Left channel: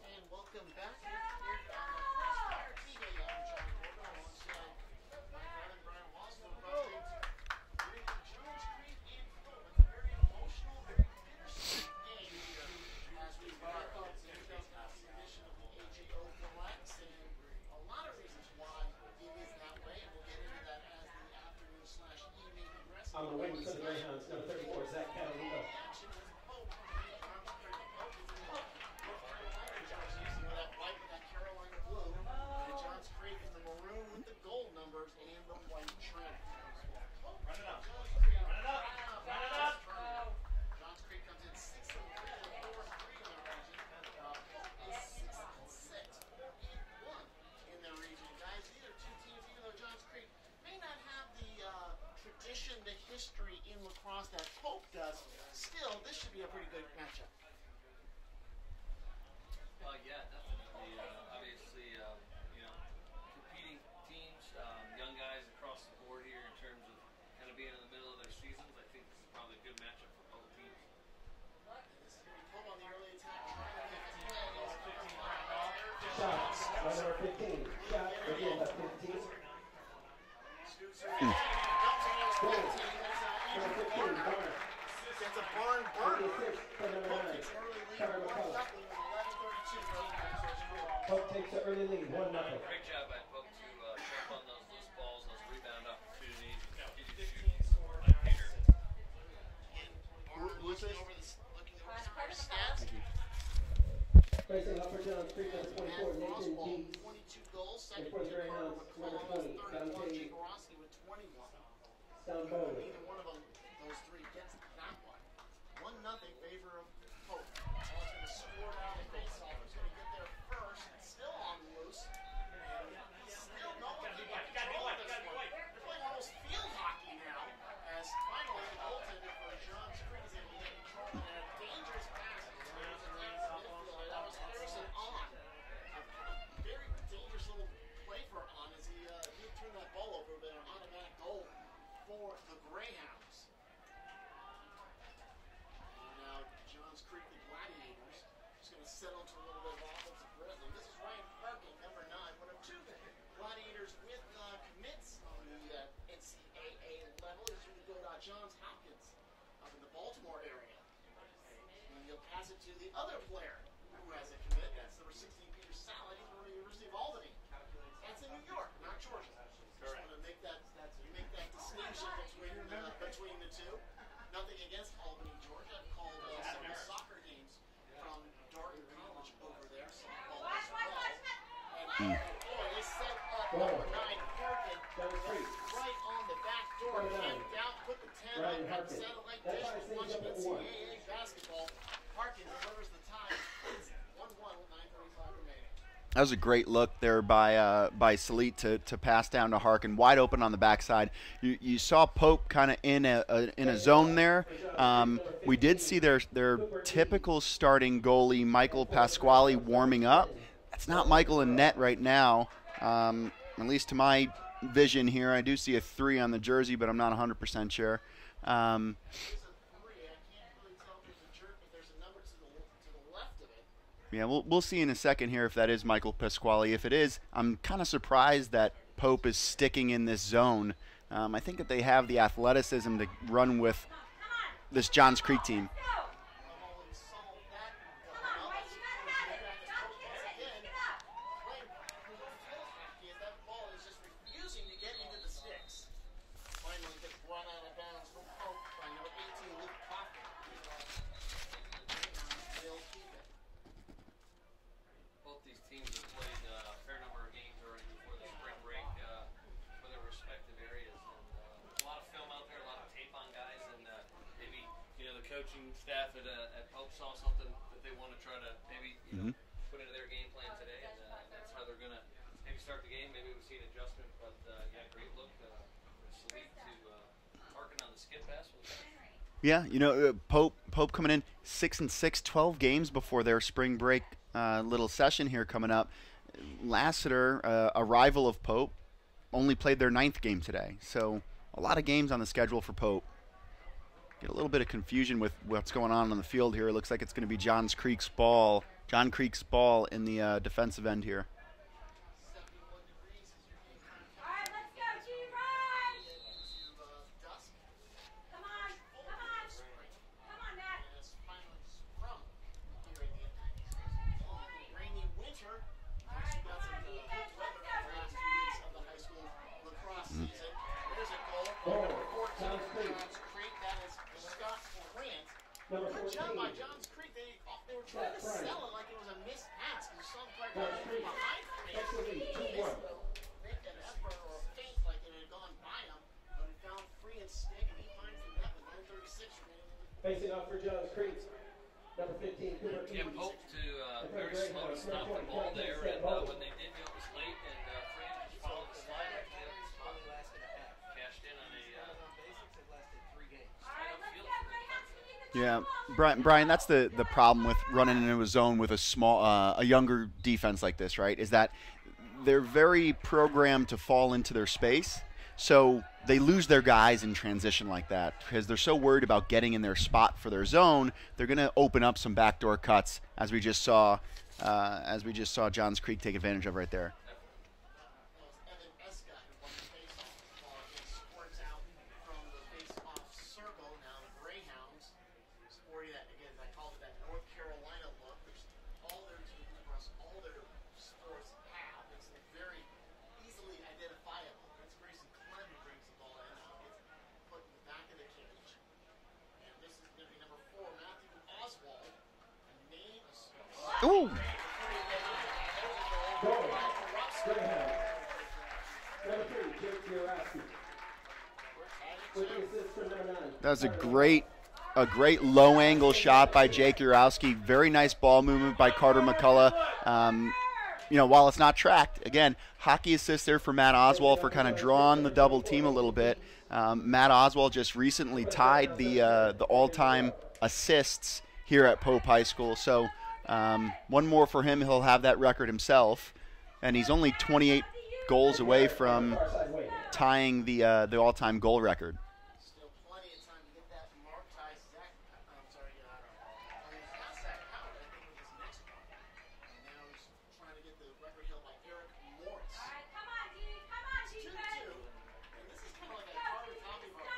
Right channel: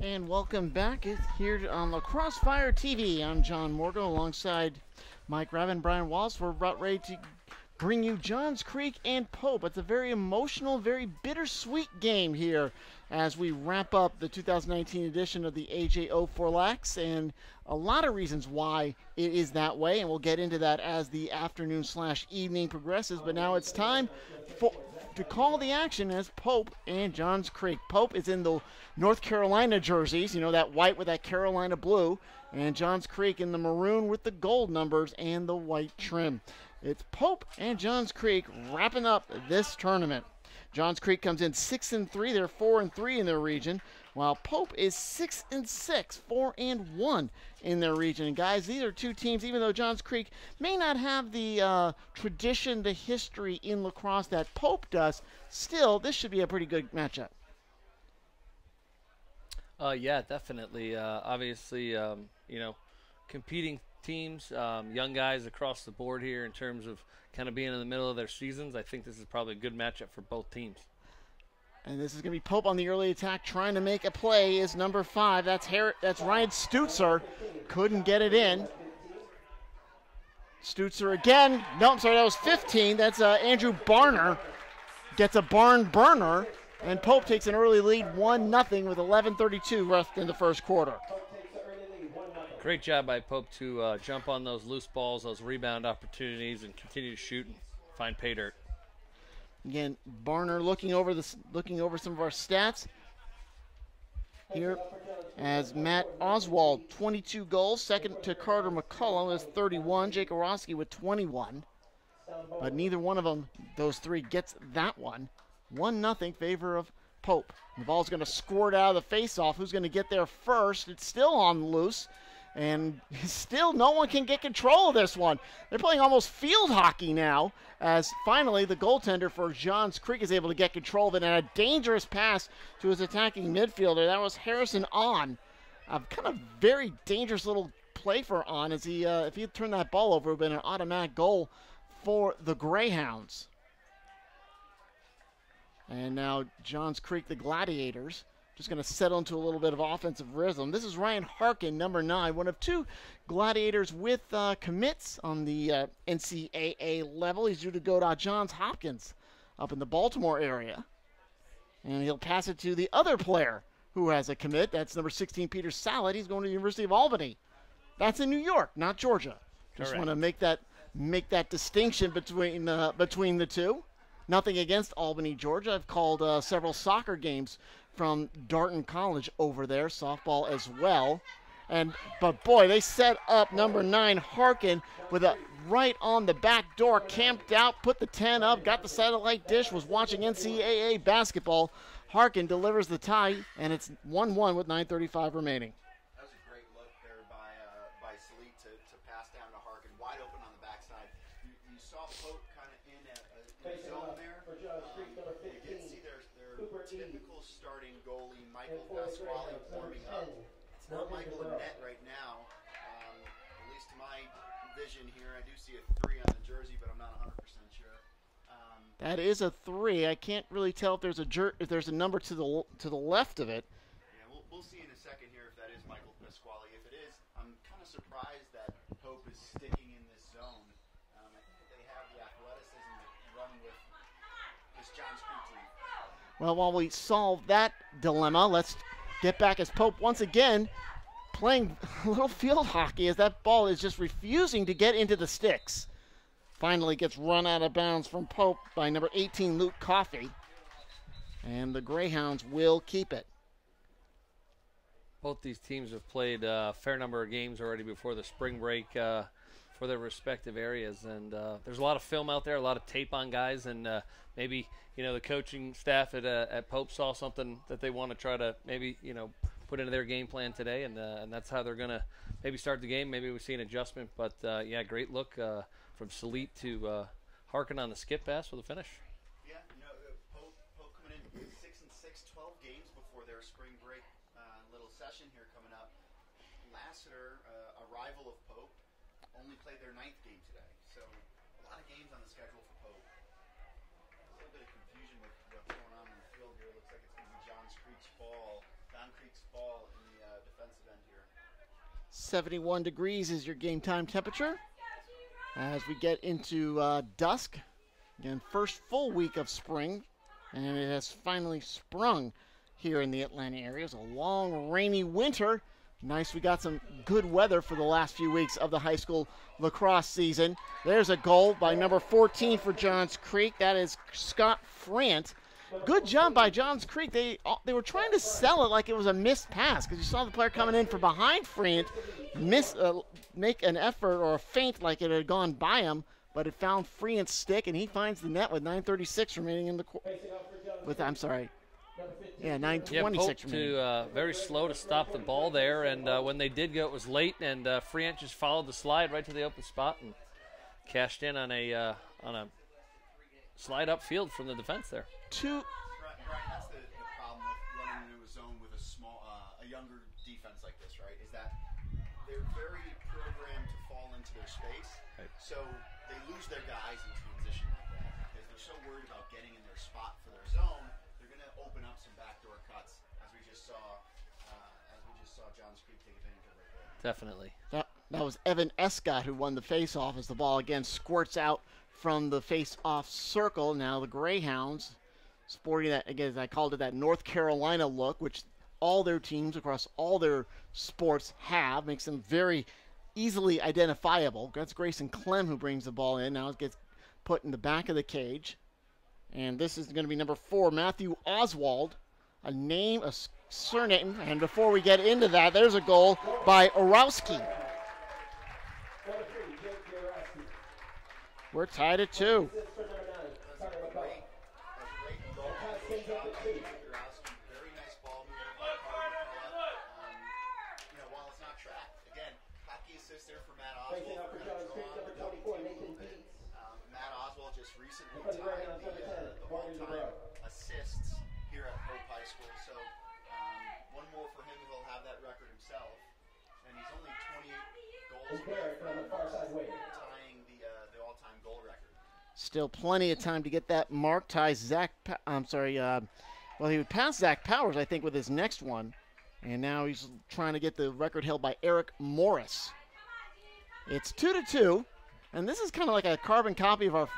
And welcome back here on Lacrosse Fire TV. I'm John Morgan alongside Mike Raven, Brian Wallace. We're about ready to bring you Johns Creek and Pope. It's a very emotional, very bittersweet game here as we wrap up the 2019 edition of the AJO4LAX, and a lot of reasons why it is that way, and we'll get into that as the afternoon/evening progresses. But now it's time to call the action as Pope and Johns Creek. Pope is in the North Carolina jerseys, you know, that white with that Carolina blue, and Johns Creek in the maroon with the gold numbers and the white trim. It's Pope and Johns Creek wrapping up this tournament. Johns Creek comes in 6-3. They're 4-3 in their region, while Pope is 6-6, 4-1 in their region. And guys, these are two teams, even though Johns Creek may not have the tradition, the history in lacrosse that Pope does, still, this should be a pretty good matchup. Yeah, definitely. Obviously, you know, competing teams, young guys across the board here in terms of kind of being in the middle of their seasons. I think this is probably a good matchup for both teams. And this is going to be Pope on the early attack, trying to make a play. Is number 5. That's Ryan Stutzer. Couldn't get it in. Stutzer again. No, I'm sorry, that was 15. That's Andrew Barner. Gets a barn burner. And Pope takes an early lead, 1-0, with 11:32 left in the first quarter. Great job by Pope to jump on those loose balls, those rebound opportunities, and continue to shoot and find pay dirt. Again, Barner looking over some of our stats here as Matt Oswald, 22 goals, second to Carter McCullough, is 31, Jake Orosky with 21. But neither one of them, those three, gets that one. 1-0 favor of Pope. The ball's going to squirt out of the face-off. Who's going to get there first? It's still on loose, and still no one can get control of this one. They're playing almost field hockey now, as finally the goaltender for Johns Creek is able to get control of it, and a dangerous pass to his attacking midfielder. That was Harrison On. A kind of very dangerous little play for On, as he, if he had turned that ball over, it would have been an automatic goal for the Greyhounds. And now Johns Creek, the Gladiators, just going to settle into a little bit of offensive rhythm. This is Ryan Harkin, number 9, one of 2 Gladiators with commits on the NCAA level. He's due to go to Johns Hopkins up in the Baltimore area. And he'll pass it to the other player who has a commit. That's number 16, Peter Salad. He's going to the University of Albany. That's in New York, not Georgia. Just want to make that distinction between the two. Nothing against Albany, Georgia. I've called several soccer games from Darton College over there, softball as well. But boy, they set up number 9, Harkin, with a right on the back door, camped out, put the 10 up, got the satellite dish, was watching NCAA basketball. Harkin delivers the tie, and it's 1-1 with 9:35 remaining. That was a great look there by Salit to pass down to Harkin, wide open on the backside. You saw Pope kind of in a zone there. We did see their typical starting goalie, Michael Pasquale, warming up. That's not Michael in net right now, at least to my vision here. I do see a 3 on the jersey, but I'm not 100% sure. That is a 3. I can't really tell if there's a number to the left of it. Yeah, we'll see in a second here if that is Michael Pasquale. If it is, I'm kind of surprised that Pope is sticking in this zone. I think that they have the athleticism to run with this Johns Creek team. Well, while we solve that dilemma, let's get back as Pope once again playing a little field hockey as that ball is just refusing to get into the sticks. Finally gets run out of bounds from Pope by number 18, Luke Coffey. And the Greyhounds will keep it. Both these teams have played a fair number of games already before the spring break for their respective areas, and there's a lot of film out there, a lot of tape on guys, and maybe the coaching staff at Pope saw something that they want to try to maybe put into their game plan today, and that's how they're going to maybe start the game. Maybe we see an adjustment, but yeah, great look from Salit to Harkin on the skip pass for the finish. Yeah, Pope coming in 6-6, 12 games before their spring break little session here coming up. Lassiter, a rival of Pope, only played their 9th game today. So a lot of games on the schedule for Pope. Get a little bit of confusion with what's going on the field here. It looks like it's going to be Johns Creek's ball John Creek's ball in the defensive end here. 71 degrees is your game time temperature. As we get into dusk, again, first full week of spring, and it has finally sprung here in the Atlanta area. It's a long, rainy winter. Nice, we got some good weather for the last few weeks of the high school lacrosse season. There's a goal by number 14 for Johns Creek. That is Scott Frant. Good job by Johns Creek. They were trying to sell it like it was a missed pass, because you saw the player coming in from behind Frant make an effort or a feint like it had gone by him, but it found Frant's stick, and he finds the net with 9:36 remaining in the I'm sorry. Yeah, 9:26 remaining. Very slow to stop the ball there, and when they did go, it was late, and Frant just followed the slide right to the open spot and cashed in on a slide upfield from the defense there. Yeah, Brian, that's the problem with running into a zone with a younger defense like this, right? Is that they're very programmed to fall into their space, so they lose their guys in transition like that because they're so worried about getting in their spot for their zone. They're going to open up some backdoor cuts, as we just saw Johns Creek take advantage of right there. Definitely. That was Evan Escott who won the face-off as the ball again squirts out from the face-off circle. Now the Greyhounds sporting that, again, as I called it, that North Carolina look, which all their teams across all their sports have, makes them very easily identifiable. That's Grayson Clem who brings the ball in. Now it gets put in the back of the cage. And this is going to be number 4, Matthew Oswald. A name, a surname. Ooh. And before we get into that, there's a goal by Orowski. We're tied at 2. That's a great low angle shot by Jake Urowski. Very nice ball movement by Carter McCullough. While it's not tracked, again, hockey assist there for Matt Oswald for kind of drawing the double team a little bit. Matt Oswald just recently tied the all-time assists here at Pope High School. So one more for him. He'll have that record himself. And he's only 28 goals away from tying the all-time goal record. Still plenty of time to get that mark. Ties Zach. He would pass Zach Powers, I think, with his next one. And now he's trying to get the record held by Eric Morris. It's 2-2. And this is kind of like a carbon copy of our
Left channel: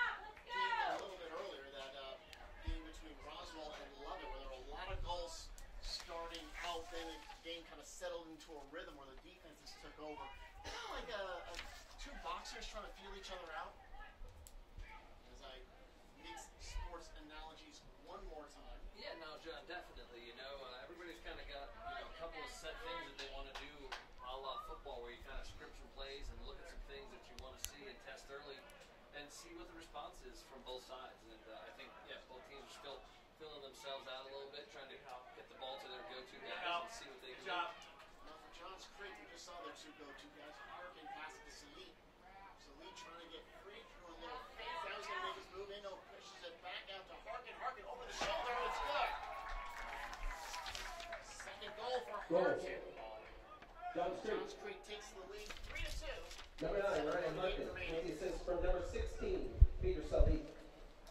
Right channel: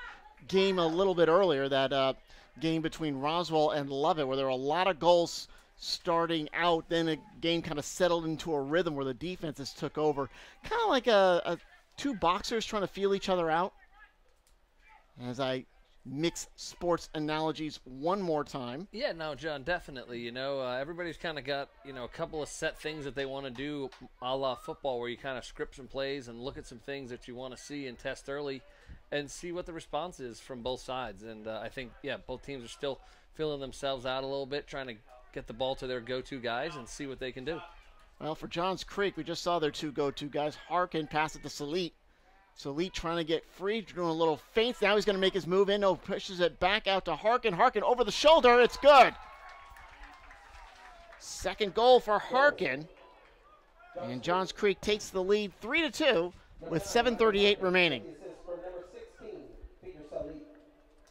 game a little bit earlier, that game between Roswell and Lovett, where there were a lot of goals starting out. Then the game kind of settled into a rhythm where the defenses took over. Kind of like two boxers trying to feel each other out. As I mix sports analogies one more time. Yeah, no, John, definitely. Everybody's kind of got, a couple of set things that they want to do a la football, where you kind of script some plays and look at some things that you want to see and test early and see what the response is from both sides. And I think, both teams are still feeling themselves out a little bit, trying to get the ball to their go-to guys and see what they can do. Well, for Johns Creek, we just saw their 2 go-to guys. Harkin pass it to Salit. Salit trying to get free, doing a little feint. Now he's going to make his move in. Pushes it back out to Harkin. Harkin over the shoulder. It's good. Second goal for Harkin. And Johns Creek takes the lead 3-2 with 7:38 remaining.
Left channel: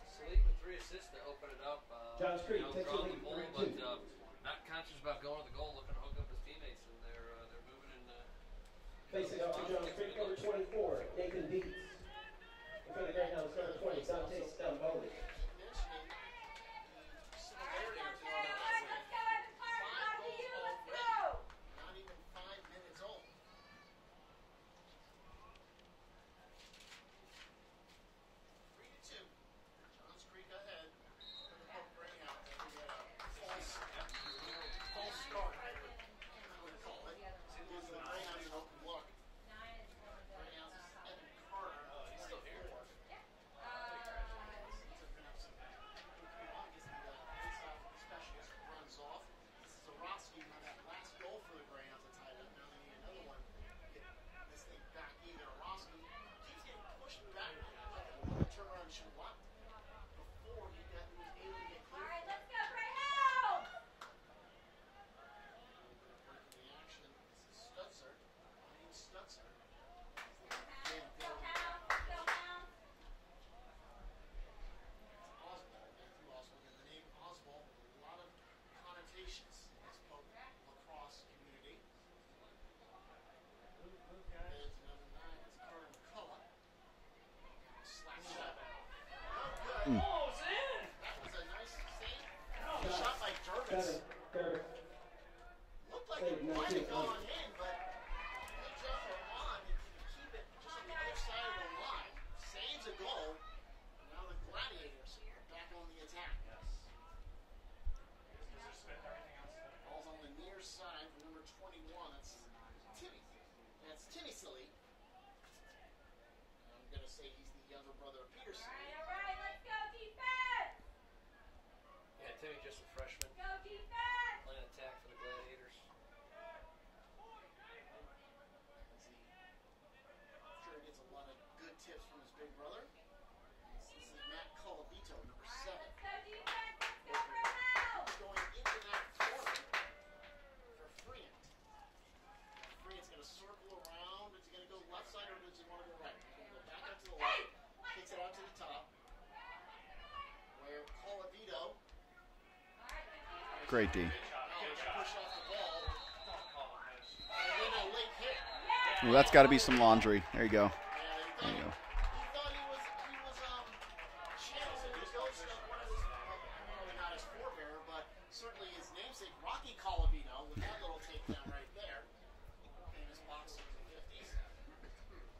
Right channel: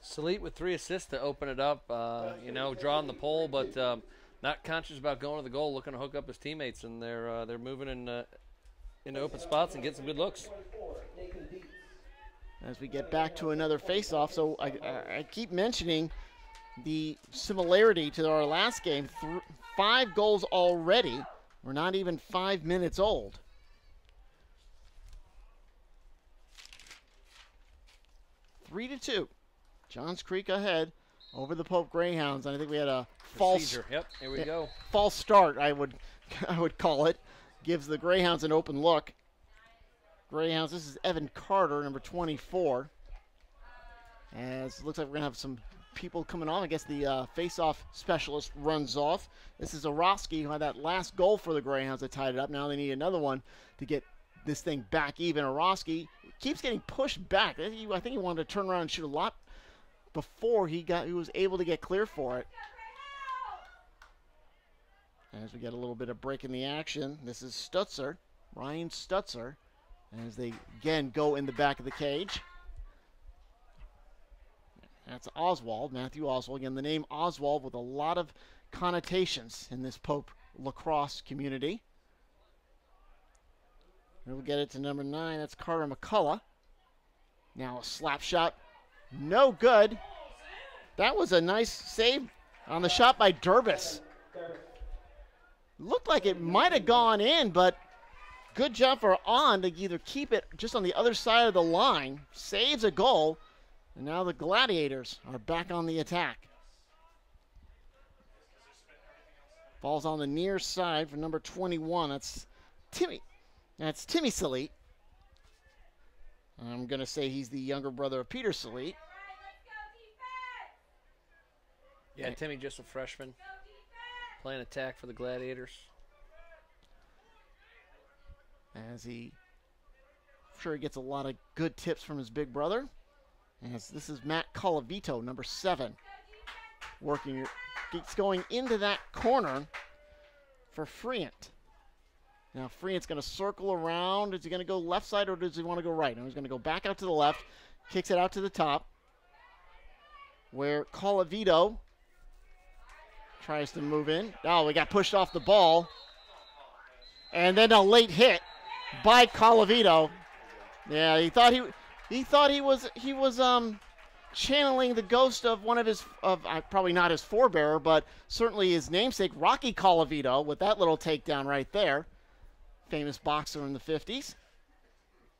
Salit with 3 assists to open it up. Drawing the pole, but not conscious about going to the goal, looking to hook up his teammates, and they're moving into open spots and get some good looks. As we get back to another face-off, so I keep mentioning the similarity to our last game. 5 goals already. We're not even 5 minutes old. Three to 2. Johns Creek ahead over the Pope Greyhounds. I think we had a false false start, I would call it. Gives the Greyhounds an open look. Greyhounds, this is Evan Carter, number 24. As it looks like we're going to have some people coming on. I guess the face-off specialist runs off. This is Orowski, who had that last goal for the Greyhounds that tied it up. Now they need another one to get this thing back even. Orowski keeps getting pushed back. I think he wanted to turn around and shoot a lot before he was able to get clear for it. As we get a little bit of break in the action, this is Stutzer, Ryan Stutzer, as they again go in the back of the cage. That's Oswald, Matthew Oswald. Again, the name Oswald with a lot of connotations in this Pope lacrosse community. We'll get it to number 9. That's Carter McCullough. Now a slap shot. No good. That was a nice save on the shot by Durbis. Looked like it might have gone in, but good job for On to either keep it just on the other side of the line, saves a goal, and now the Gladiators are back on the attack. Ball's on the near side for number 21. That's Timmy. That's Timmy Salit. I'm going to say he's the younger brother of Peter Salit. Yeah, Timmy just a freshman. Playing attack for the Gladiators. As he, I'm sure he gets a lot of good tips from his big brother. As this is Matt Colavito, number 7. Working, it's going into that corner for Friant. Now Friant's going to circle around. Is he going to go left side or does he want to go right? No, he's going to go back out to the left. Kicks it out to the top. Where Colavito tries to move in. Oh, we got pushed off the ball. And then a late hit by Colavito. There you go. Yeah, he thought he was channeling the ghost of one of his probably not his forebearer, but certainly his namesake Rocky Colavito with that little takedown right there. Famous boxer in the 50s.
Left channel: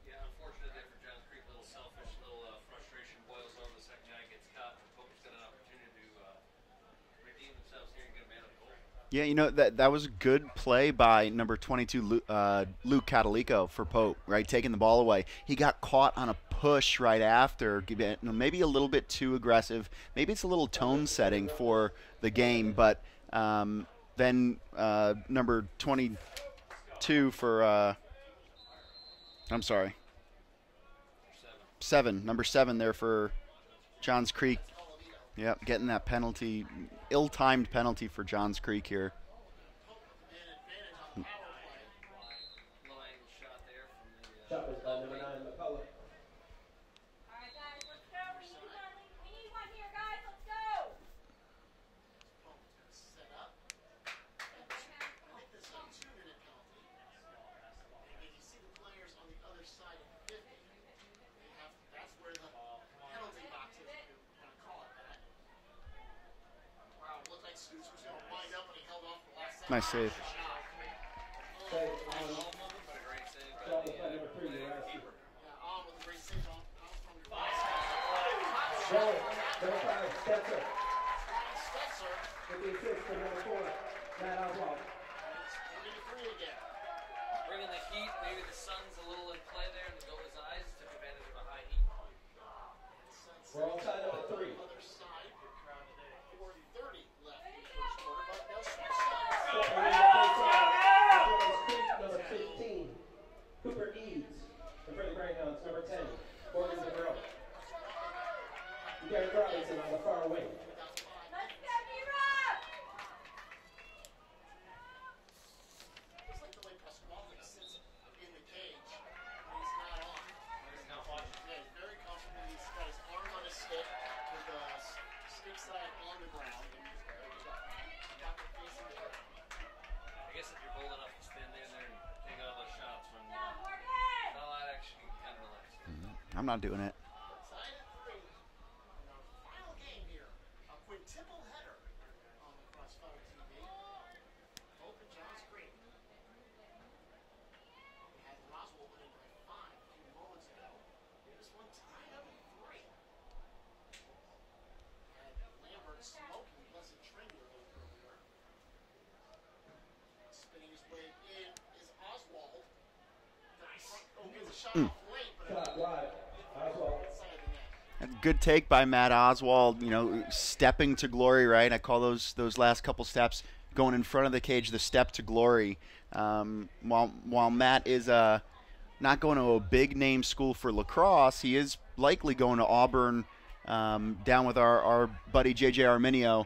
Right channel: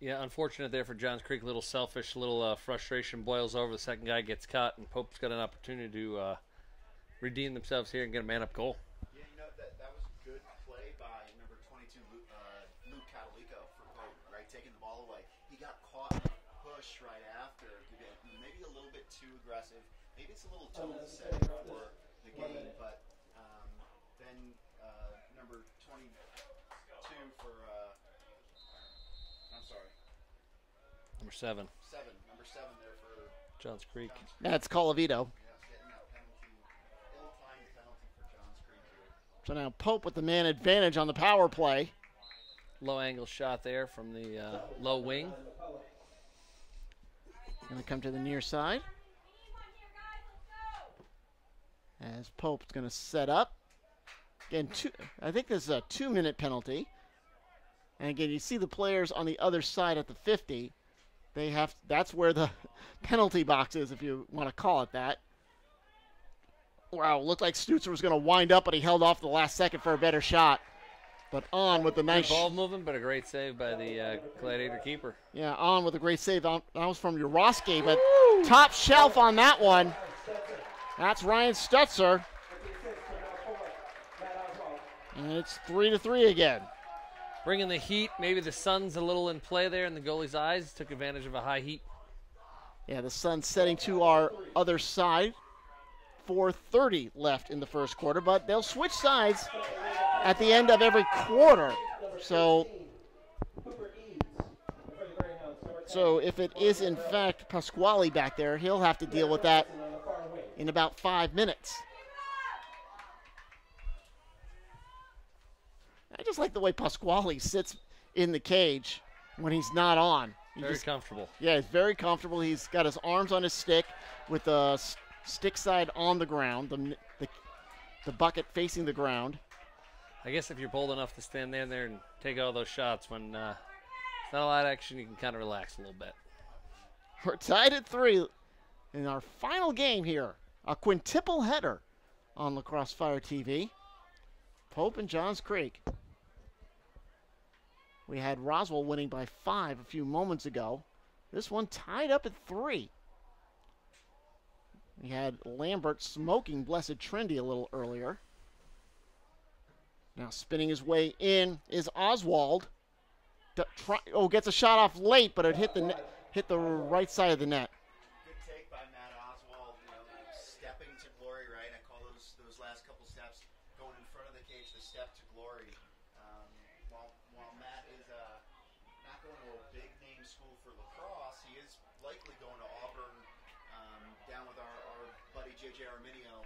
Yeah, unfortunate there for Johns Creek. A little selfish, a little frustration boils over. The second guy gets caught, and Pope's got an opportunity to redeem themselves here and get a man-up goal. Yeah, you know, that was a good play by number 22, Luke Catalico for Pope, right, taking the ball away. He got caught on a push right after, maybe a little bit too aggressive. Maybe it's a little tone setting for the game, but then number 22 for, I'm sorry. Number 7 there for Johns Creek. That's Colavito. Yep, getting that penalty, ill-timed penalty for Johns Creek here. So now Pope with the man advantage on the power play. Low angle shot there from the low wing. Going to come to the near side. As Pope's going to set up. Again, I think this is a 2-minute penalty. And again, you see the players on the other side at the 50. That's where the penalty box is, if you want to call it that. Wow, looked like Stutzer was going to wind up, but he held off the last second for a better shot. But On with the nice ball movement, but a great save by the Gladiator keeper. Yeah, On with a great save. That was from Uroski, but top shelf on that one. That's Ryan Stutzer. And it's 3-3 again. Bringing the heat. Maybe the sun's a little in play there in the goalie's eyes. Took advantage of a high heat. Yeah, the sun's setting to our other side. 4:30 left in the first quarter, but they'll switch sides at the end of every quarter. So if it is in fact Pasquale back there, he'll have to deal with that in about 5 minutes. I just like the way Pasquale sits in the cage when he's not on. Very comfortable. Yeah, he's very comfortable. He's got his arms on his stick with the stick side on the ground, the bucket facing the ground. I guess if you're bold enough to stand there and take all those shots when it's not a lot of action, you can kind of relax a little bit. I'm not doing it. We're tied at 3 in our final game here. A quintuple header on Lacrosse Fire TV. Pope and Johns Creek. We had Roswell winning by 5 a few moments ago. This one tied up at 3. We had Lambert smoking Blessed Trinity a little earlier. Now spinning his way in is Oswald. Gets a shot off late, but it hit the right side of the net. A good take by Matt Oswald, you know, stepping to glory, right? I call those last couple steps going in front of the cage the step to glory. While Matt is not going to a big name school for lacrosse, he is likely going to Auburn down with our buddy JJ Arminio.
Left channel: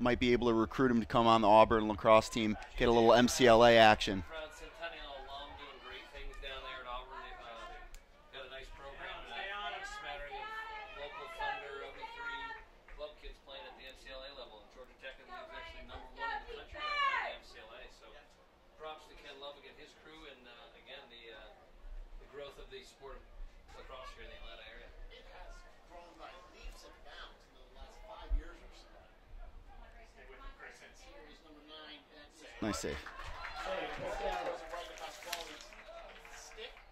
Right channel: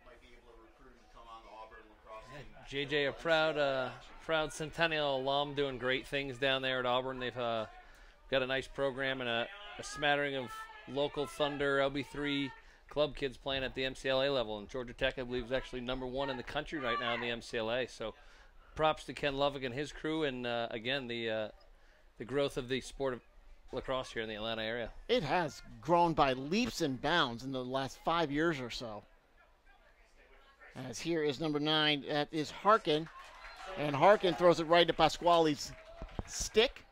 Might be able to recruit him to come on the Auburn lacrosse team, JJ, get a little MCLA action. Proud Centennial alum doing great things down there at Auburn. They've got a nice program and a smattering of local Thunder, LB3 club kids playing at the MCLA level. And Georgia Tech, I believe, is actually #1 in the country right now in the MCLA. So props to Ken Lovick and his crew, and again, the growth of the sport of lacrosse here in the Atlanta area. It has grown by leaps and bounds in the last 5 years or so. As here is number 9, that is Harkin. And Harkin throws it right to Pasquale's stick.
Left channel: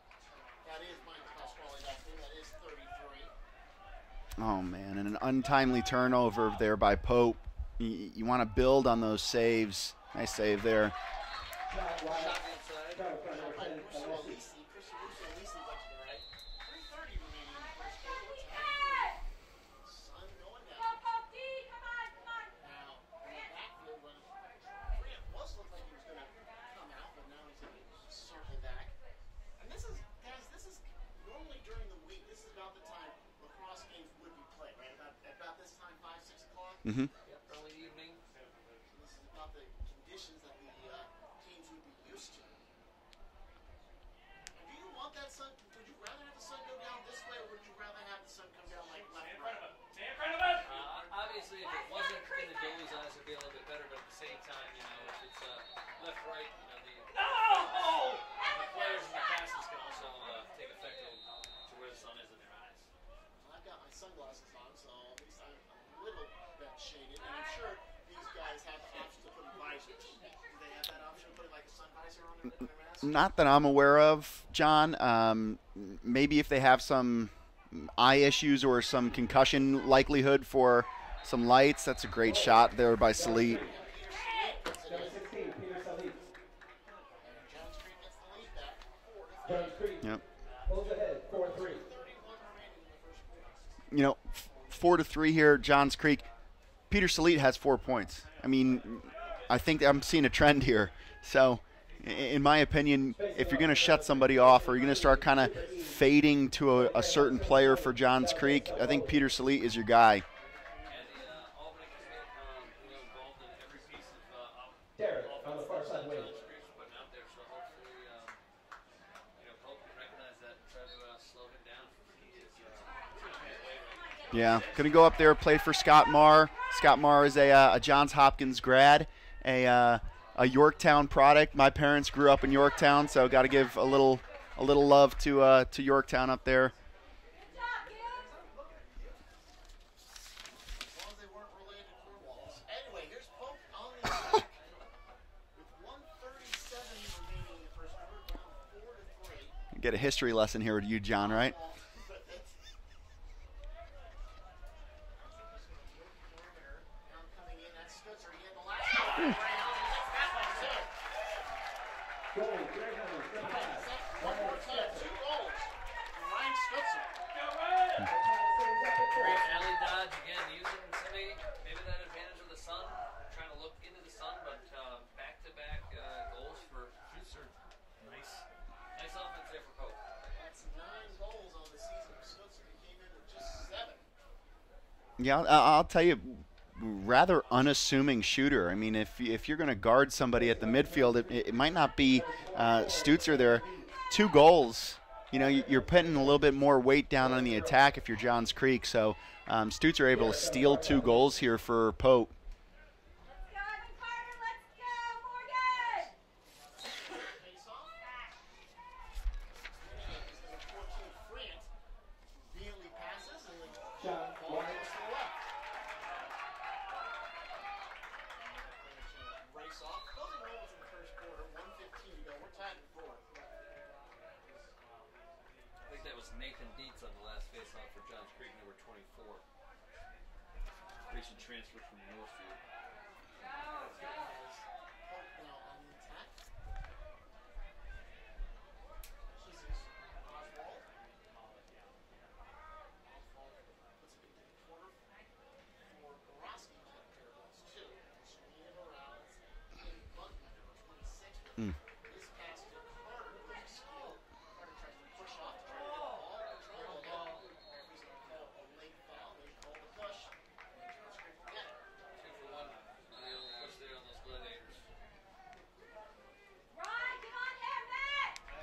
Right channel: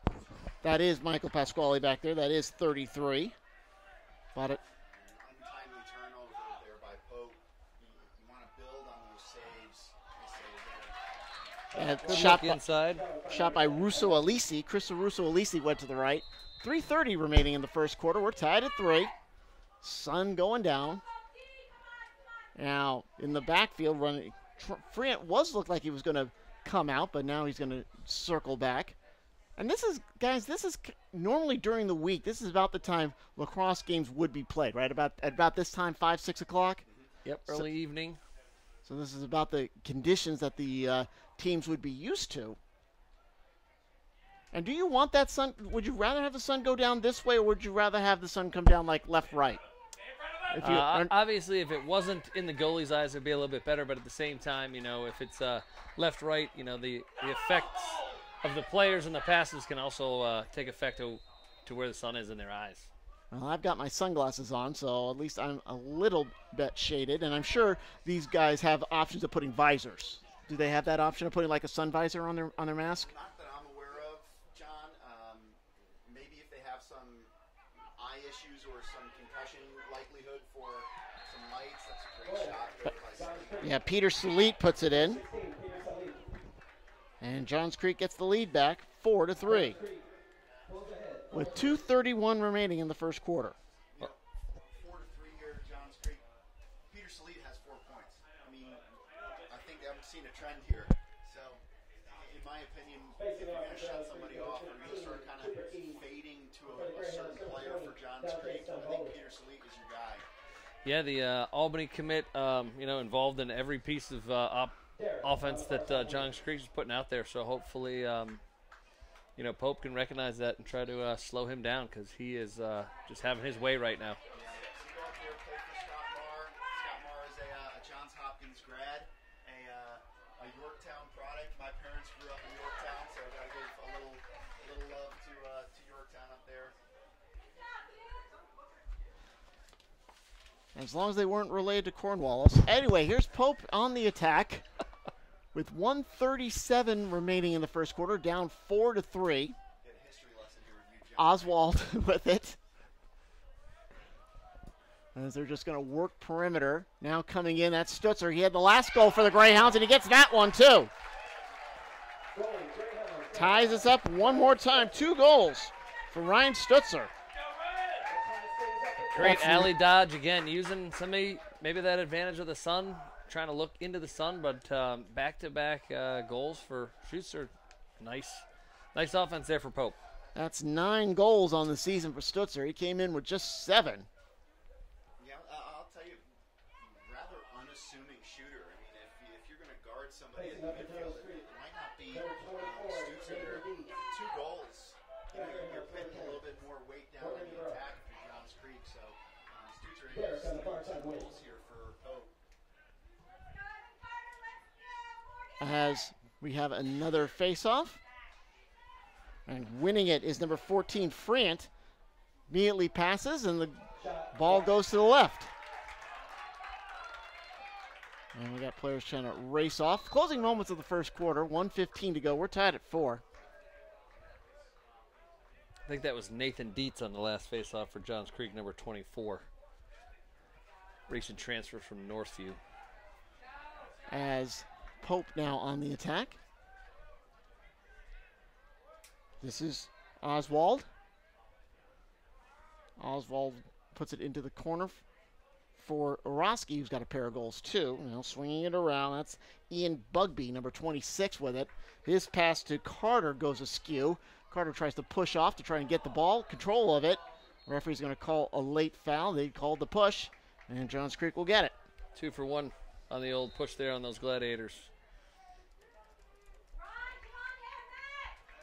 That is Michael Pasquale back there. That is 33. Oh, man, and an untimely turnover there by Pope. You want to build on those saves. Nice save there. Shot inside. Shot by Russo Alisi. Chris Russo Alisi went to the right. 3:30 remaining in the first quarter. We're tied at 3. Sun going down. Now, in the backfield, running, Friant looked like he was going to come out, but now he's going to circle back. And this is, guys, this is normally during the week. This is about the time lacrosse games would be played, right? At about this time, 5, 6 o'clock? Mm-hmm. Yep, early evening. So this is about the conditions that the teams would be used to. And do you want that sun? Would you rather have the sun go down this way, or would you rather have the sun come down like left, right? Obviously, if it wasn't in the goalie's eyes, it'd be a little bit better. But at the same time, you know, if it's left, right, you know, the effects of the players and the passes can also take effect to where the sun is in their eyes. Well, I've got my sunglasses on, so at least I'm a little bit shaded. And I'm sure these guys have options of putting visors. Do they have that option of putting like a sun visor on their mask? Not that I'm aware of, John. Maybe if they have some eye issues or some concussion likelihood for some lights. That's a great shot there by Salit. Yeah, Peter Salit puts it in. And Johns Creek gets the lead back, 4-3. Yep. With 2:31 remaining in the first quarter. You know, 4-3 here, Johns Creek. Peter Salit has 4 points. I mean, I think I'm seeing a trend here. So, in my opinion, if you're going to shut somebody off or you're going to start kind of fading to a certain player for Johns Creek, I think Peter Salit is your guy. Yeah, the Albany commit, you know, involved in every piece of offense that Johns Creek is putting out there. So hopefully, you know, Pope can recognize that and try to slow him down, because he is just having his way right now. Yeah, going to go up there, play for Scott Marr. Scott Marr is a Johns Hopkins grad, a Yorktown product. My parents grew up in Yorktown, so got to give a little love to Yorktown up there. As long as they weren't related to Cornwallis. Anyway, here's Pope on the attack with 1:37 remaining in the first quarter, down 4-3. Get a history lesson here with you, John, Oswald with it. As they're just going to work perimeter. Now coming in, that's Stutzer. He had the last goal for the Greyhounds, and he gets that one too. Ties us up one more time. 2 goals for Ryan Stutzer. Great alley dodge again, using maybe that advantage of the sun, trying to look into the sun, but back-to-back goals for Stutzer. Nice offense there for Pope. That's 9 goals on the season for Stutzer. He came in with just 7. Yeah, I'll tell you, rather unassuming shooter. I mean, if you're going to guard somebody at the midfield, it might not be Stutzer there. 2 goals. You know, you're putting a little bit more weight down on the attack if you're Johns Creek. So Stutzer able to steal 2 goals here for Pope. As we have another face-off. And winning it is number 14, Friant. Immediately passes, and the ball goes to the left. And we got players trying to race off. Closing moments of the first quarter, 1:15 to go. We're tied at 4. I think that was Nathan Dietz on the last faceoff for Johns Creek, number 24. Recent transfer from Northview. As Pope now on the attack. This is Oswald. Oswald puts it into the corner for Orosky, who's got a pair of goals too. You know, swinging it around. That's Ian Bugby, number 26, with it. His pass to Carter goes askew. Carter tries to push off to try and get the ball, control of it. The referee's going to call a late foul. They called the push, and Johns Creek will get it. 2 for 1 on the old push there on those Gladiators.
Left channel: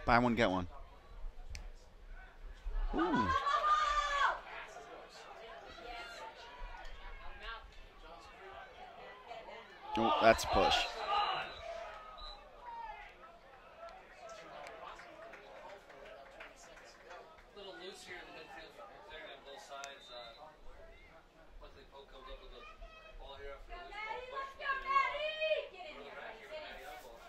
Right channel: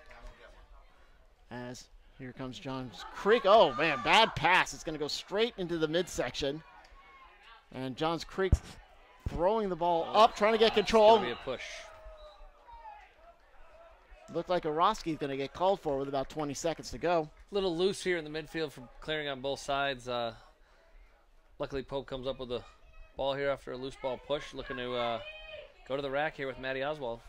Buy one, get one. As here comes Johns Creek. Oh, man, bad pass. It's going to go straight into the midsection. And Johns Creek throwing the ball Ooh, up, that's trying to get push. control. It's gonna be a push. Looked like Orosky's going to get called for with about 20 seconds to go. A little loose here in the midfield from clearing on both sides. Luckily, Pope comes up with the ball here after a loose ball push, looking to go to the rack here with Matty Oswald.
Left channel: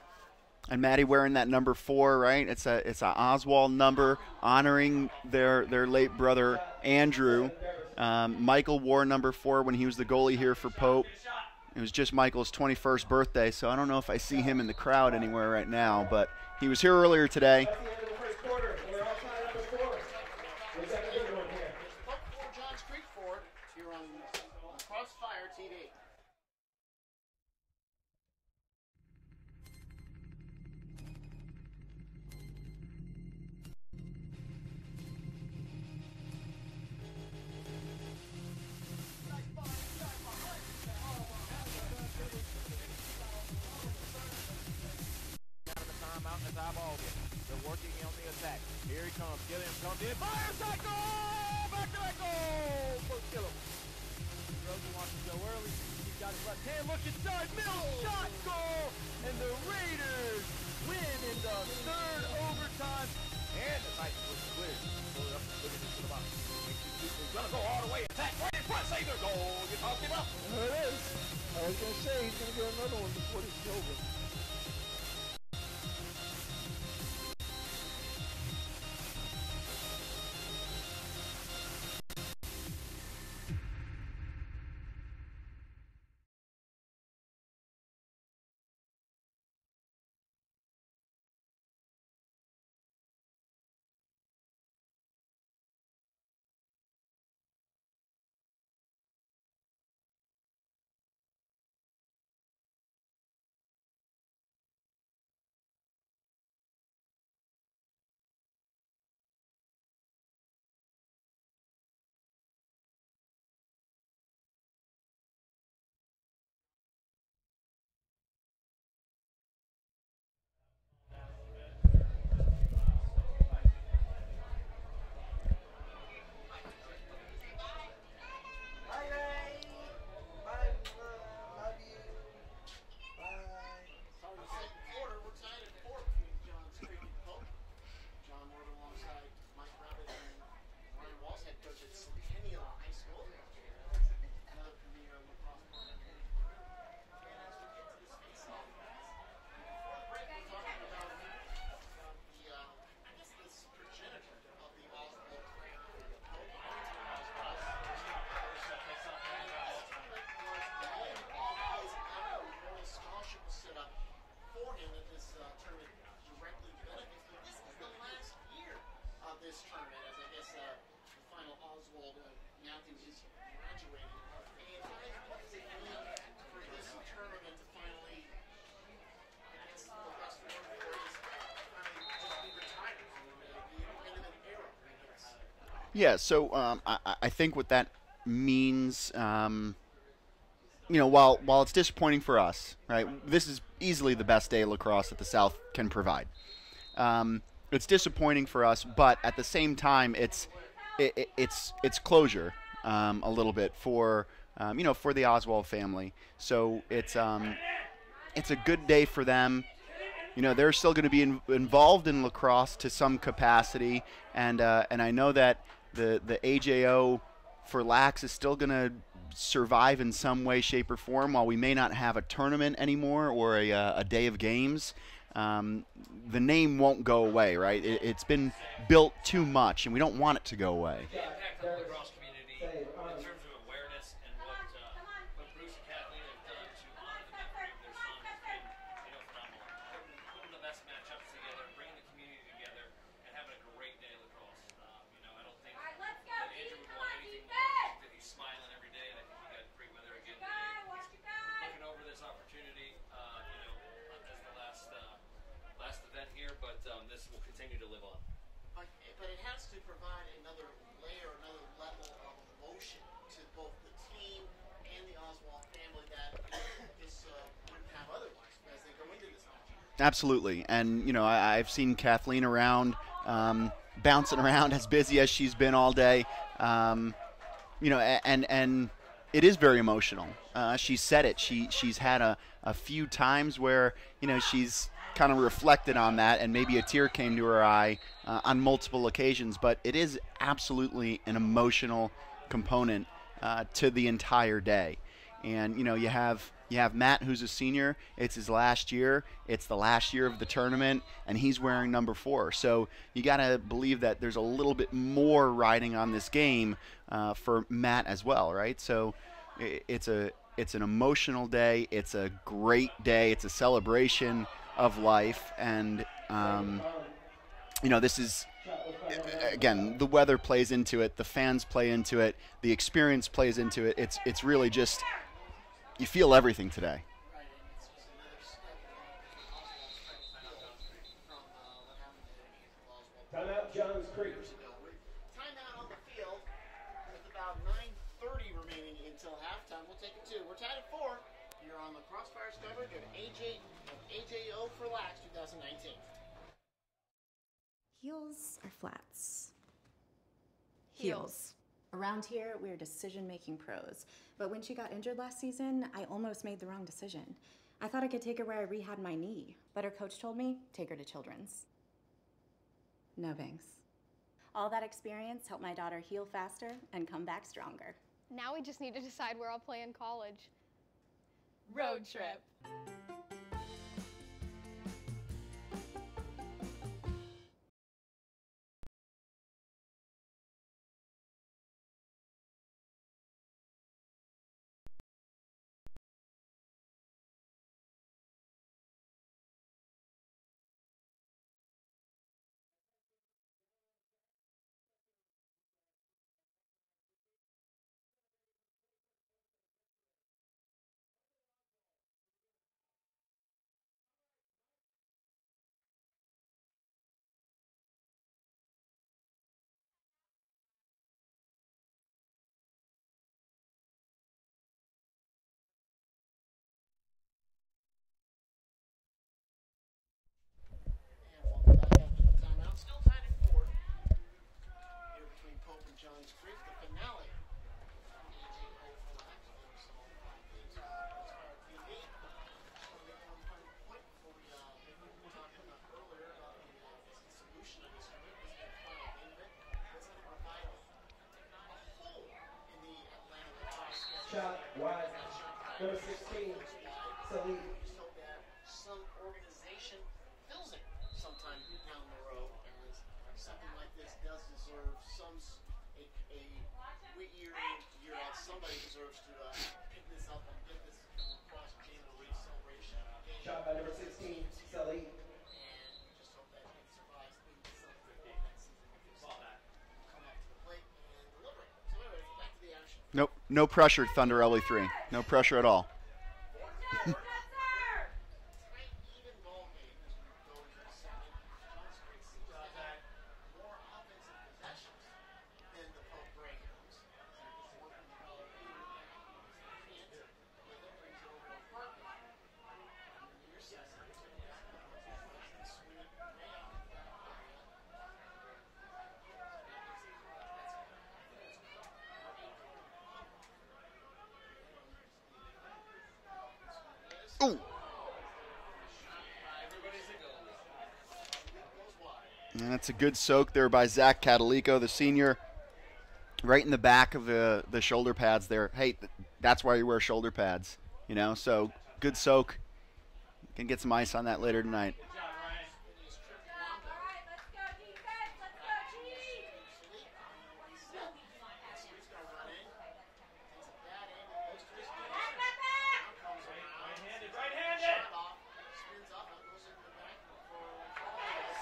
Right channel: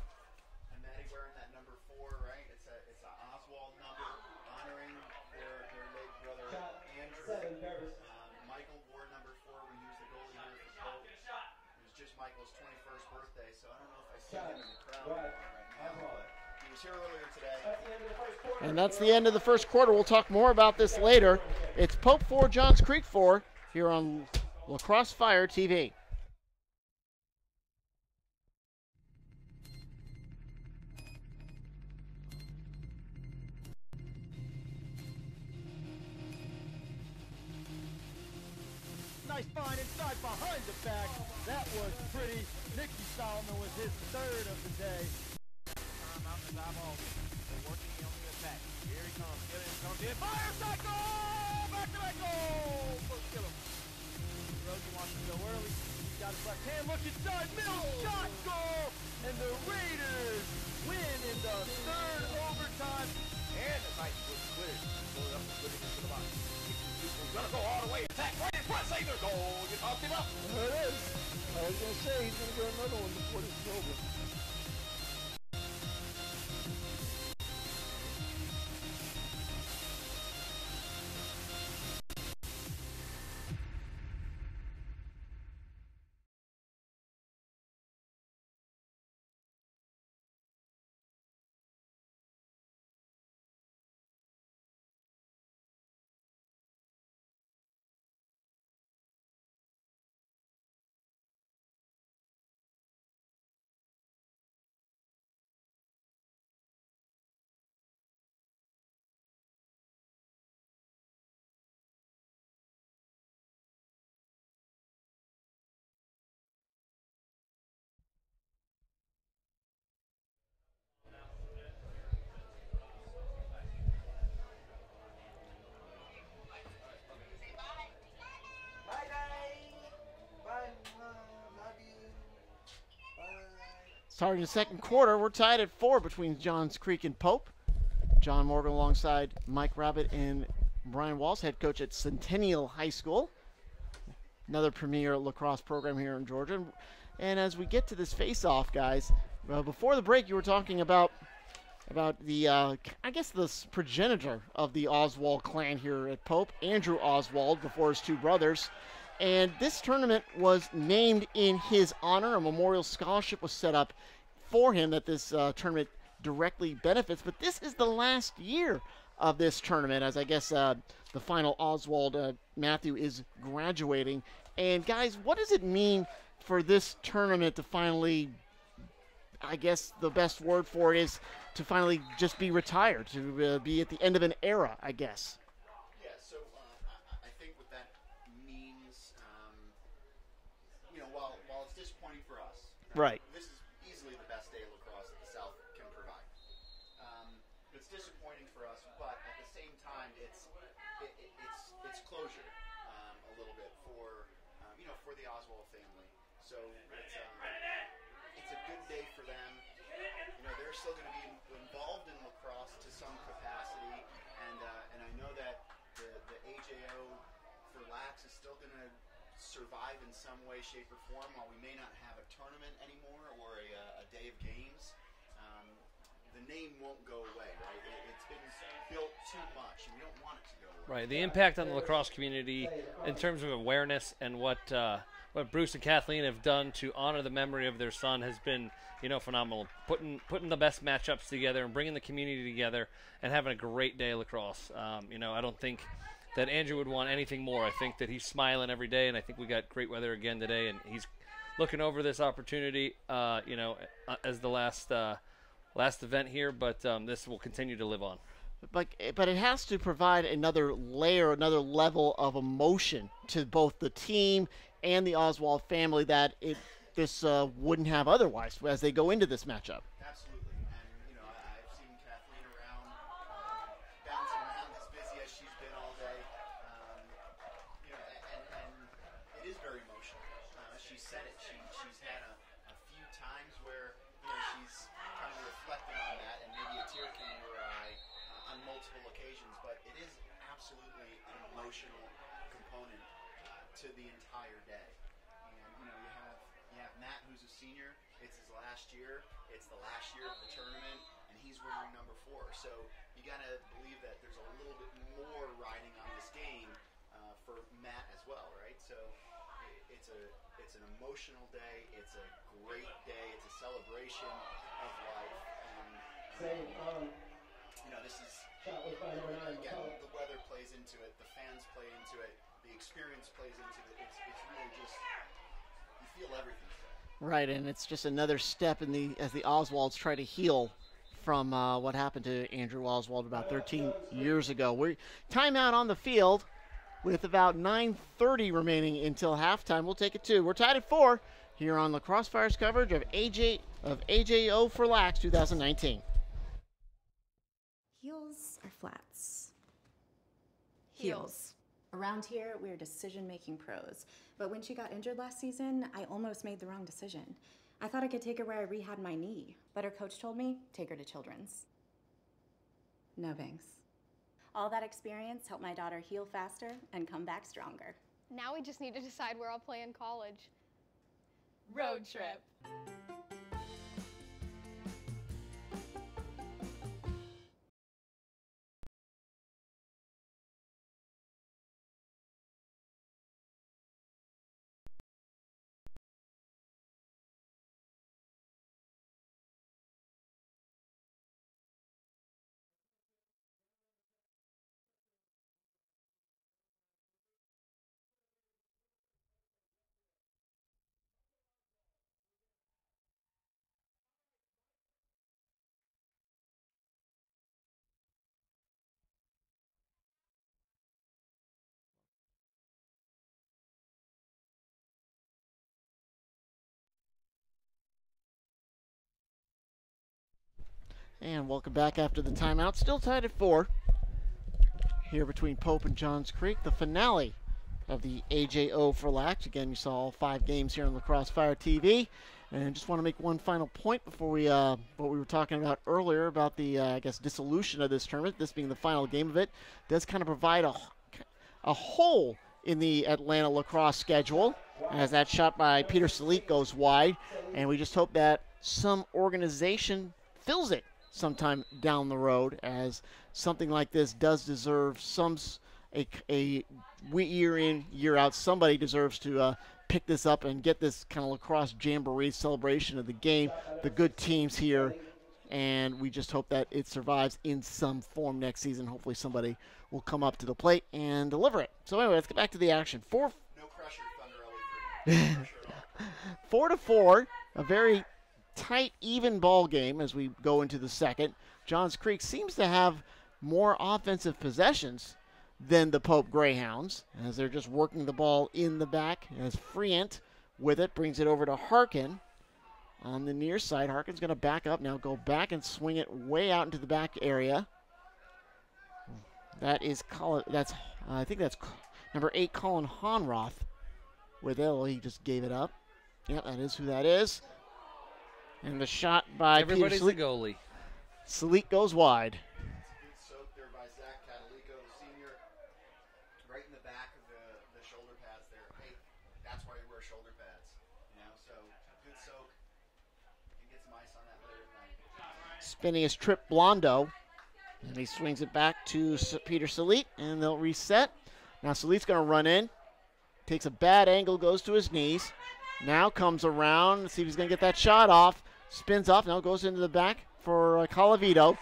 And Maddie wearing that number 4, right? It's a Oswald number, honoring their late brother Andrew. Michael wore number 4 when he was the goalie here for Pope. It was just Michael's 21st birthday, so I don't know if I see him in the crowd anywhere right now, but he was here earlier today. And that's the end of the first quarter. We'll talk more about this later. It's Pope 4, Johns Creek 4 here on Lacrosse Fire TV. Nice find inside behind the back. That was pretty. Nicky Solomon was his 3rd of the day. Out of the timeout as eyeball it. They're working on the attack. Here he comes. Gilliam comes in. Fire shot goal! Back to back goal! For Gilliam. Rosie wants to go early. He's got his left hand. Look inside. Mills shot goal! And the Raiders win in the 3rd overtime. And the Titans was cleared. Pull it up and put it into the box. Makes these people gonna go all the way. Attack right in front. Save their goal. You talked him up. There it is. I was going to say he's going to get another one before this is over. Starting the second quarter, we're tied at 4 between Johns Creek and Pope. John Morgan alongside Mike Rabbit and Brian Walsh, head coach at Centennial High School, another premier lacrosse program here in Georgia. And as we get to this face-off, guys, before the break, you were talking about the, I guess, the progenitor of the Oswald clan here at Pope, Andrew Oswald, before his 2 brothers. And this tournament was named in his honor. A memorial scholarship was set up for him that this tournament directly benefits. But this is the last year of this tournament, as I guess the final Oswald Matthew is graduating. And guys, what does it mean for this tournament to finally, I guess the best word for it is to finally just be retired, to be at the end of an era, I guess? Yeah, so I think what that means, you know, while it's disappointing for us, right? This is easily the best day of lacrosse that the South can provide. It's disappointing for us, but at the same time, it's closure a little bit for you know, for the Oswald family. So it's a good day for them. You know, they're still going to be involved in lacrosse to some capacity, and I know that the AJO4LAX is still going to survive in some way, shape, or form. While we may not have a tournament anymore or a day of games, the name won't go away, right? It's been built too much, and we don't want it to go away. Right. The impact on the lacrosse community in terms of awareness and what Bruce and Kathleen have done to honor the memory of their son has been, you know, phenomenal. Putting the best matchups together and bringing the community together and having a great day of lacrosse. You know, I don't think that Andrew would want anything more. I think that he's smiling every day, and I think we got great weather again today, and he's looking over this opportunity, you know, as the last event here, but this will continue to live on. But it has to provide another layer, another level of emotion to both the team and the Oswald family that this wouldn't have otherwise as they go into this matchup. Absolutely, and you know, I've seen Kathleen around, bouncing around as busy as she's been all day. You know, and it is very emotional. She said it. She's had a few times where, you know, she's kind of reflected on that, and maybe a tear came to her eye on multiple occasions. But it is absolutely an emotional component to the entire day. And you know, you have Matt, who's a senior. It's his last year. It's the last year of the tournament, and he's wearing number 4. So you got to believe that there's a little bit more riding on this game for Matt as well, right? So it's an emotional day. It's a great day. It's a celebration of life, and you know, this is, again, the weather plays into it, the fans play into it, the experience plays into it. It's really just, you feel everything today. Right, and it's just another step in as the Oswalds try to heal from what happened to Andrew Oswald about 13 years ago. We're timeout on the field with about 9:30 remaining until halftime. We'll take it 2. We're tied at 4 here on Lacrosse Fire's coverage of AJO4LAX 2019. Heels or flats? Heels. Around here, we're decision-making pros. But when she got injured last season, I almost made the wrong decision. I thought I could take her where I rehabbed my knee, but her coach told me, take her to Children's. No thanks. All that experience helped my daughter heal faster and come back stronger. Now we just need to decide where I'll play in college. Road trip. And welcome back after the timeout. Still tied at 4 here between Pope and Johns Creek. The finale of the AJO4LAX. Again, you saw all 5 games here on Lacrosse Fire TV. And just want to make one final point before we, what we were talking about earlier about the, I guess, dissolution of this tournament, this being the final game of it, does kind of provide a hole in the Atlanta lacrosse schedule as that shot by Peter Salik goes wide. And we just hope that some organization fills it sometime down the road, as something like this does deserve a year in, year out. Somebody deserves to pick this up and get this kind of lacrosse jamboree celebration of the game, the good teams here, and we just hope that it survives in some form next season. Hopefully somebody will come up to the plate and deliver it. So anyway, let's get back to the action. No pressure, Thunder LE3. No pressure at all. 4-4, a very tight, even ball game as we go into the second. Johns Creek seems to have more offensive possessions than the Pope Greyhounds, as they're just working the ball in the back. As Friant with it brings it over to Harkin on the near side. Harkin's going to back up now, go back and swing it way out into the back area. That is I think that's number 8, Colin Honroth with it. Well, he just gave it up. Yep, that is who that is. Ooh. And the shot by Everybody's Peter the goalie. Salik goes wide. And that's a good soak there by Zach Catalico, the senior, right in the back of the shoulder pads there. Hey, that's why you wear shoulder pads, you know? So good soak. Can get some ice on that later tonight. Spinning his trip Blondo. And he swings it back to Peter Salik, and they'll reset. Now Salik's going to run in. Takes a bad angle, goes to his knees. Now comes around, let's see if he's going to get that shot off. Spins off, now goes into the back for Calavito.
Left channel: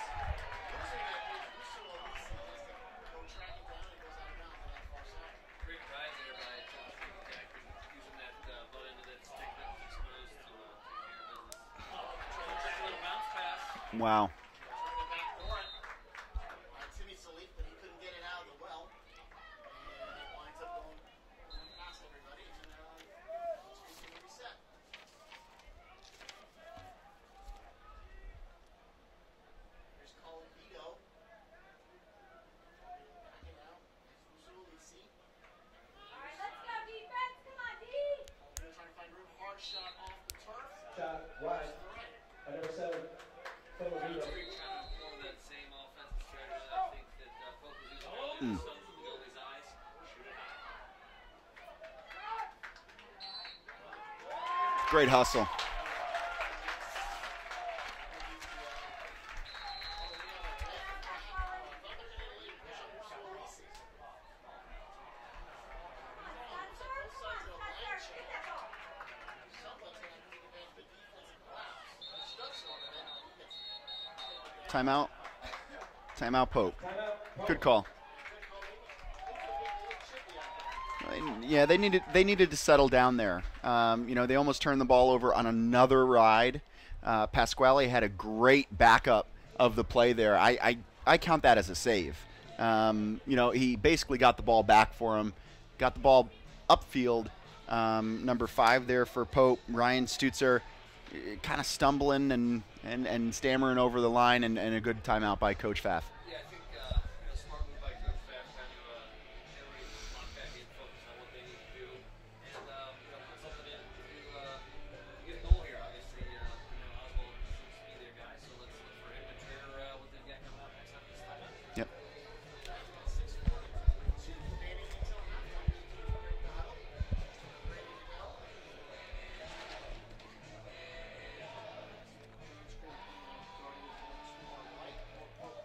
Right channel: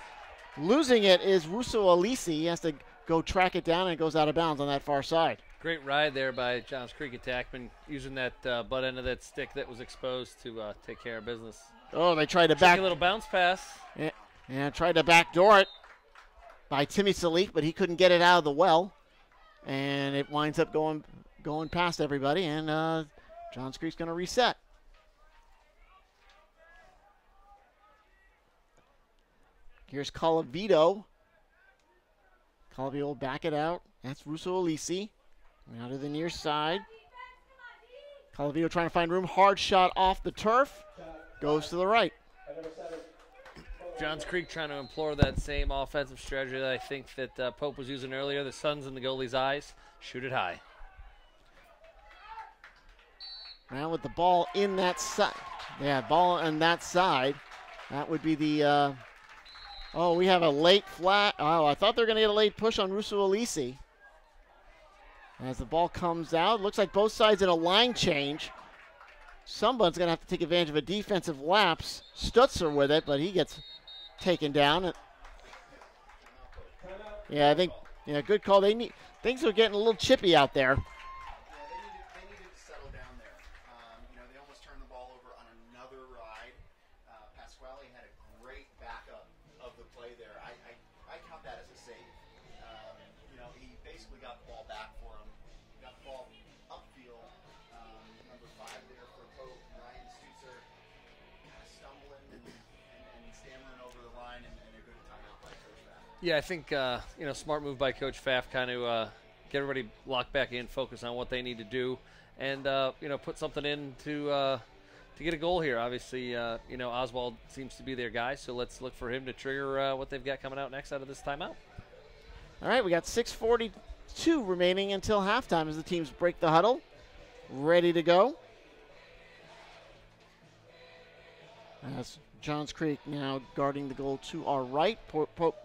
Losing it is Russo Alisi. He has to go track it down, and it goes out of bounds on that far side. Great ride there by Johns Creek attackman, using that butt end of that stick that was exposed to take care of business. Oh, they tried to Take a little bounce pass. Wow. Yeah, tried to backdoor it by Timmy Salik, but he couldn't get it out of the well. And it winds up going past everybody, and Johns Creek's going to reset. Here's Calavito. Calavito will back it out. That's Russo Alisi. Now to the near side. Calavio trying to find room. Hard shot off the turf. Goes to the right. Johns Creek trying to implore that same offensive strategy that I think that Pope was using earlier. The sun's in the goalie's eyes. Shoot it high. Now with the ball in that Great hustle. Yeah, ball on that side. That would be the, oh, we have a late flat. Oh, I thought they were going to get a late push on Russo Alisi. As the ball comes out, looks like both sides in a line change. Someone's going to have to take advantage of a defensive lapse. Stutzer with it, but he gets taken down. Timeout. Timeout, Pope. Yeah, good call. Yeah, good call. Things are getting a little chippy out there. Yeah, they needed to settle down there. They almost turned the ball over on another ride. Pasquale had a great backup of the play there. I count that as a save. He basically got the ball back for him, got the ball upfield. Number 5 there for Pope, Ryan Stutzer, kind of stumbling and stammering over the line, and a good timeout by Coach Pfaff. Yeah, I think smart move by Coach Pfaff, kind of get everybody locked back in, focus on what they need to do, and put something in to get a goal here. Obviously, Oswald seems to be their guy, so let's look for him to trigger what they've got coming out next out of this timeout. Yep. All right, we got 6:42 remaining until halftime as the teams break the huddle. Ready to go. That's Johns Creek now guarding the goal to our right. Pope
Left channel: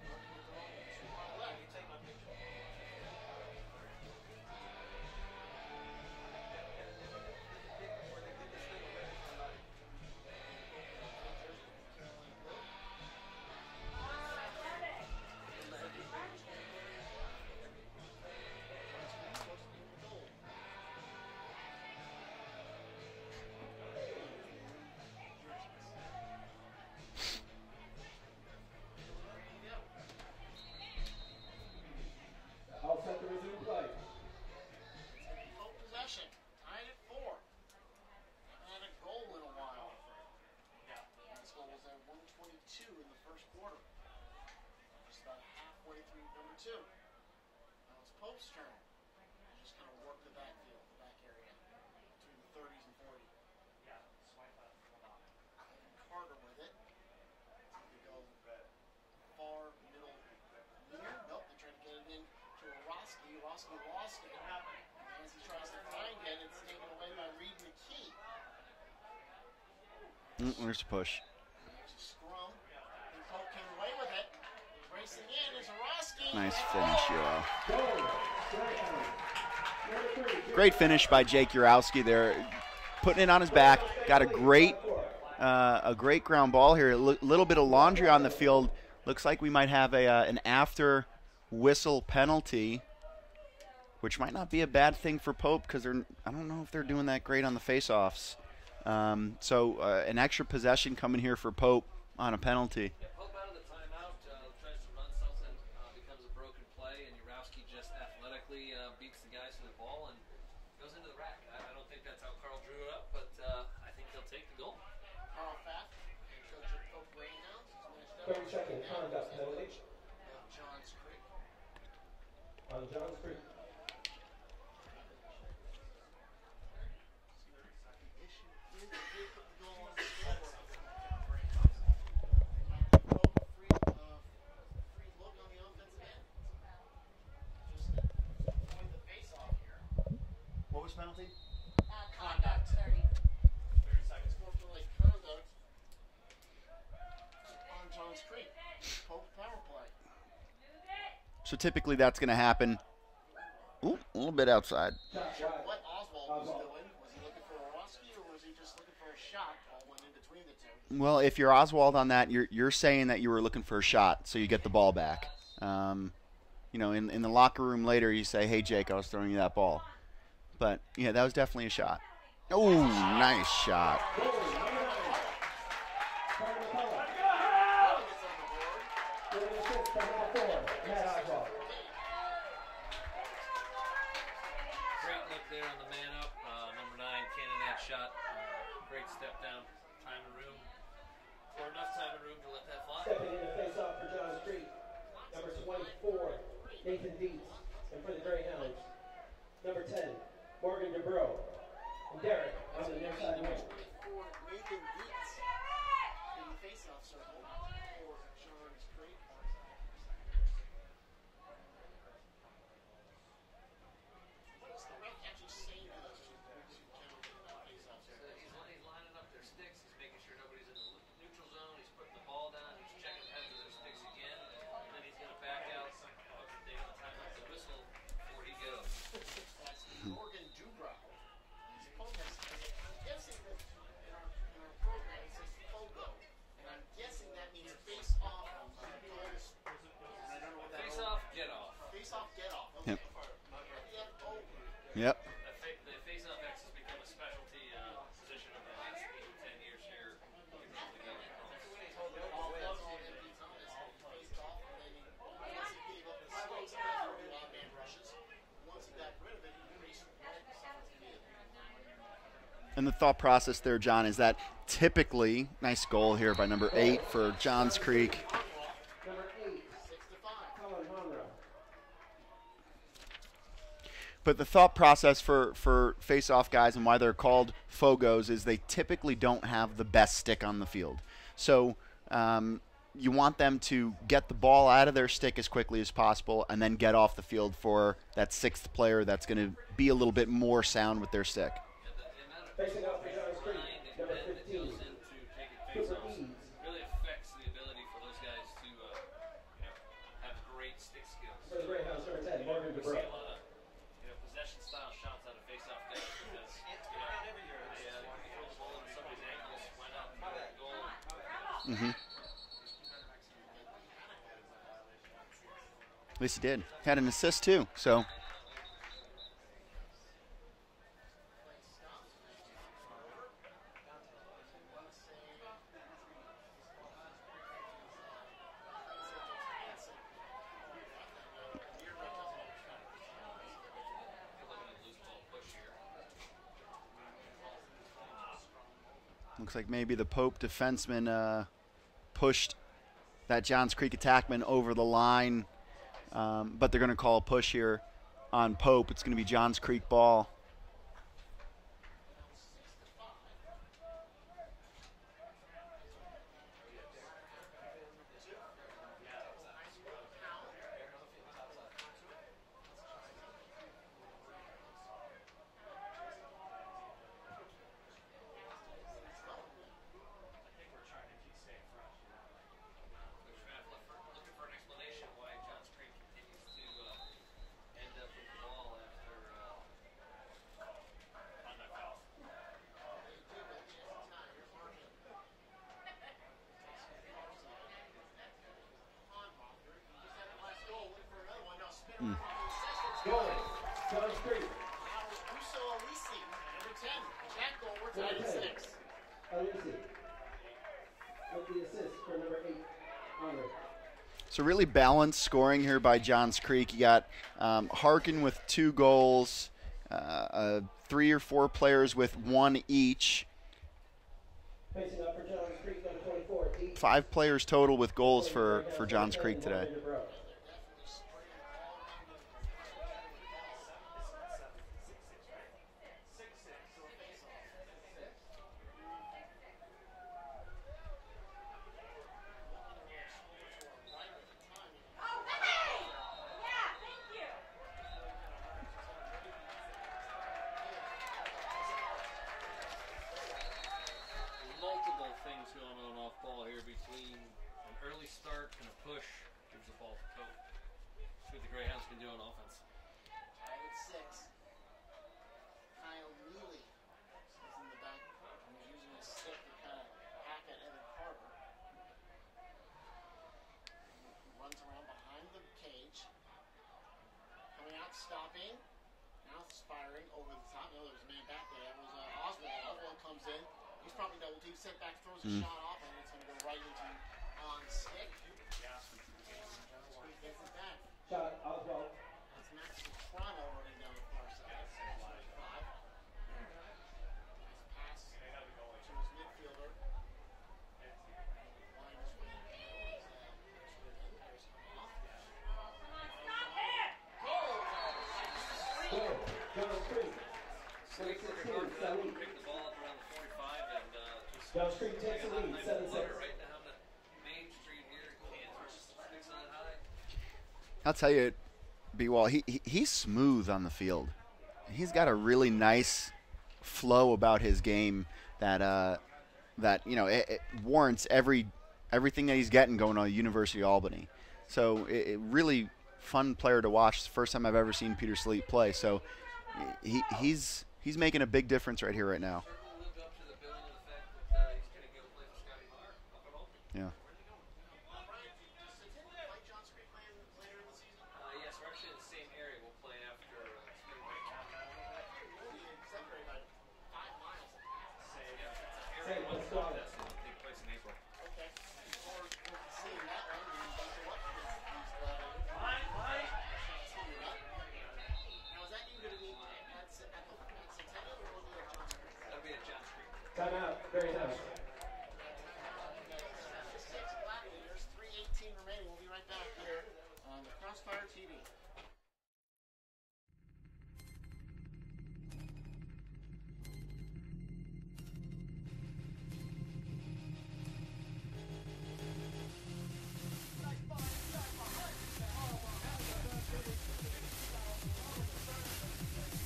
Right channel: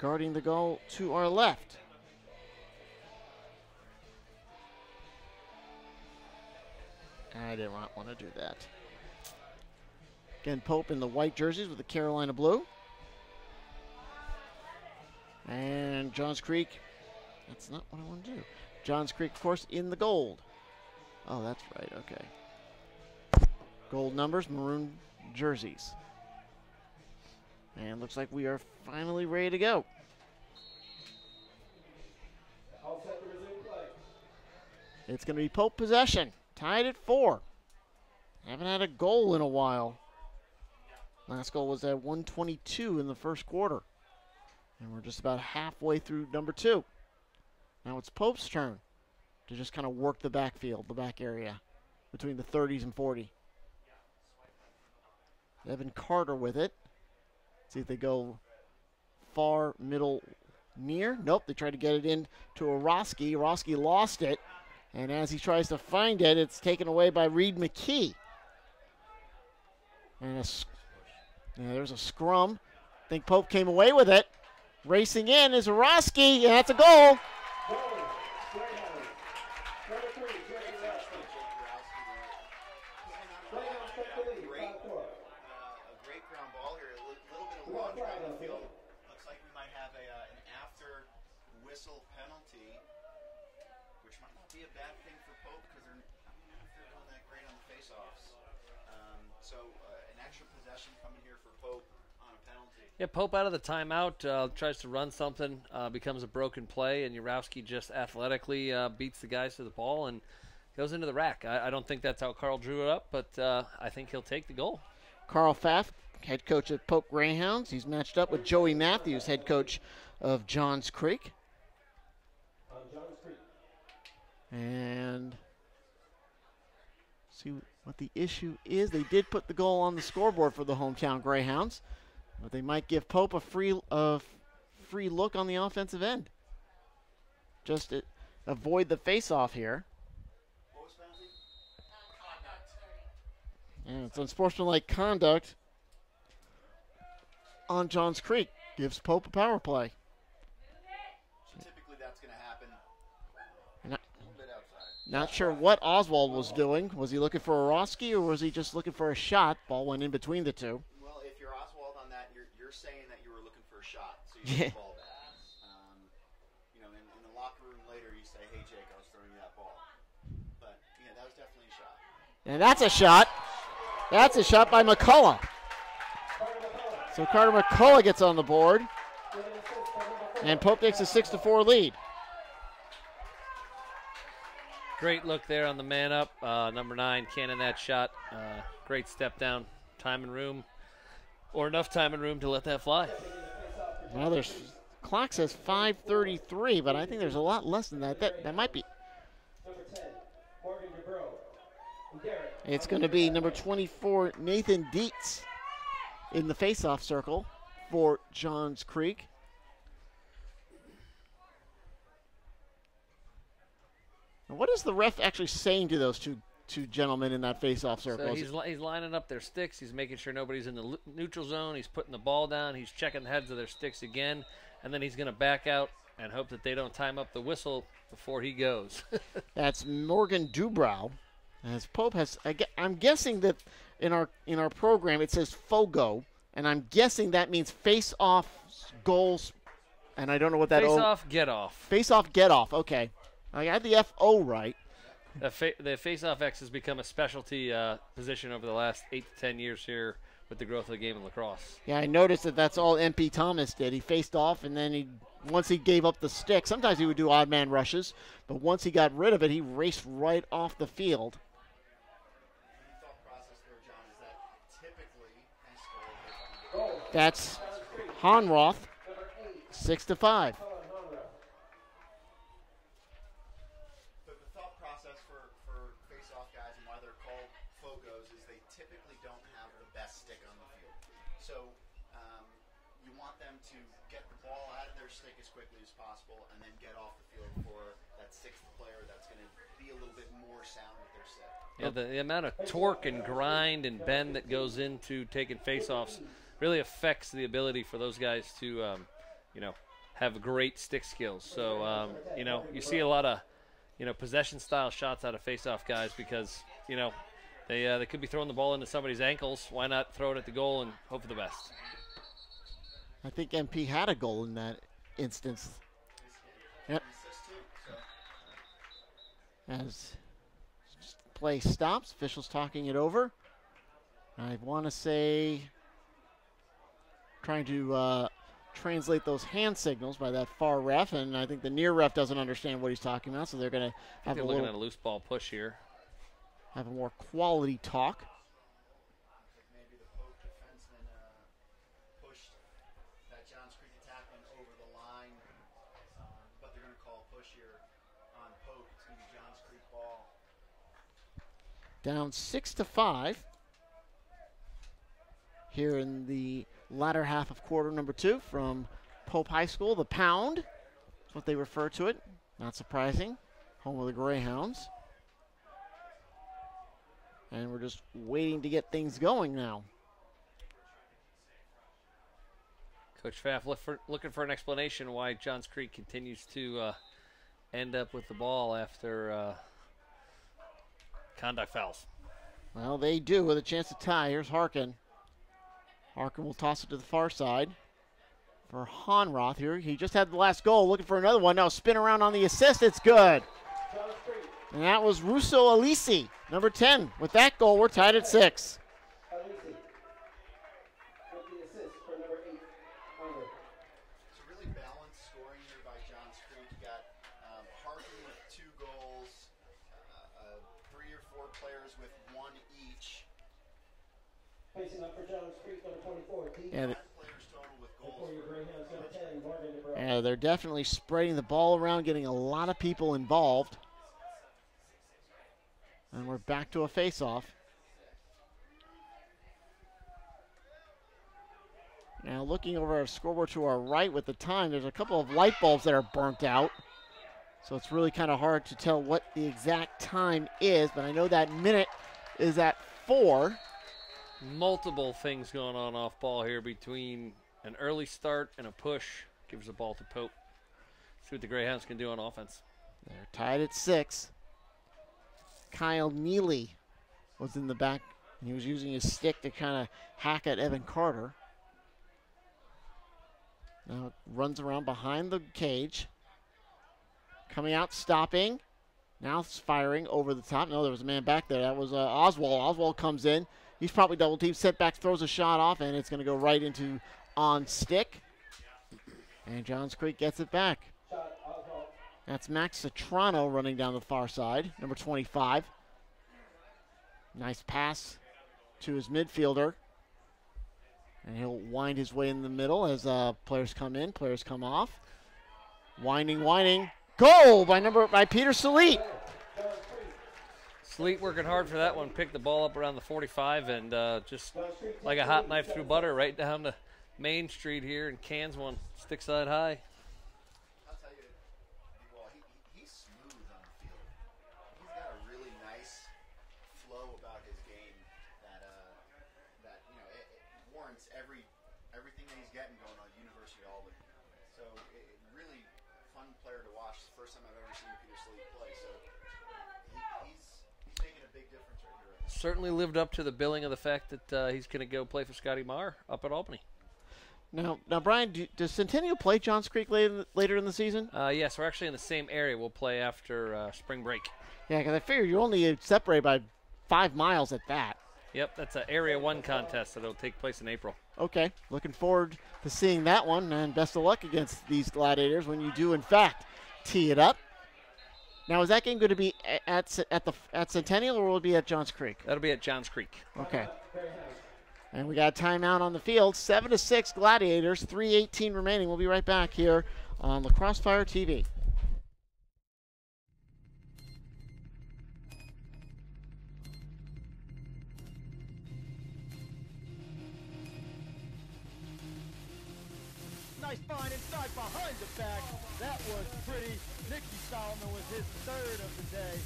guarding the goal to our left. I did not want to do that. Again, Pope in the white jerseys with the Carolina blue. And Johns Creek, that's not what I want to do. Johns Creek, of course, in the gold. Oh, that's right, okay. Gold numbers, maroon jerseys. And looks like we are finally ready to go. It's going to be Pope possession, tied at 4. Haven't had a goal in a while. Last goal was at 1:22 in the first quarter. And we're just about halfway through number 2. Now it's Pope's turn to just kind of work the backfield, the back area, between the 30s and 40. Evan Carter with it. See if they go far, middle, near. Nope, they tried to get it in to Orosky. Orosky lost it. And as he tries to find it, it's taken away by Reed McKee. And There's a push. Yeah, there's a scrum. I think Pope came away with it. Racing in is Orosky, and that's a goal. Great finish by Jake Urowski there, putting it on his back. Got a great ground ball here. A little bit of laundry on the field. Looks like we might have an after whistle penalty, which might not be a bad thing for Pope because I don't know if they're doing that great on the faceoffs. So an extra possession coming here for Pope on a penalty. Yeah, Pope out of the timeout, tries to run something, becomes a broken play, and Urowski just athletically beats the guys to the ball and goes into the rack. I don't think that's how Carl drew it up, but I think he'll take the goal. Carl Pfaff, head coach of Pope Greyhounds. He's matched up with Joey Matthews, head coach of Johns Creek. And see what the issue is. They did put the goal on the scoreboard for the hometown Greyhounds, but they might give Pope a free look on the offensive end. Just to avoid the face-off here. What was penalty? Conduct. And it's unsportsmanlike conduct on Johns Creek. Gives Pope a power play. So typically that's going to happen. Ooh, a little bit outside. Not sure what Oswald was doing. Was he looking for Orosky, or was he just looking for a shot? Ball went in between the two. Well, if you're Oswald on that, you're saying that you were looking for a shot, so you get the ball back. In the locker room later, you say, "Hey, Jake, I was throwing you that ball." But yeah, that was definitely a shot. Yeah, that's a shot. Nice shot. That's a shot by McCullough. So Carter McCullough gets on the board, and Pope takes a 6-4 lead. Great look there on the man up. Number 9, cannon that shot. Great step down. Time and room, or enough time and room to let that fly. Well, there's clock says 5:33, but I think there's a lot less than that. That might be. Number 10, Morgan DeBro. It's going to be number 24, Nathan Dietz, in the face-off circle for Johns Creek. What is the ref actually saying to those two gentlemen in that face-off circle? So he's lining up their sticks. He's making sure nobody's in the neutral zone. He's putting the ball down. He's checking the heads of their sticks again, and then he's going to back out and hope that they don't time up the whistle before he goes. That's Morgan Dubrow. As Pope has, I'm guessing that in our program it says FOGO, and I'm guessing that means face-off goals, and I don't know what that face-off, get-off. Face-off, get-off. Okay. I had the FO right. Yep. The face-off X has become a specialty position over the last 8 to 10 years here with the growth of the game in lacrosse. Yeah, I noticed that that's all MP Thomas did. He faced off, and then once he gave up the stick, sometimes he would do odd man rushes, but once he got rid of it, he raced right off the field. And the thought process there, John, is that typically, nice goal here by number 8 for That's Johns Creek. Honroth, 6-5. But the thought process for face-off guys and why they're called FOGOs is they typically don't have the best stick on the field. So you want them to get the ball out of their stick as quickly as possible and then get off the field for that 6th player that's going to be a little bit more sound with their stick. Yeah, the amount of torque and grind and bend that goes into taking face-offs really affects the ability for those guys to, have great stick skills. So, you see a lot of possession style shots out of face-off guys because, they could be throwing the ball into somebody's ankles. Why not throw it at the goal and hope for the best? Mm-hmm. I think MP had a goal in that instance. At least he did. Had an assist too. So as play stops, officials talking it over. I want to say, trying to translate those hand signals by that far ref, and I think the near ref doesn't understand what he's talking about, so they're going to have they're looking at a loose ball push here. Have a more quality talk. Looks like maybe the Pope defenseman pushed that Johns Creek attackman over the line, but they're going to call a push here on Pope. It's going to be Johns Creek ball. Down 6-5 here in the latter half of quarter number 2 from Pope High School. The Pound, that's what they refer to it. Not surprising. Home of the Greyhounds. And we're just waiting to get things going now. Coach Pfaff looking for an explanation why Johns Creek continues to end up with the ball after conduct fouls. Well, they do with a chance to tie. Here's Harkin. Harkin will toss it to the far side for Honroth here. He just had the last goal, looking for another one. Now spin around on the assist. It's good. And that was Russo Alisi, number 10. With that goal, we're tied at 6. So really balanced scoring here by Johns Creek. You got Harkin with 2 goals, 3 or 4 players with 1 each. Facing up for Johns Creek, number 24. Yeah. 5 players total with goals for Johns Creek today. Yeah, they're definitely spreading the ball around, getting a lot of people involved. And we're back to a face-off. Now looking over our scoreboard to our right with the time, there's a couple of light bulbs that are burnt out. So it's really kind of hard to tell what the exact time is, but I know that minute is at 4. Multiple things going on off ball here between an early start and a push. Gives the ball to Pope. See what the Greyhounds can do on offense. They're tied at 6. Kyle Neely was in the back. He was using his stick to kind of hack at Evan Carter. Now runs around behind the cage. Coming out, stopping. Now it's firing over the top. No, there was a man back there. That was Oswald. Oswald comes in. He's probably double teamed. Set back, throws a shot off, and it's going to go right into on stick. And Johns Creek gets it back. That's Max Citrano running down the far side, number 25. Nice pass to his midfielder. And he'll wind his way in the middle as players come in, players come off. Winding. Goal by Peter Salit. Sleet working hard for that one. Picked the ball up around the 45 and just like a hot knife through butter right down to Main Street here in Cairns, one stick side high. I'll tell you, B-Wall, he's smooth on the field. He's got a really nice flow about his game that you know it warrants everything that he's getting going on at University of Albany. So it really fun player to watch. It's the first time I've ever seen Peter Sleet play. So he's making a big difference right here, right now. Certainly lived up to the billing of the fact that he's going to go play for Scotty Marr up at Albany. Yeah. Now, Brian, does Centennial play Johns Creek later in the season? Yes, we're actually in the same area. We'll play after spring break. Yeah, because I figure you're only separated by 5 miles at that. Yep, that's an Area 1 contest that'll take place in April. Okay, looking forward to seeing that one, and best of luck against these Gladiators when you do, in fact, tee it up. Now, is that game going to be at Centennial, or will it be at Johns Creek? That'll be at Johns Creek. Okay. And we got a timeout on the field. 7-6 Gladiators, 3:18 remaining. We'll be right back here on Lacrosse Fire TV. Nice find inside behind the back. That was pretty. Nicky Solomon was his third of the day.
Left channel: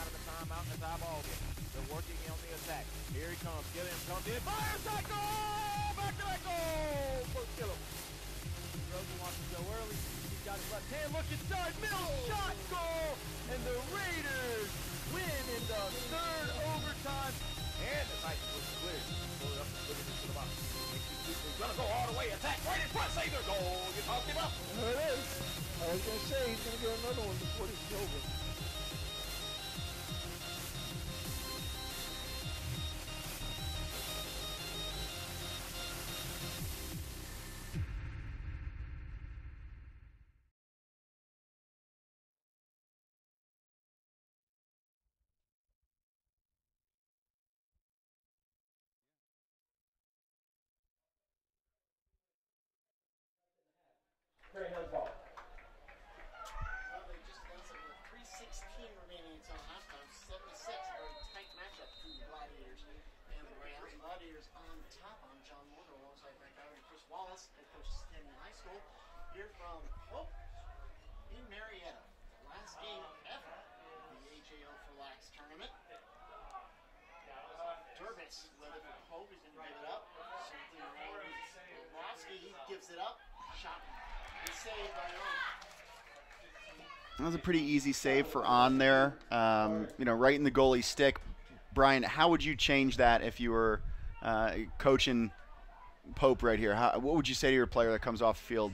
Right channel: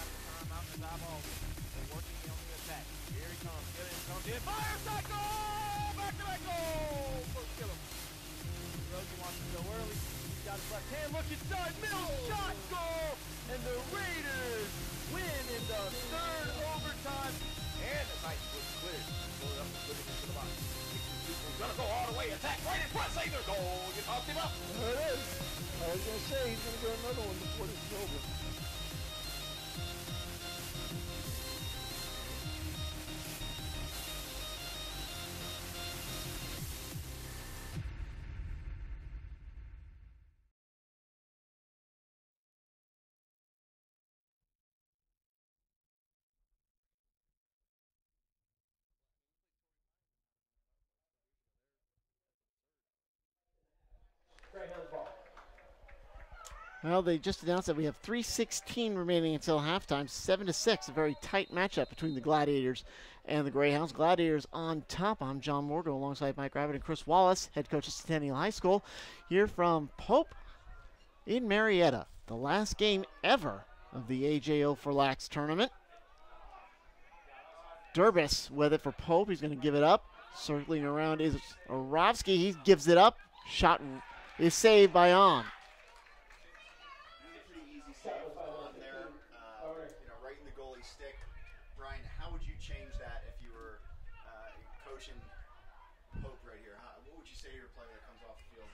Out of the timeout as eyeball it. They're working on the attack. Here he comes. Gilliam comes in. Fires that goal! Back to back goal! First kill him. Rosie wants to go early. He's got his left hand. Look inside. Middle shot goal! And the Raiders win in the third overtime. And the Titans was cleared. Pull it up and put it into the box. Makes his people gonna go all the way. Attack right in front. Save their goal. You talked him up. There it is. I was going to say he's going to get another one before this is over. Well, they just announced that we have 3:16 remaining until halftime. 7-6, a very tight matchup between the Gladiators and the Greyhounds. Gladiators on top. I'm John Morgan alongside Mike Rabbit and Chris Wallace, head coach of Centennial High School, here from Pope in Marietta. The last game ever of the AJO4LAX tournament. Durbis with it for Pope. He's going to give it up. Circling around is Orovsky. He gives it up. Shot is saved by On. That was a pretty easy save for On there, you know, right in the goalie stick. Brian, how would you change that if you were coaching Pope right here? What would you say to your player that comes off the field?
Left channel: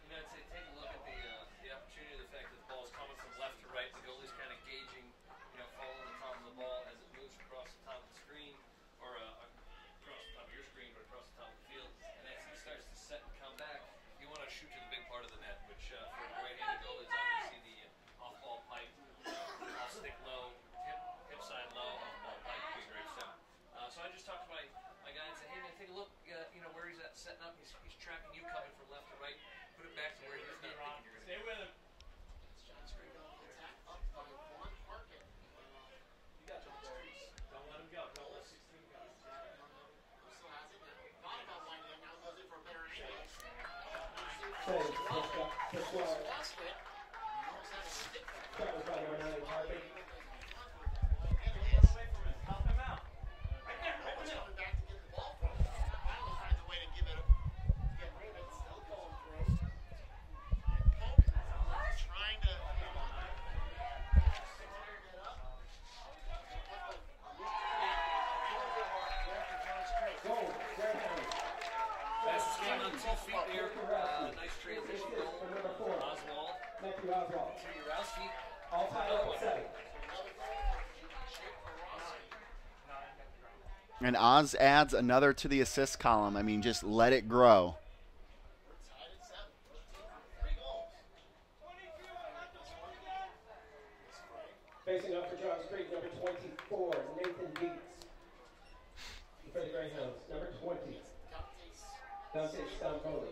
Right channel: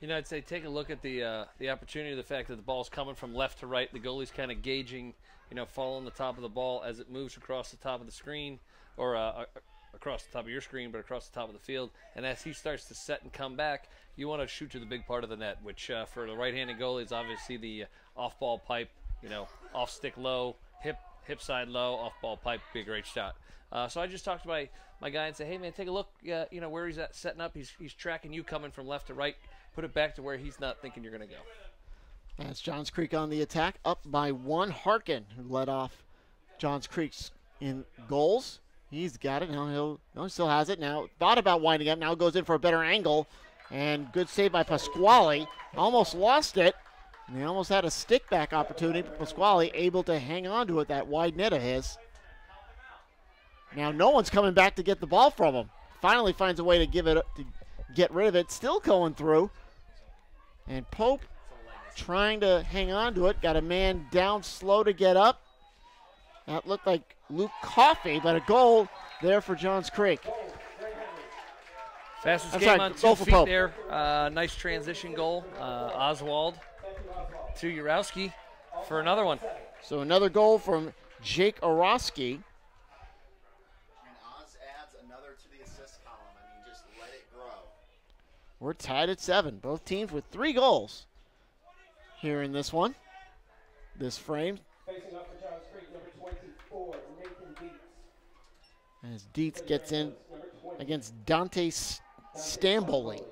You know, I'd say take a look at the opportunity, the fact that the ball's coming from left to right. The goalie's kind of gauging, you know, following the top of the ball as it moves across the top of the screen, or across the top of your screen, but across the top of the field. And as he starts to set and come back, you want to shoot to the big part of the net, which for the right-handed goalie is obviously the off-ball pipe, you know, off-stick low, hip side low, off-ball pipe, be a great shot. So I just talked to my guy and said, hey, man, take a look, you know, where he's at setting up. He's tracking you coming from left to right. Put it back to where he's not thinking you're going to go. That's Johns Creek on the attack, up by 1. Harkin, who led off Johns Creek's in goals. He's got it. Now he still has it. Now thought about winding up. Now goes in for a better angle. And good save by Pasquale. Almost lost it. And he almost had a stick back opportunity. But Pasquale able to hang on to it, that wide net of his. Now no one's coming back to get the ball from him. Finally finds a way to get rid of it. Still going through. And Pope trying to hang on to it. Got a man down slow to get up. That looked like Luke Coffey, but a goal there for Johns Creek. Fastest game on 2 feet there. Nice transition goal. Oswald to Urowski for another one. So another goal from Jake Orowski. And Oz adds another to the assist column. I mean, just let it grow. We're tied at 7. Both teams with 3 goals here in this one. This frame. Facing up for Johns Creek, number 24, Nathan Dietz. As Dietz gets in against Dante Stamboli.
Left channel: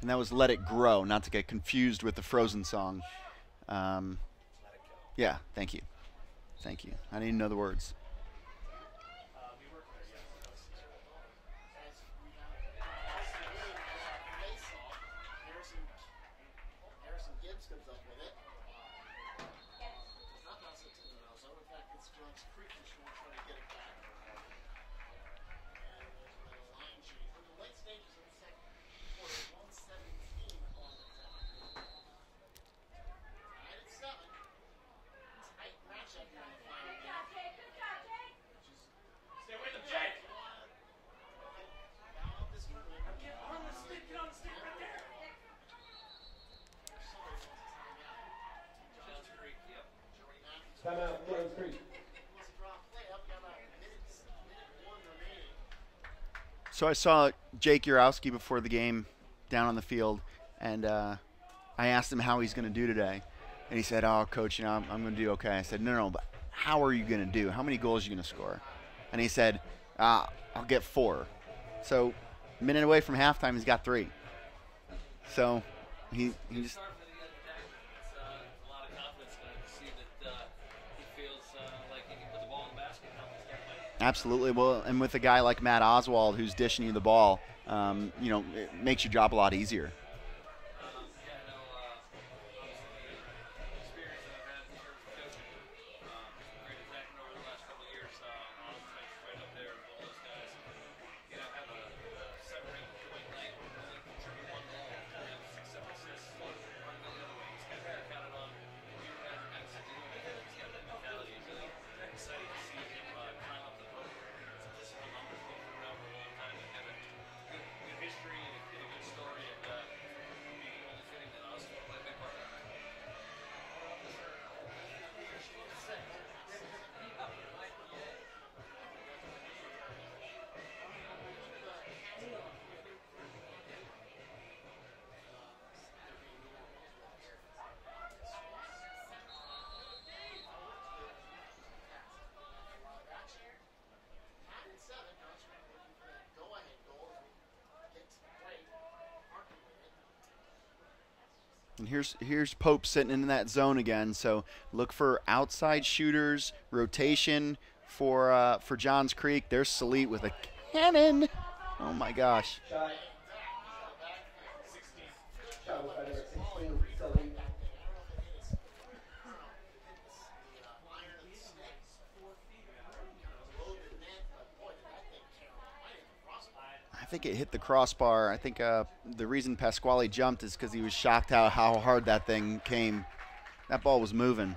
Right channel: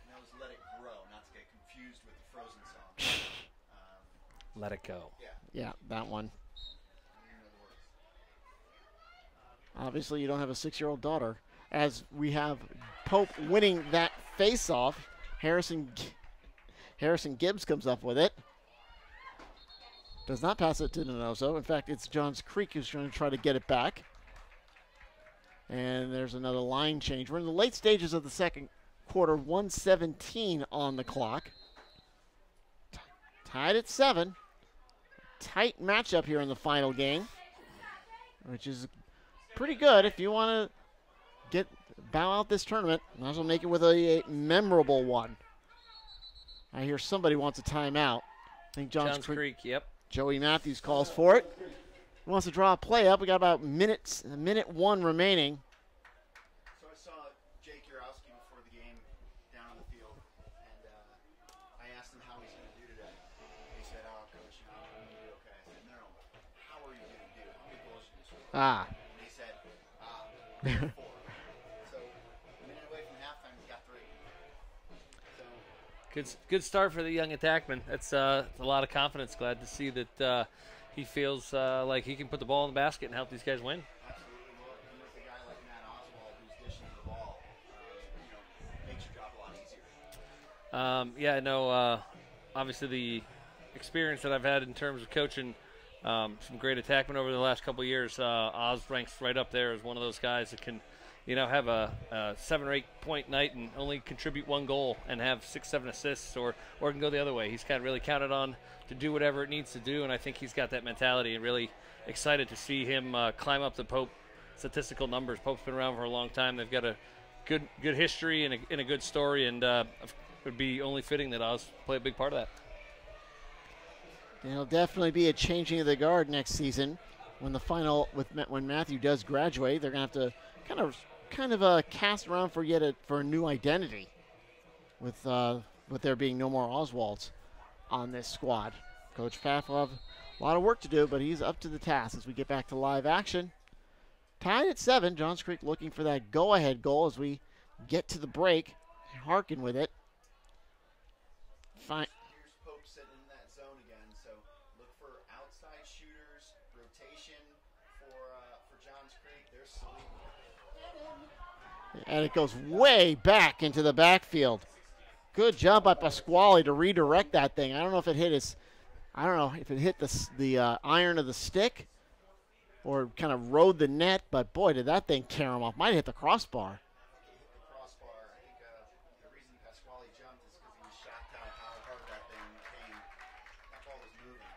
And that was Let It Grow, not to get confused with the Frozen song. Let it go. Yeah, thank Yeah, you. that one. Thank you. I didn't know the words. Obviously, you don't have a 6-year-old daughter. As we have Pope winning that face-off, Harrison Gibbs comes up with it. Does not pass it to Donoso. In fact, it's Johns Creek who's going to try to get it back. And there's another line change. We're in the late stages of the second quarter, 1:17 on the clock. Tied at 7. Tight matchup here in the final game, which is pretty good if you want to bow out this tournament. Might as well make it with a memorable one. I hear somebody wants a timeout. I think Johns Creek. Yep. Joey Matthews calls for it. He wants to draw a play up. We got about minute 1 remaining. So I saw Jake Urowski before the game down on the field, and I asked him how he's going to do today. And he said, "Oh, coach, I'm going to do okay." I said, no, but how are you going to do? How many goals are you going to score? And he said, I'll get 4. So minute away from halftime, he's got 3. So good start for the young attackman. That's a lot of confidence. Glad to see that he feels like he can put the ball in the basket and help these guys win. Absolutely. Well, and with a guy like Matt Oswald who's dishing you the ball, it makes your job a lot easier. Yeah, no, obviously the experience that I've had in terms of coaching some great attackmen over the last couple of years, Oz ranks right up there as one of those guys that can, have a 7 or 8 point night and only contribute 1 goal and have 6, 7 assists, or can go the other way. He's kind of really counted on to do whatever it needs to do, and I think he's got that mentality, and really excited to see him climb up the Pope statistical numbers. Pope's been around for a long time. They've got a good history and a good story, and it would be only fitting that Oz play a big part of that. There'll definitely be a changing of the guard next season when Matthew does graduate. They're going to have to kind of cast around for a new identity with there being no more Oswalds on this squad. Coach Pavlov, a lot of work to do, but he's up to the task as we get back to live action. Tied at 7, Johns Creek looking for that go-ahead goal as we get to the break. Harkin with it. Here's Pope sitting in that zone again, so look for outside shooters, rotation for Johns Creek. There's Salit with a cannon. Oh my gosh. It goes way back into the backfield. Good job by Pasquale to redirect that thing. I don't know if it hit the iron of the stick or kind of rode the net, but boy, did that thing carry him off. Might have hit the crossbar. I think it hit the crossbar. I think the reason Pasquale jumped is because he was shocked how hard that thing came. That ball was moving.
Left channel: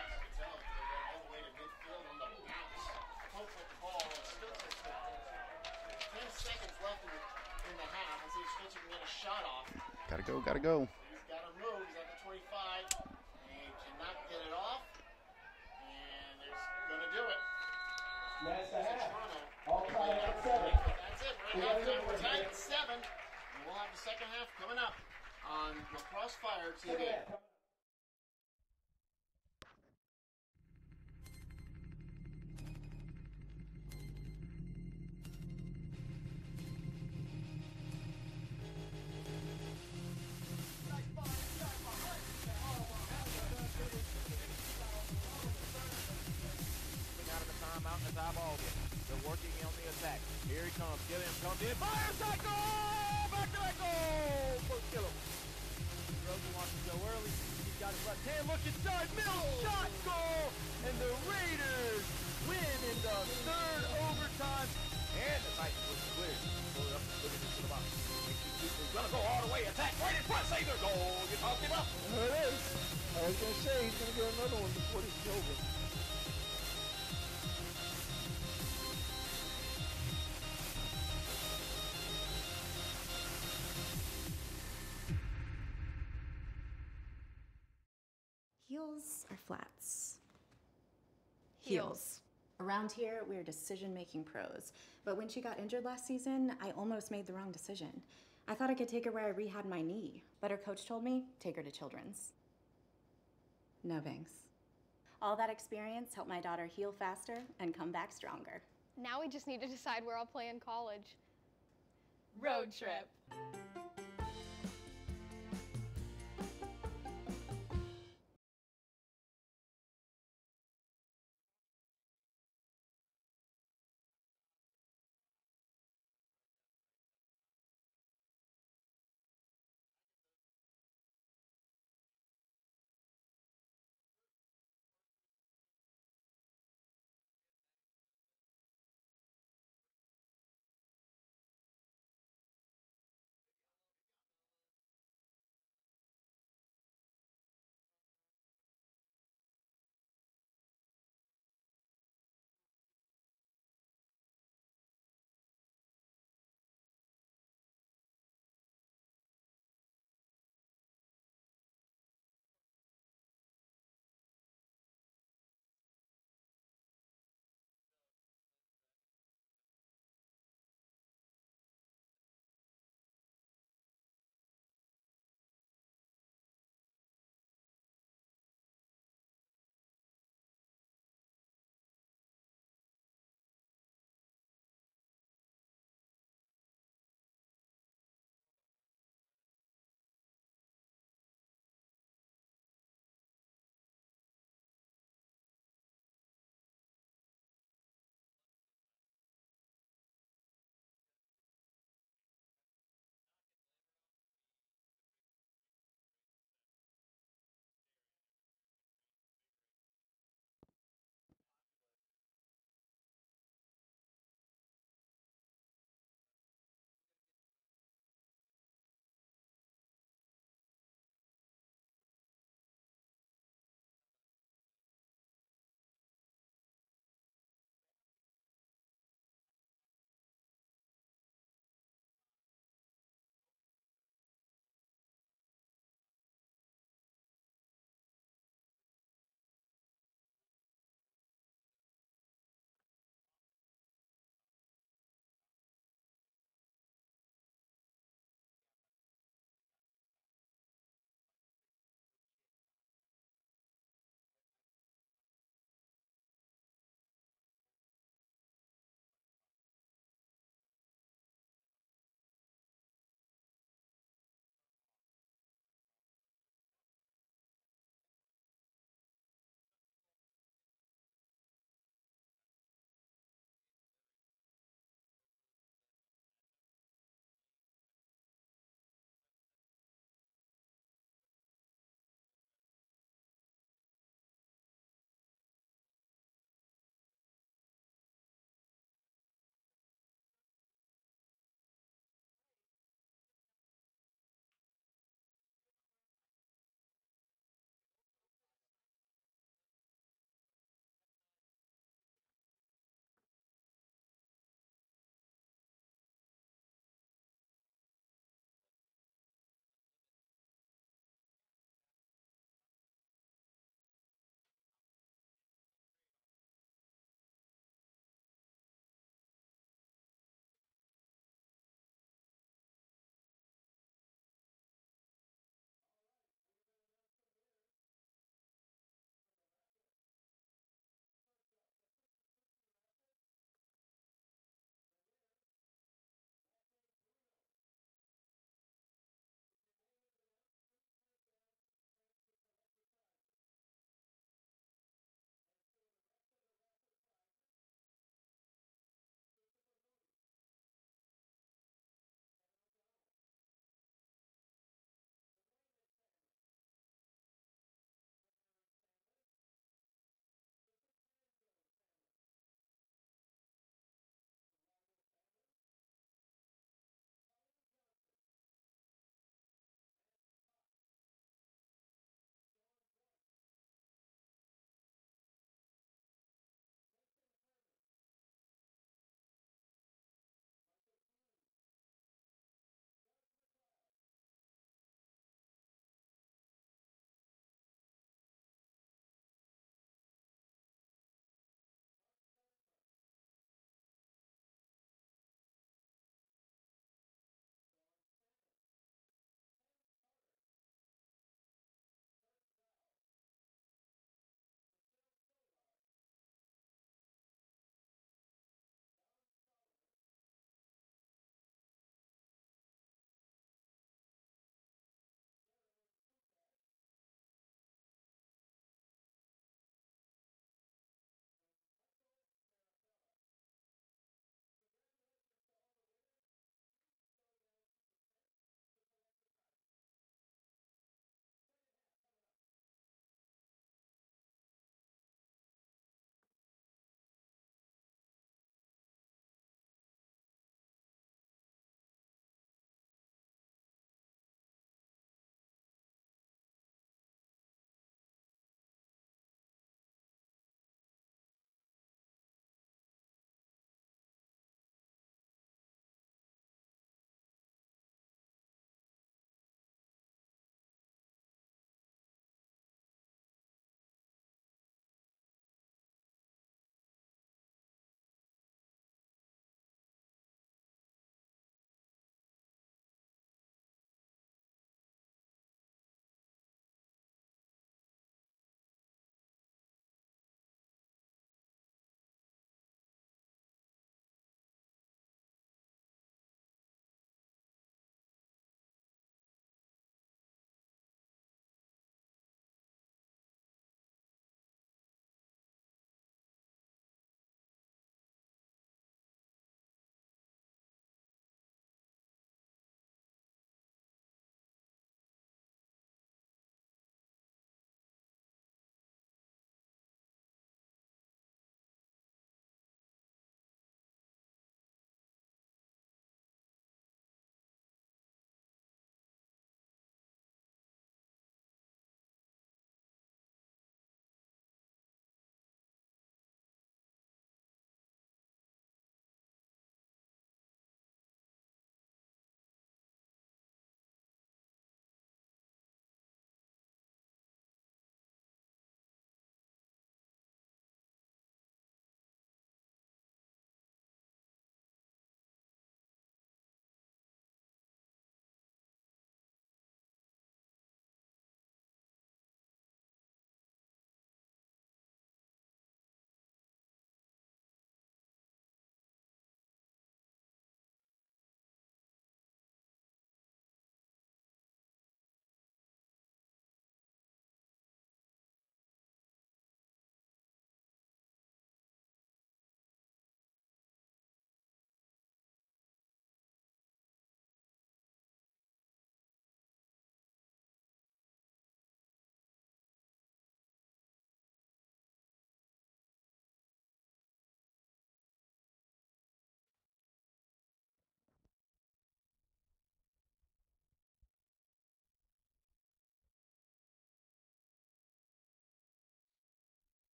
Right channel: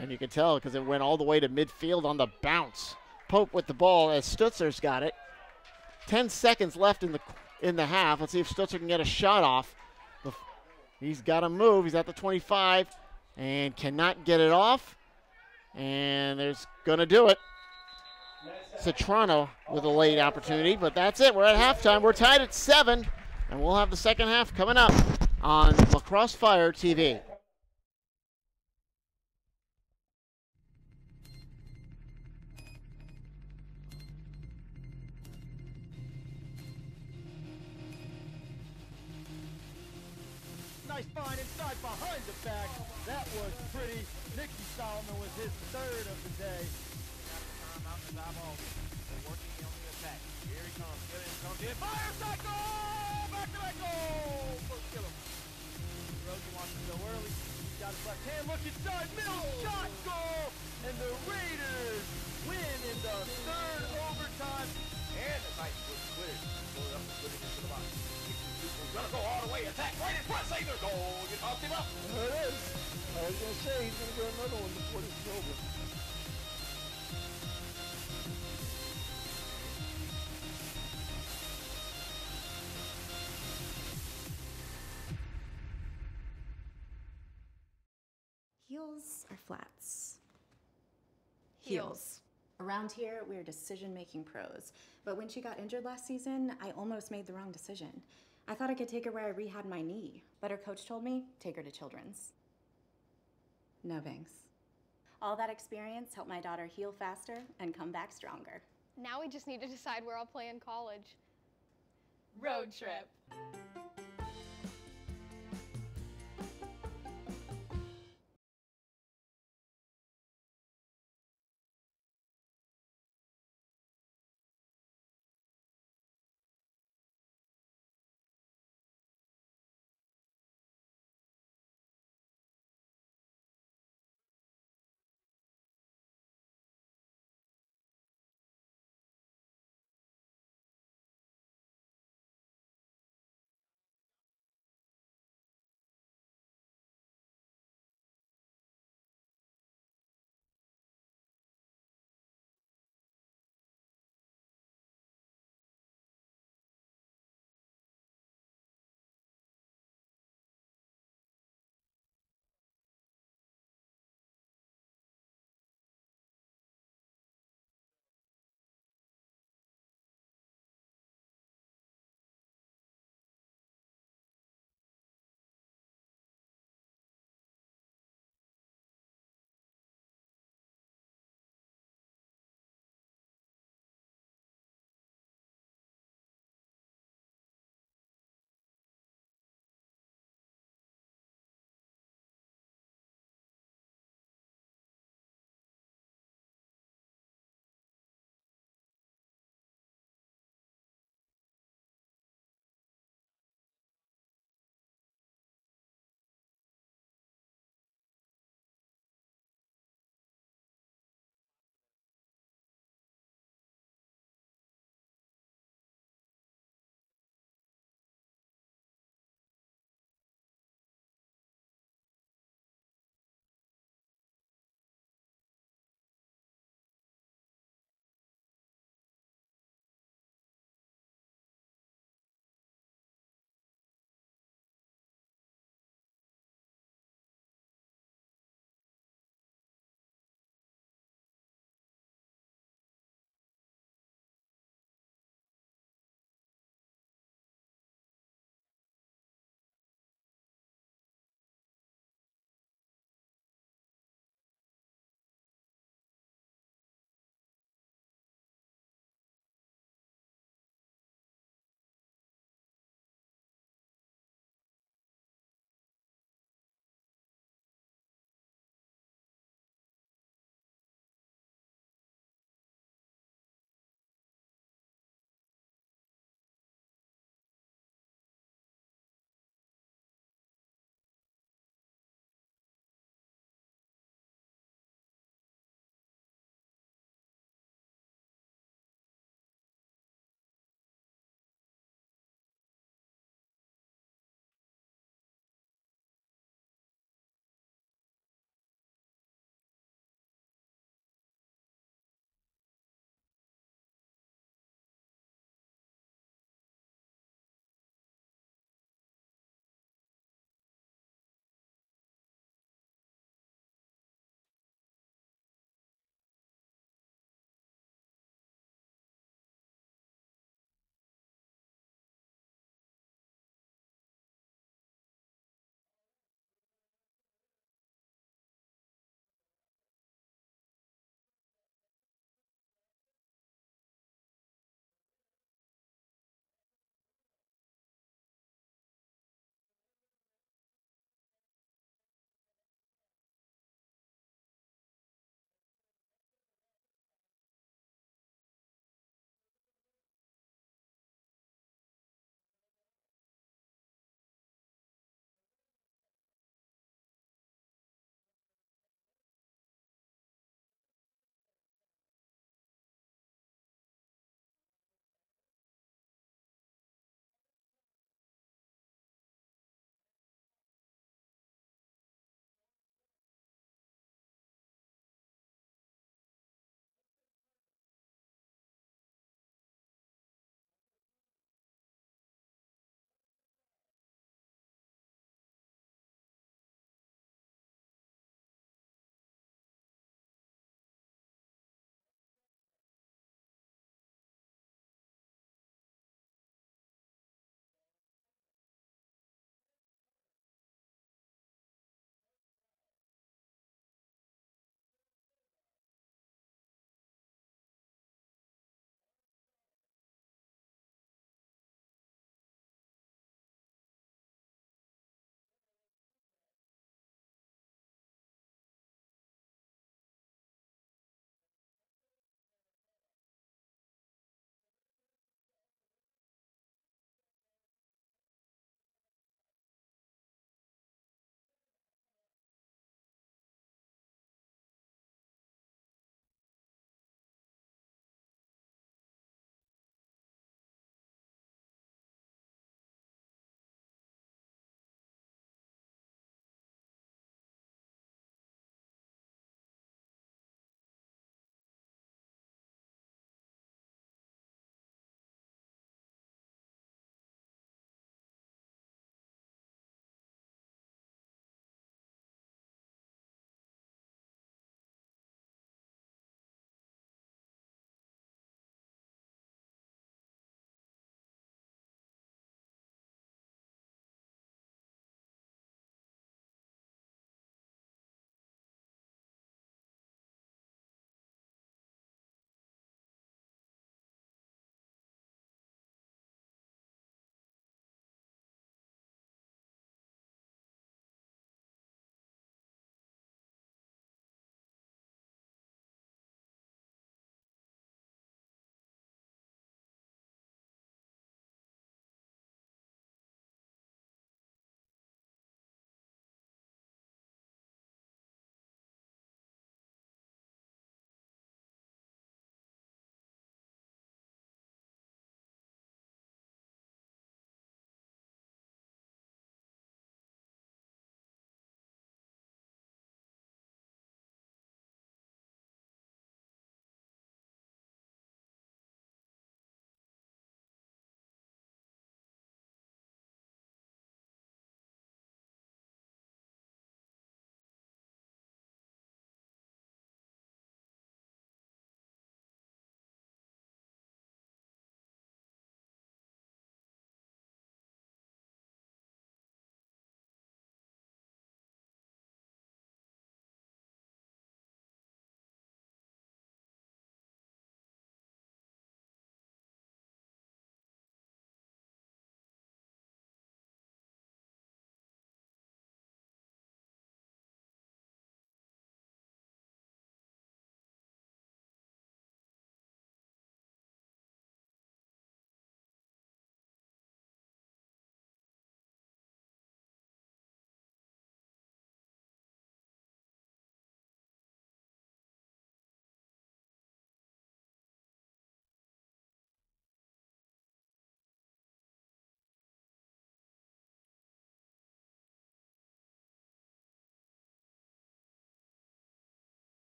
And you could tell because it went all the way to midfield on the bounce. Pope with the ball as Stutzer's got it. 10 seconds left in the half. Let's see if Stutzer can get a shot off. Gotta go. He's got to move. He's at the 25 and cannot get it off. And there's going to do it. Citrano with a late opportunity, but that's it. We're at halftime. We're tied at 7, and we'll have the second half coming up on Lacrosse Fire TV. Nice find inside behind the back. That was pretty. Nick Stallman with his 3rd of the day. Out of the timeout as eyeball it. They're working on the attack. Here he comes. Gilliam comes in. Fire shot goal! Back to back goal! For Gilliam. Rosie wants to go early. He's got his left hand. Look inside. Mills shot goal! And the Raiders win in the 3rd overtime. And the Titans was cleared. Pull it up and put it into the box. Makes these people gonna go all the way. Attack right in front. Save their goal. You talked him up. There it is. I was going to say he's going to get another one before this is over. Heels or flats? Heels. Around here, we're decision-making pros. But when she got injured last season, I almost made the wrong decision. I thought I could take her where I rehabbed my knee, but her coach told me, take her to Children's. No thanks. All that experience helped my daughter heal faster and come back stronger. Now we just need to decide where I'll play in college. Road trip.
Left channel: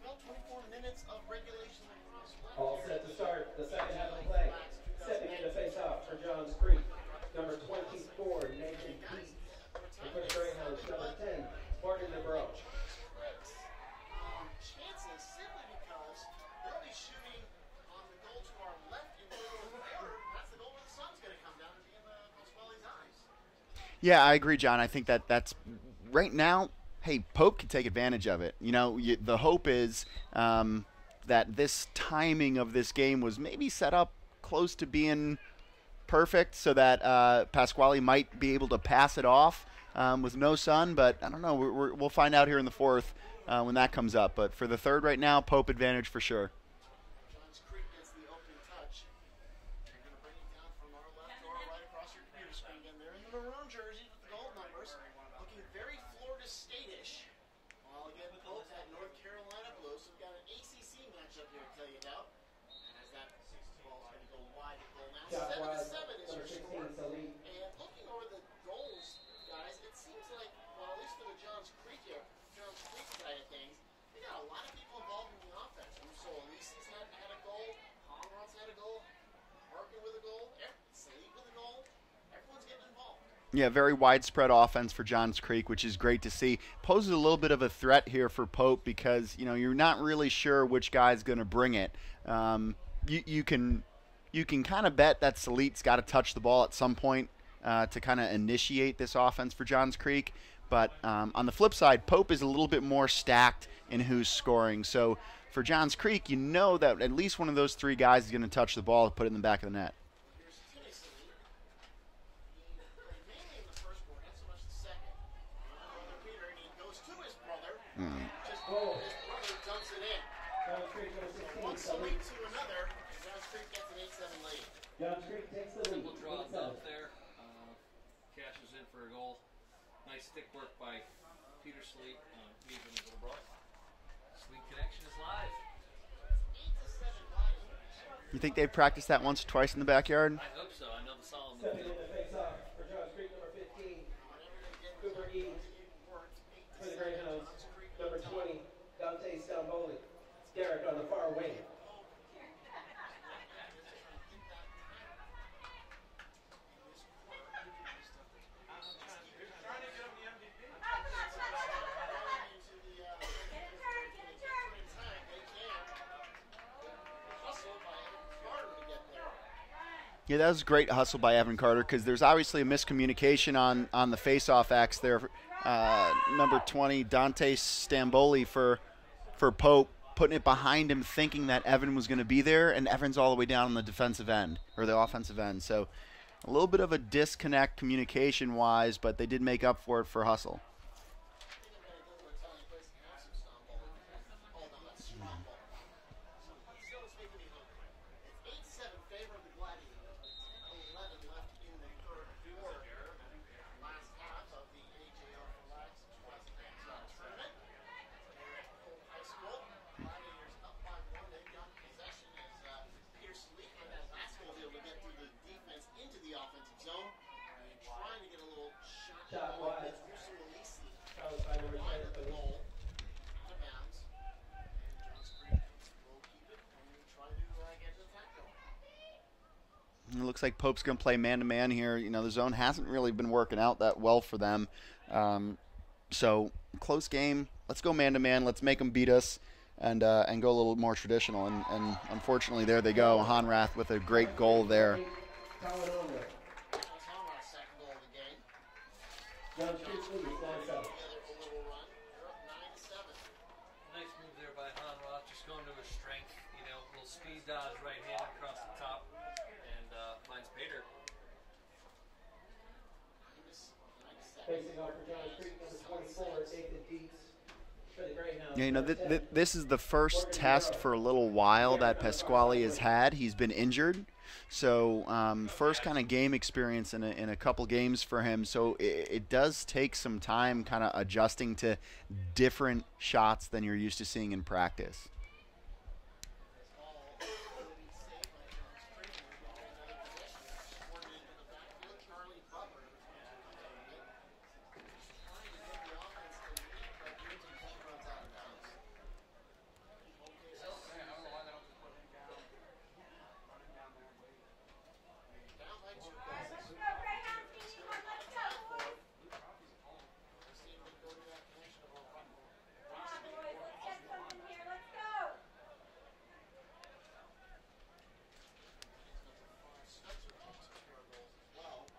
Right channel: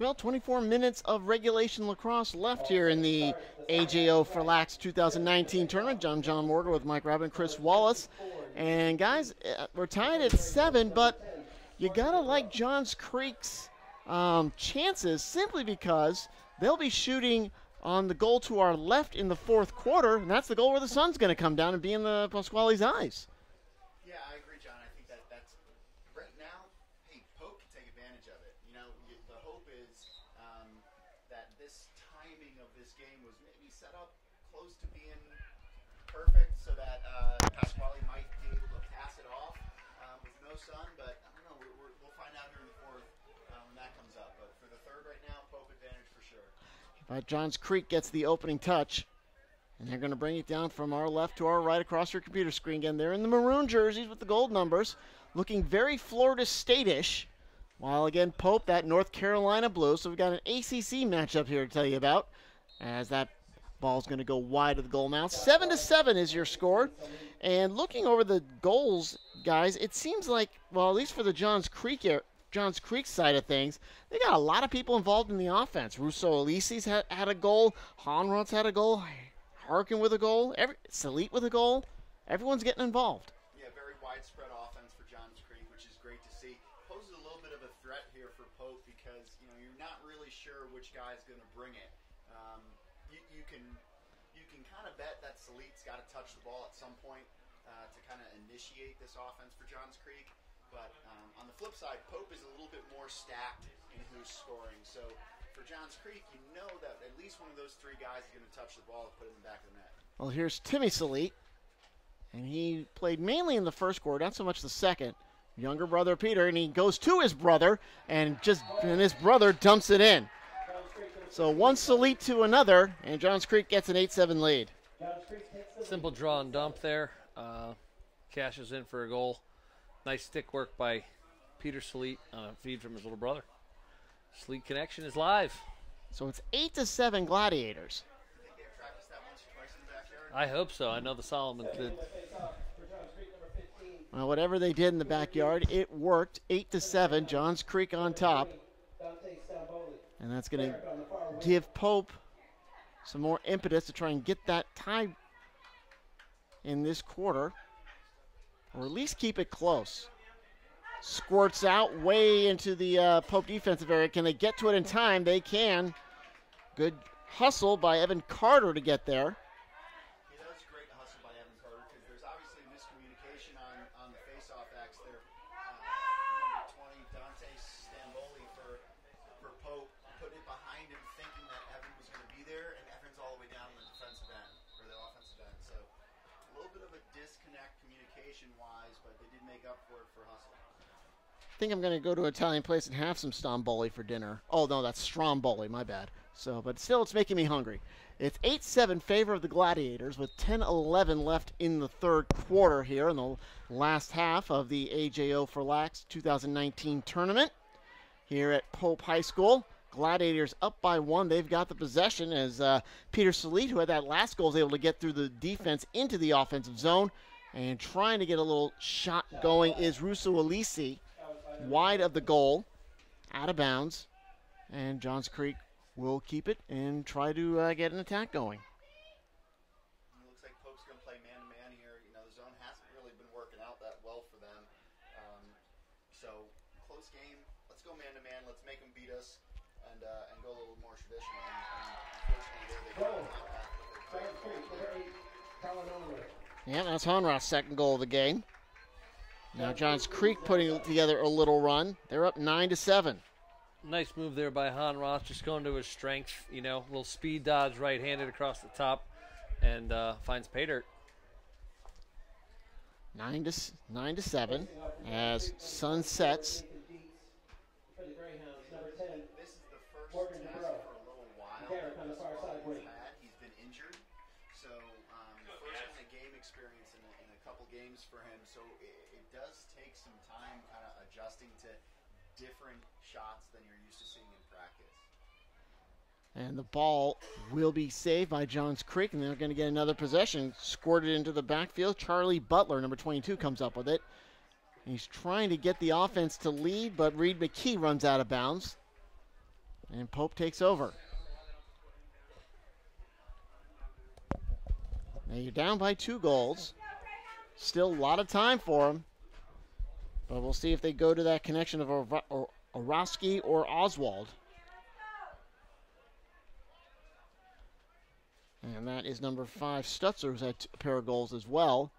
Well, 24 minutes of regulation lacrosse left here in the AJO4LAX 2019 tournament. I'm John Morgan with Mike Rabin, Chris Wallace. And guys, we're tied at 7, but you gotta like Johns Creek's chances simply because they'll be shooting on the goal to our left in the fourth quarter, and that's the goal where the sun's gonna come down and be in the Pasquale's eyes. Yeah, I agree, John. I think that's right now. Hey, Pope can take advantage of it. You know, the hope is that this timing of this game was maybe set up close to being perfect so that Pasquale might be able to pass it off with no sun. But I don't know. We'll find out here in the fourth when that comes up. But for the third right now, Pope advantage for sure. But Johns Creek gets the opening touch. And they're going to bring it down from our left to our right across your computer screen again. They're in the maroon jerseys with the gold numbers, looking very Florida State-ish. While again, Pope, that North Carolina blue. So we've got an ACC matchup here to tell you about, as that ball's going to go wide of the goal now. 7-7 is your score. And looking over the goals, guys, it seems like, well, at least for the Johns Creek side of things, they got a lot of people involved in the offense. Russo Elise's had a goal. Honrod's had a goal. Harkin with a goal, Salit with a goal. Everyone's getting involved. Yeah, very widespread offense for Johns Creek, which is great to see. Poses a little bit of a threat here for Pope because, you know, you're not really sure which guy's going to bring it. You can kind of bet that Salit's got to touch the ball at some point to kind of initiate this offense for Johns Creek. But on the flip side, Pope is a little bit more stacked in who's scoring. So for Johns Creek, you know that at least one of those three guys is going to touch the ball and put it in the back of the net. Well, here's Timmy Salit, and he played mainly in the first quarter, not so much the second. Younger brother Peter, and he goes to his brother, and his brother dumps it in. So one Salit to another, and Johns Creek gets an 8-7 lead. Simple draw and dump there. Cashes in for a goal. Nice stick work by Peter Salit on a feed from his little brother. Sleet Connection is live. So it's 8-7 Gladiators. You think they've practiced that once or twice in the backyard? I hope so. I know the Solomons did. Well, whatever they did in the backyard, it worked. 8-7, Johns Creek on top. And that's going to give Pope some more impetus to try and get that tie in this quarter, or at least keep it close. Squirts out way into the Pope defensive area. Can they get to it in time? They can. Good hustle by Evan Carter to get there. Yeah, that was a great hustle by Evan Carter because there's obviously a miscommunication on the face-off X there. Number 20, Dante Stamboli for Pope, putting it behind him, thinking that Evan was going to be there, and Evan's all the way down on the defensive end, or the offensive end. So a little bit of a disconnect communication-wise, but they did make up for it for hustle. I think I'm going to go to an Italian place and have some Stromboli for dinner. Oh, no, that's Stromboli, my bad. So, but still, it's making me hungry. It's 8-7 favor of the Gladiators with 10-11 left in the third quarter here in the last half of the AJO4LAX 2019 tournament here at Pope High School. Gladiators up by 1. They've got the possession as Peter Salit, who had that last goal, was able to get through the defense into the offensive zone. And trying to get a little shot going is Russo Elise, wide of the goal, out of bounds. And Johns Creek will keep it and try to get an attack going. It looks like Pope's going to play man-to-man here. You know, the zone hasn't really been working out that well for them. So, close game. Let's go man-to-man. Let's make them beat us and go a little more traditional. And unfortunately, there they go. Honrath with a great goal there. Yeah, that's Honrath's second goal of the game. Now Johns Creek putting together a little run. They're up 9-7. Nice move there by Honrath, just going to his strength. You know, a little speed dodge right-handed across the top, and finds pay dirt. 9-7 as sun sets. Yeah, you know, this is the first test for a little while that Pasquale has had. He's been injured. So first kind of game experience in a couple games for him. So it does take some time kind of adjusting to different shots than you're used to seeing in practice. And the ball will be saved by Johns Creek, and they're going to get another possession squirted into the backfield. Charlie Butler, number 22, comes up with it. He's trying to get the offense to lead, but Reed McKee runs out of bounds. And Pope takes over. Now you're down by 2 goals. Still a lot of time for them. But we'll see if they go to that connection of Orosky or Oswald. And that is number 5, Stutzer, who's had a pair of goals as well.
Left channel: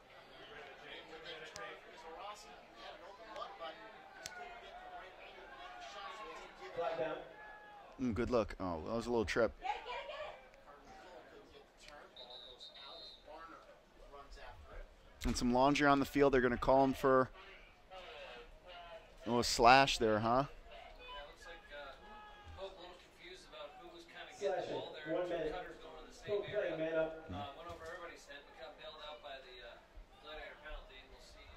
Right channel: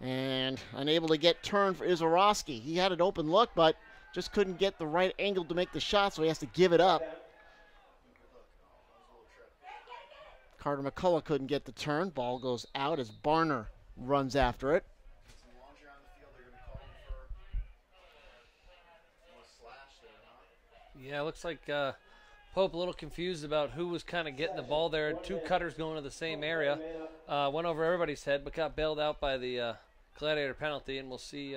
And unable to get turned for Orosky. He had an open look, but just couldn't get the right angle to make the shot, so he has to give it up. Good look. Oh, that was a little trip. Carter McCullough couldn't get the turn. Ball goes out as Barner runs after it. And some laundry on the field. They're going to call him for a slash there, huh? Yeah, it looks like Pope a little confused about who was kind of getting the ball there. 2 cutters going to the same area. Went over everybody's head, but got bailed out by the Gladiator penalty. And we'll see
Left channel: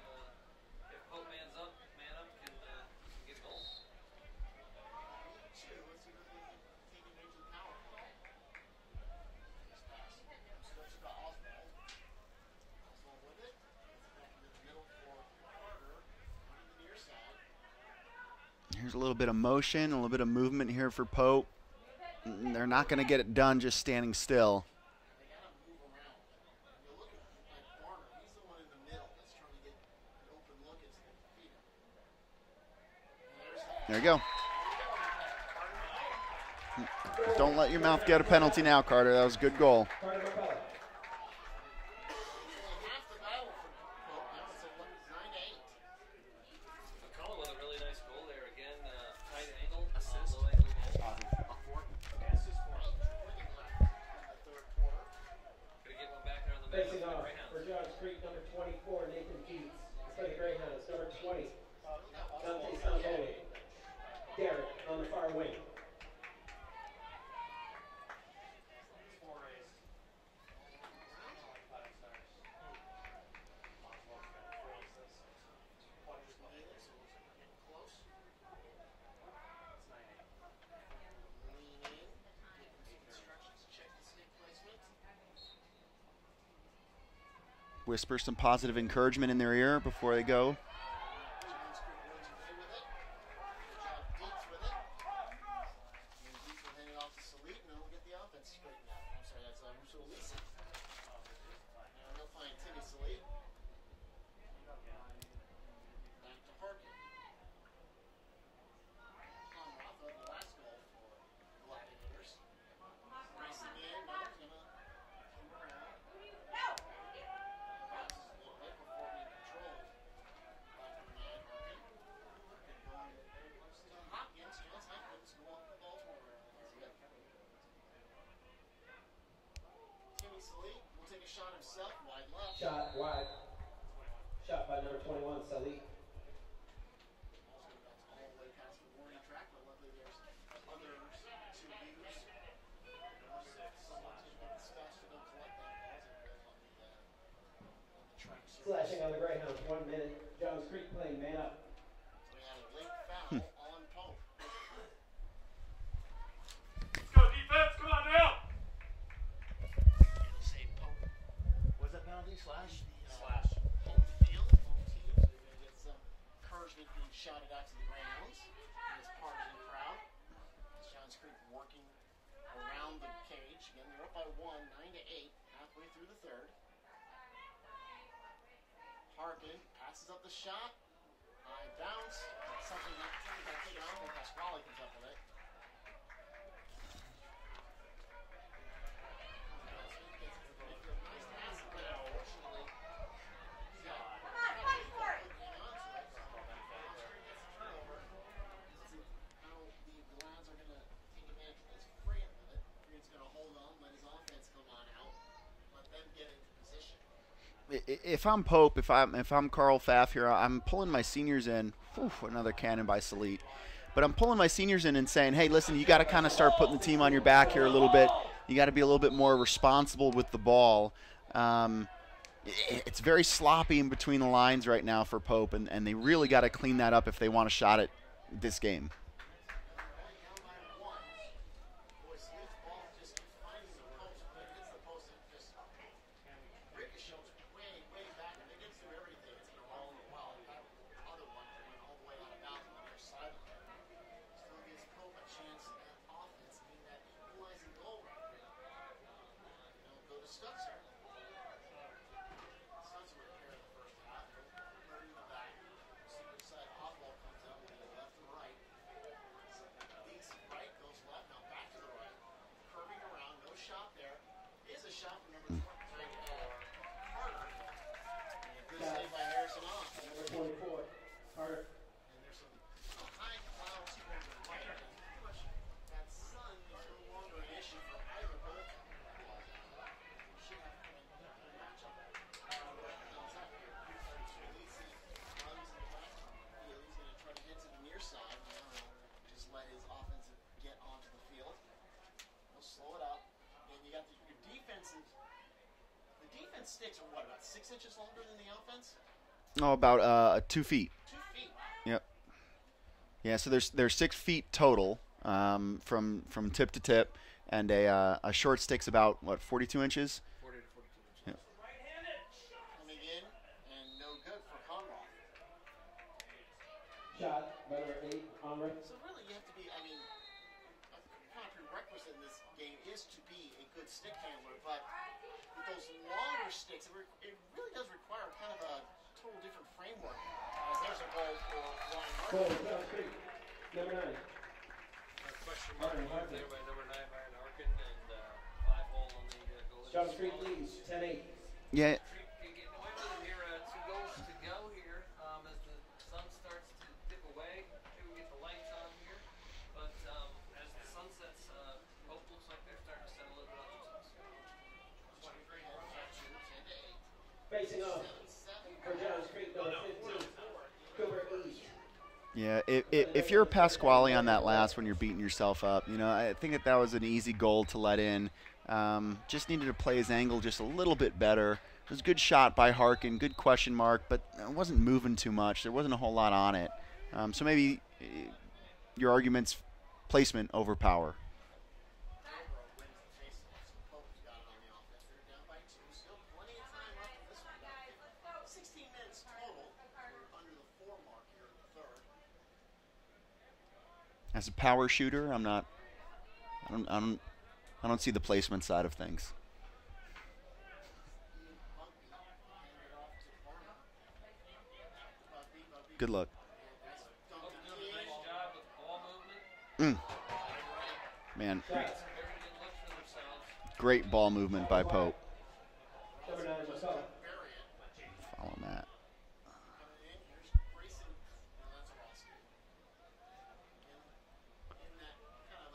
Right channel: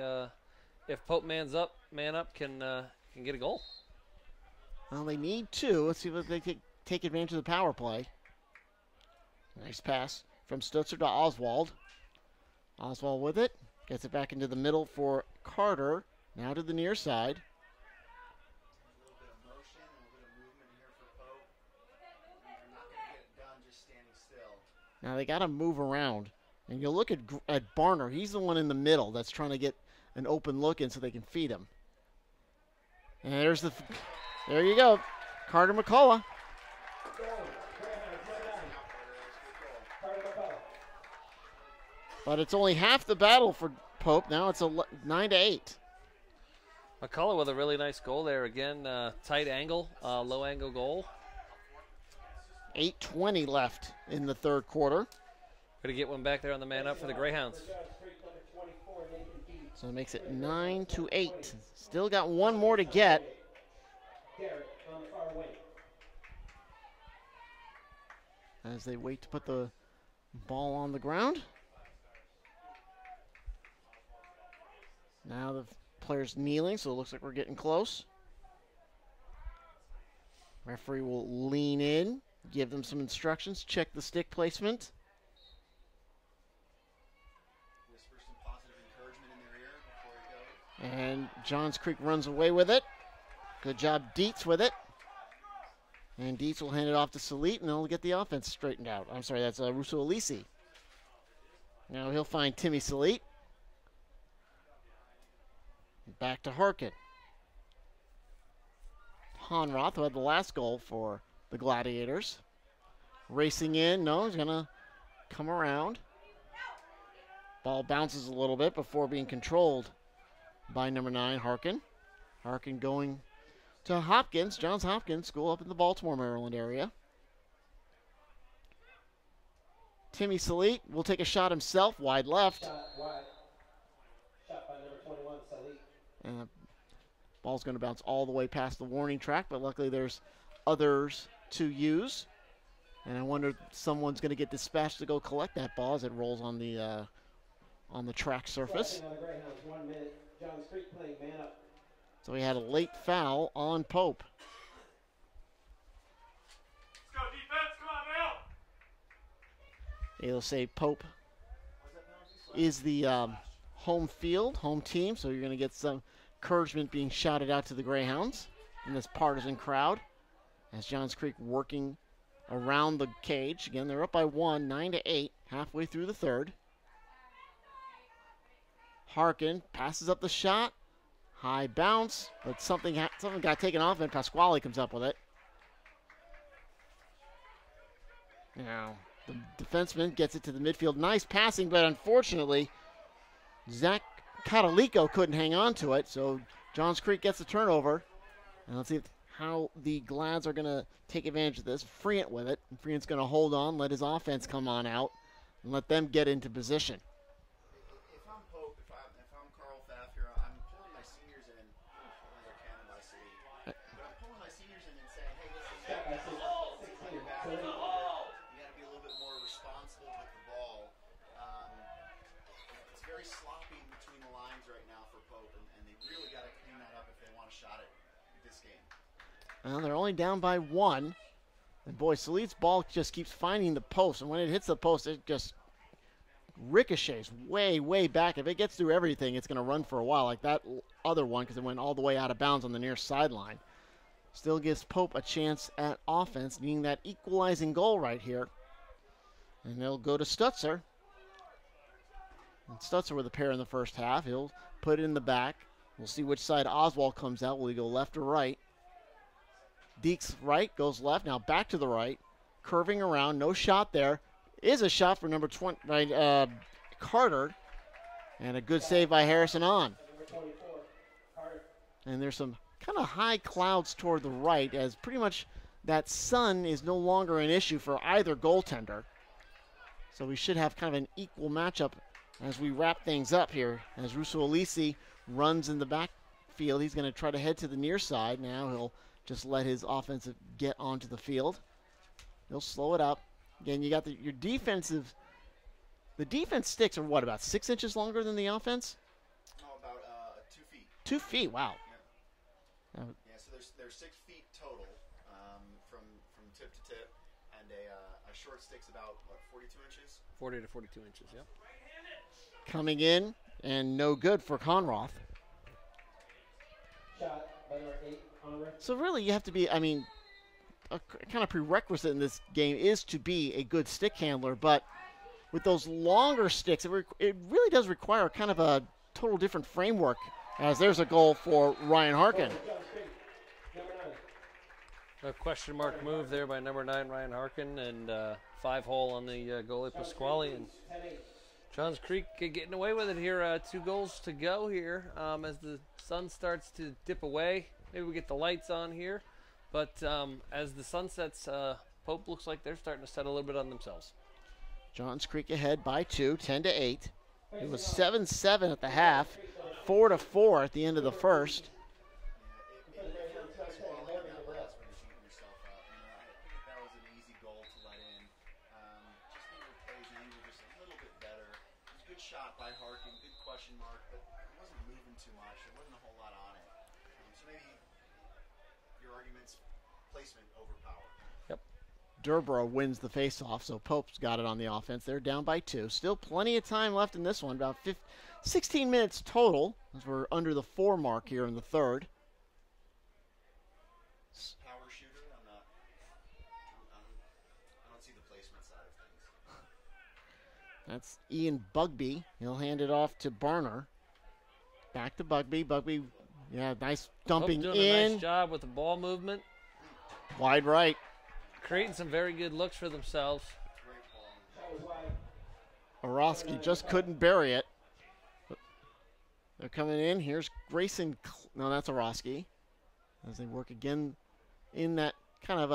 if Pope man up can get a goal. Well, they need 2. Let's see if they take advantage of the power play. Nice pass from Stutzer to Oswald. Oswald with it. Gets it back into the middle for Carter. Now to the near side. Here's a little bit of motion, a little bit of movement here for Pope. They're not going to get it done just standing still. Now they got to move around. And you look at Barner. He's the one in the middle that's trying to get an open look in so they can feed him. And there you go. There you go. Carter McCullough. Don't let your mouth get a penalty now, Carter. That was a good goal. But it's only half the battle for Pope. Now it's a 9-8. McCullough with a really nice goal there. Again, tight angle, low angle goal. 8:20 left in the 3rd quarter. Going to get one back there on the man up for the Greyhounds. So it makes it 9-8. Still got 1 more to get. As they wait to put the ball on the ground. Now the player's kneeling, so it looks like we're getting close. Referee will lean in, give them some instructions, check the stick placement. Whisper some positive encouragement in their ear before they go. And Johns Creek runs away with it. Good job, Dietz, with it. And Dietz will hand it off to Salit, and they'll get the offense straightened out. I'm sorry, that's Russo Alisi. Now he'll find Timmy Salit. Back to Harkin. Honroth, who had the last goal for the Gladiators. Racing in, no, he's gonna come around. Ball bounces a little bit before being controlled by number 9, Harkin. Harkin going to Hopkins, Johns Hopkins School up in the Baltimore, Maryland area. Timmy Salit will take a shot himself, wide left. Shot wide. Shot by number 21, Salit. And the ball's going to bounce all the way past the warning track, but luckily there's others to use. And I wonder if someone's going to get dispatched to go collect that ball as it rolls on the track surface. On the Greyhounds, 1 minute. Johns Creek playing man up. So we had a late foul on Pope. Let's go defense, come on now. It'll say Pope is the home team, so you're going to get some encouragement being shouted out to the Greyhounds in this partisan crowd as Johns Creek working around the cage. Again, they're up by 1, 9-8, halfway through the 3rd. Harkin passes up the shot. High bounce, but something got taken off, and Pasquale comes up with it. Now, the defenseman gets it to the midfield. Nice passing, but unfortunately, Zach Catalico couldn't hang on to it, so Johns Creek gets a turnover. And let's see how the Glads are going to take advantage of this. Friant with it. And Friant's going to hold on, let his offense come on out, and let them get into position. If I'm Pope, if I'm Carl Pfaff here, I'm pulling my seniors in. Another cannon by Salit. But I'm pulling my seniors in and saying, hey, listen, you got to kind of start putting the team on your back here a little bit. You got to be a little bit more responsible with the ball. It's very sloppy in between the lines right now for Pope, and they really got to clean that up if they want a shot at this game. Well, they're only down by 1. And boy, Salit's ball just keeps finding the post, and when it hits the post, it just ricochets way, way back. If it gets through everything, it's going to run for a while, like that other one, because it went all the way out of bounds on the near sideline. Still gives Pope a chance at offense, needing that equalizing goal right here. And they'll go to Stutzer. And Stutzer with a pair in the first half. He'll put it in the back. We'll see which side Oswald comes out. Will he go left or right? Deeks right, goes left. Now back to the right. Curving around, no shot there. Is a shot for number 20, Carter. And a good save by Harrison on. And there's some kind of high clouds toward the right, as pretty much that sun is no longer an issue for either goaltender. So we should have kind of an equal matchup as we wrap things up here. As Russo Alisi runs in the backfield, he's going to try to head to the near side. Now he'll just let his offensive get onto the field. He'll slow it up. Again, you got your defensive. The defense sticks are what, about 6 inches longer than the offense? Oh, about 2 feet. 2 feet, wow. Yep. Yeah, so there's 6 feet total from tip to tip, and a short stick's about, what, 42 inches? 40 to 42 inches, yep. Coming in, and no good for Conroth. Shot by number 8, Conroth. So really you have to be, I mean, a kind of prerequisite in this game is to be a good stick handler, but with those longer sticks, it really does require kind of a total different framework, as there's a goal for Ryan Harkin. A question mark move there by number 9, Ryan Harkin, and 5-hole on the goalie Pasquale. Johns Creek getting away with it here. 2 goals to go here as the sun starts to dip away. Maybe we get the lights on here. But as the sun sets, Pope looks like they're starting to set a little bit on themselves. Johns Creek ahead by 2, 10-8. It was 7-7 at the half, 4-4 at the end of the first. Yeah, if you're Pasquale on that last one, you're beating yourself up. You know, I think that was an easy goal to let in. Just needed to play his angle just a little bit better. It was a good shot by Harkin, good question mark, but it wasn't moving too much. There wasn't a whole lot on it. So maybe your argument's placement over power. Yep. Durborough wins the faceoff, so Pope's got it on the offense. They're down by 2. Still plenty of time left in this one, about 16 minutes total, as we're under the 4 mark here in the third. As a power shooter, I don't see the placement side of things. That's Ian Bugby. He'll hand it off to Barner. Back to Bugby. Bugby. Good luck. Yeah, nice dumping Pope doing in. a nice job with the ball movement. Wide right. Man. Creating some very good looks for themselves. Great ball movement by Pope. Orosky just couldn't bury it. Follow that. They're coming in. Here's Grayson. No, that's Orosky. As they work again in that kind of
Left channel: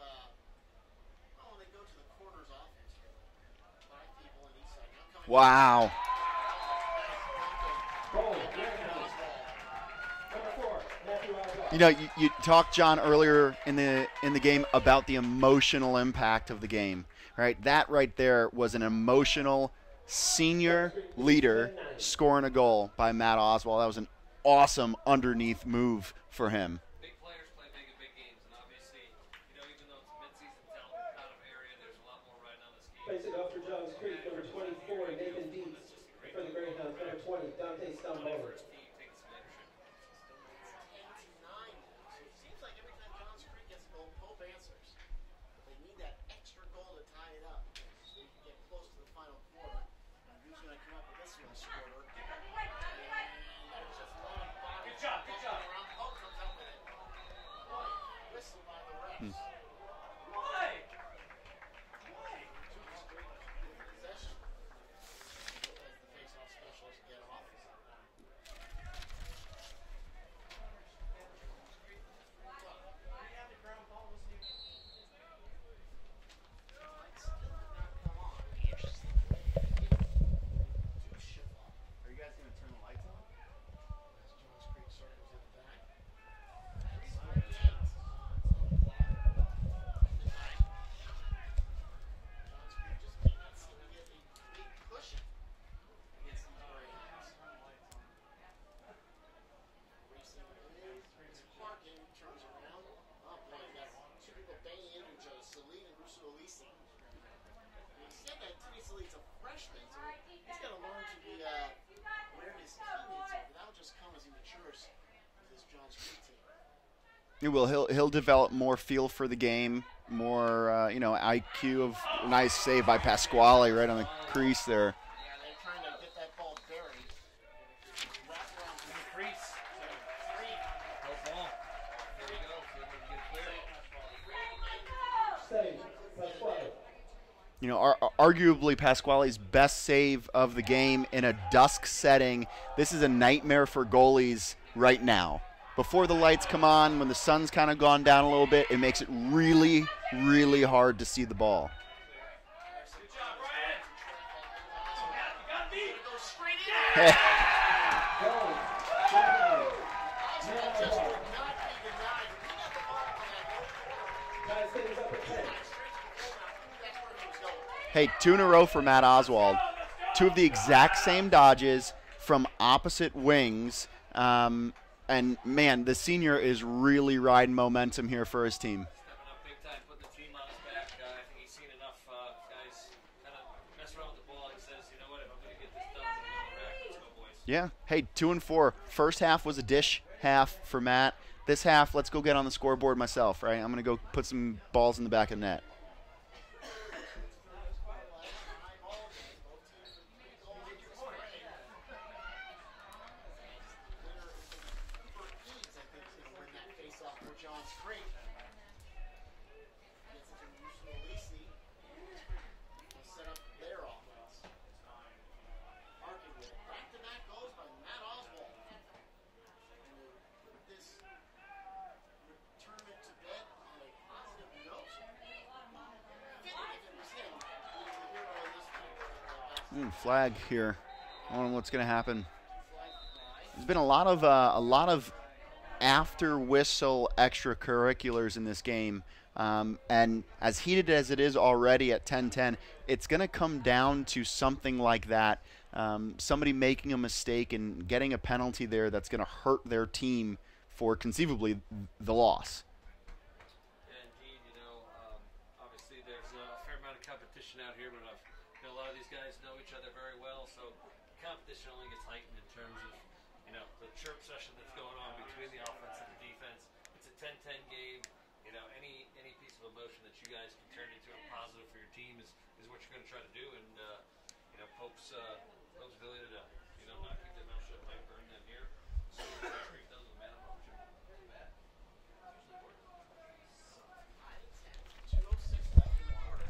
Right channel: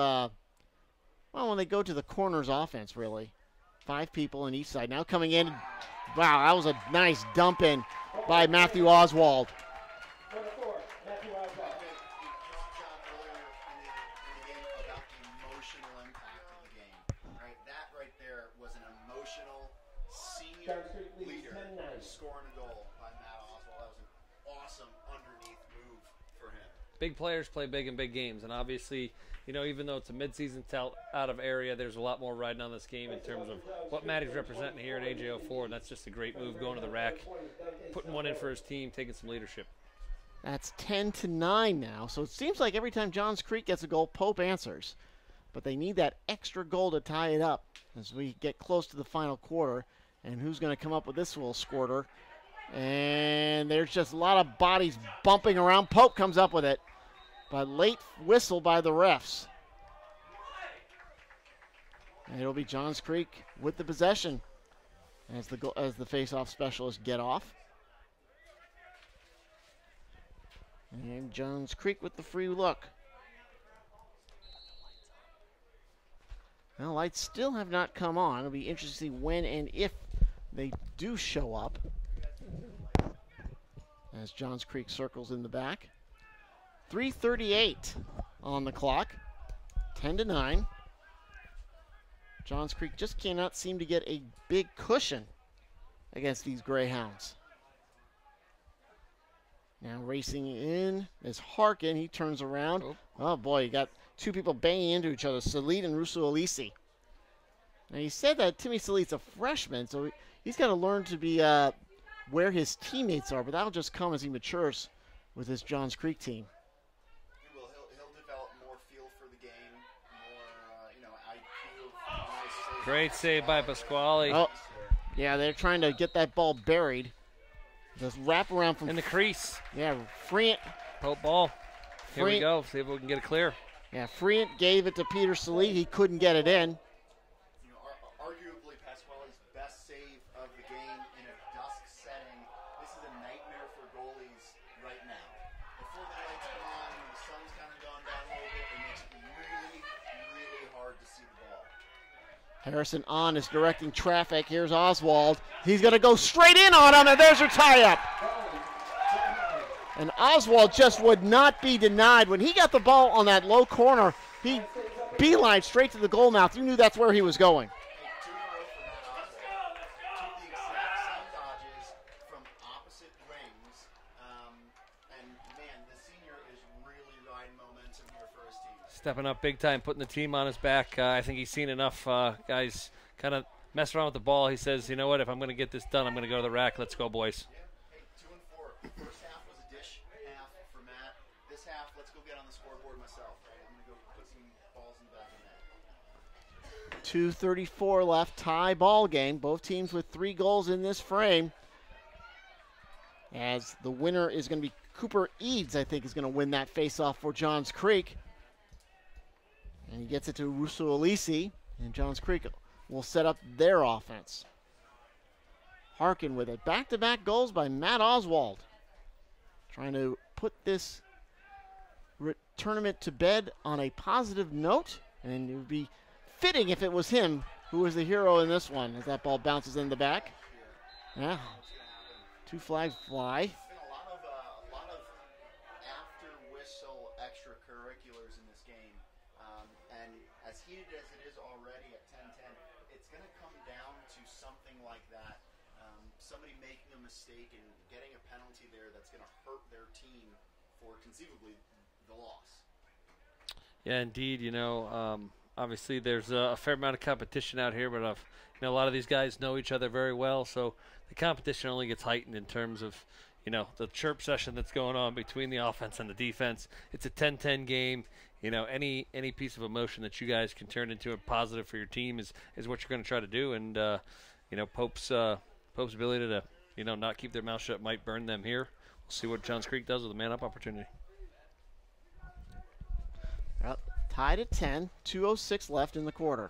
well, when they go to the corners offense, really. 5 people on each side. Now coming in. Wow. Wow, that was a nice dump in by Matthew Oswald. You know, you talked, John, earlier in the game about the emotional impact of the game, right? That right there was an emotional senior leader scoring a goal by Matt Oswald. That was an awesome underneath move for him. Big players play big in big games, and obviously, you know, even though it's a midseason out of area, there's a lot more riding on this game in terms of what Matty's representing here at AJO4, and that's just a great move, going to the rack, putting one in for his team, taking some leadership. That's 10-9 now, so it seems like every time Johns Creek gets a goal, Pope answers. But they need that extra goal to tie it up as we get close to the final quarter. And who's going to come up with this little squirter? And there's just a lot of bodies bumping around. Pope comes up with it. But late whistle by the refs. And it'll be Johns Creek with the possession as the face-off specialists get off. And Johns Creek with the free look. Now, lights still have not come on. It'll be interesting to see when and if they do show up. As Johns Creek circles in the back. 3:38 on the clock. 10-9. Johns Creek just cannot seem to get a big cushion against these Greyhounds. Now racing in is Harkin. He turns around. Oh boy, you got 2 people banging into each other, Salit and Russo Alisi. Now he said that Timmy Salit's a freshman, so he's got to learn to be where his teammates are, but that'll just come as he matures with his Johns Creek team. He will. He'll develop more feel for the game, more IQ. Of nice save by Great save Pasquale by right on Pasquale. the crease there. Yeah, they're trying to get that ball buried. Just wrap around from In the crease. Yeah, Freant. Hope ball. Here we Freant. go. See if we can get it clear. Yeah, Freant gave it to Peter Salit. He couldn't get it in. You know, arguably Pasquale's best save of the game in a dusk setting. This is a nightmare for goalies right now. Before the lights come on, when the sun's kind of gone down a little bit, it makes it really, really hard to see the ball. Harrison on is directing traffic. Here's Oswald. He's going to go straight in on him, and there's your tie-up. And Oswald just would not be denied. When he got the ball on that low corner, he beeline straight to the goal mouth. You knew that's where he was going. Hey, 2 in a row for Matt Oswald. 2 of the exact same dodges from opposite wings. And, man, the senior is really riding momentum here for his team. Stepping up big time, putting the team on his back. I think he's seen enough guys kind of mess around with the ball. He says, you know what, if I'm going to get this done, I'm going to go to the rack. Let's go, boys. Yeah. Hey, 2 and 4. First half was a dish half for Matt. This half, let's go get on the scoreboard myself, right? I'm going to go put some balls in the back of the net. 2:34 left, tie ball game. Both teams with 3 goals in this frame. As the winner is going to be Cooper Eads, I think, is going to win that faceoff for Johns Creek. And he gets it to Russo Alisi, and Johns Creek will set up their offense. Harkin with it. Back-to-back goals by Matt Oswald. Trying to put this tournament to bed on a positive note, and it would be fitting if it was him who was the hero in this one, as that ball bounces in the back. Flag here. Yeah. I don't know what's going to happen. 2 flags fly. There's been a lot of after whistle extracurriculars in this game, and as heated as it is already at 10-10, it's going to come down to something like that. Somebody making a mistake and getting a penalty there that's going to hurt their team for conceivably the loss. Yeah, indeed. You know, obviously there's a fair amount of competition out here, but a lot of these guys know each other very well, so the competition only gets heightened in terms of, the chirp session that's going on between the offense and the defense. It's a 10-10 game. Any piece of emotion that you guys can turn into a positive for your team is what you're going to try to do. And Pope's ability to not keep their mouth shut might burn them here. We'll see what Johns Creek does with a man-up opportunity. Well, tied at 10, 2:06 left in the quarter.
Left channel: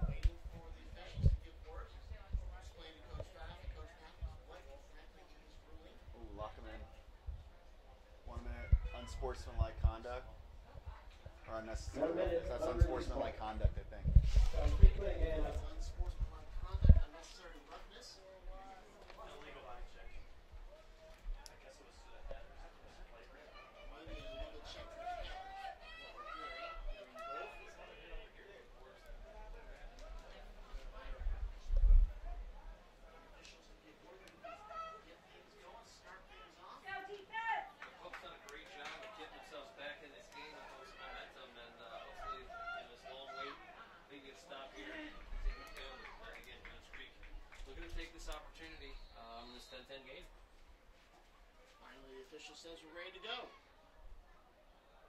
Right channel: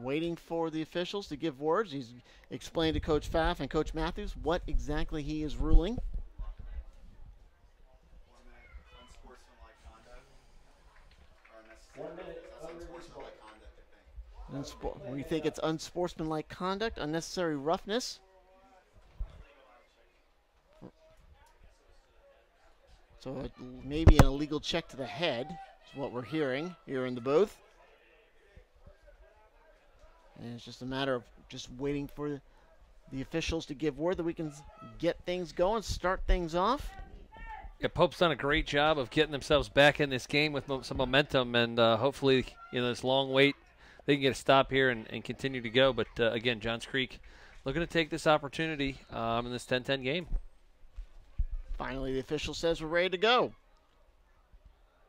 Waiting for the officials to give words. He's explained to Coach Pfaff and Coach Matthews what exactly he is ruling. Lock him in. 1 minute, unsportsmanlike conduct. Or unnecessary. 1 minute, That's 1 minute. unsportsmanlike conduct, I think. We think it's unsportsmanlike conduct, unnecessary roughness. So it may be an illegal check to the head, is what we're hearing here in the booth. And it's just a matter of just waiting for the officials to give word that we can get things going, start things off. Yeah, Pope's done a great job of getting themselves back in this game with some momentum, and hopefully, this long wait, they can get a stop here and continue to go. But again, Johns Creek looking to take this opportunity in this 10-10 game. Finally, the official says we're ready to go.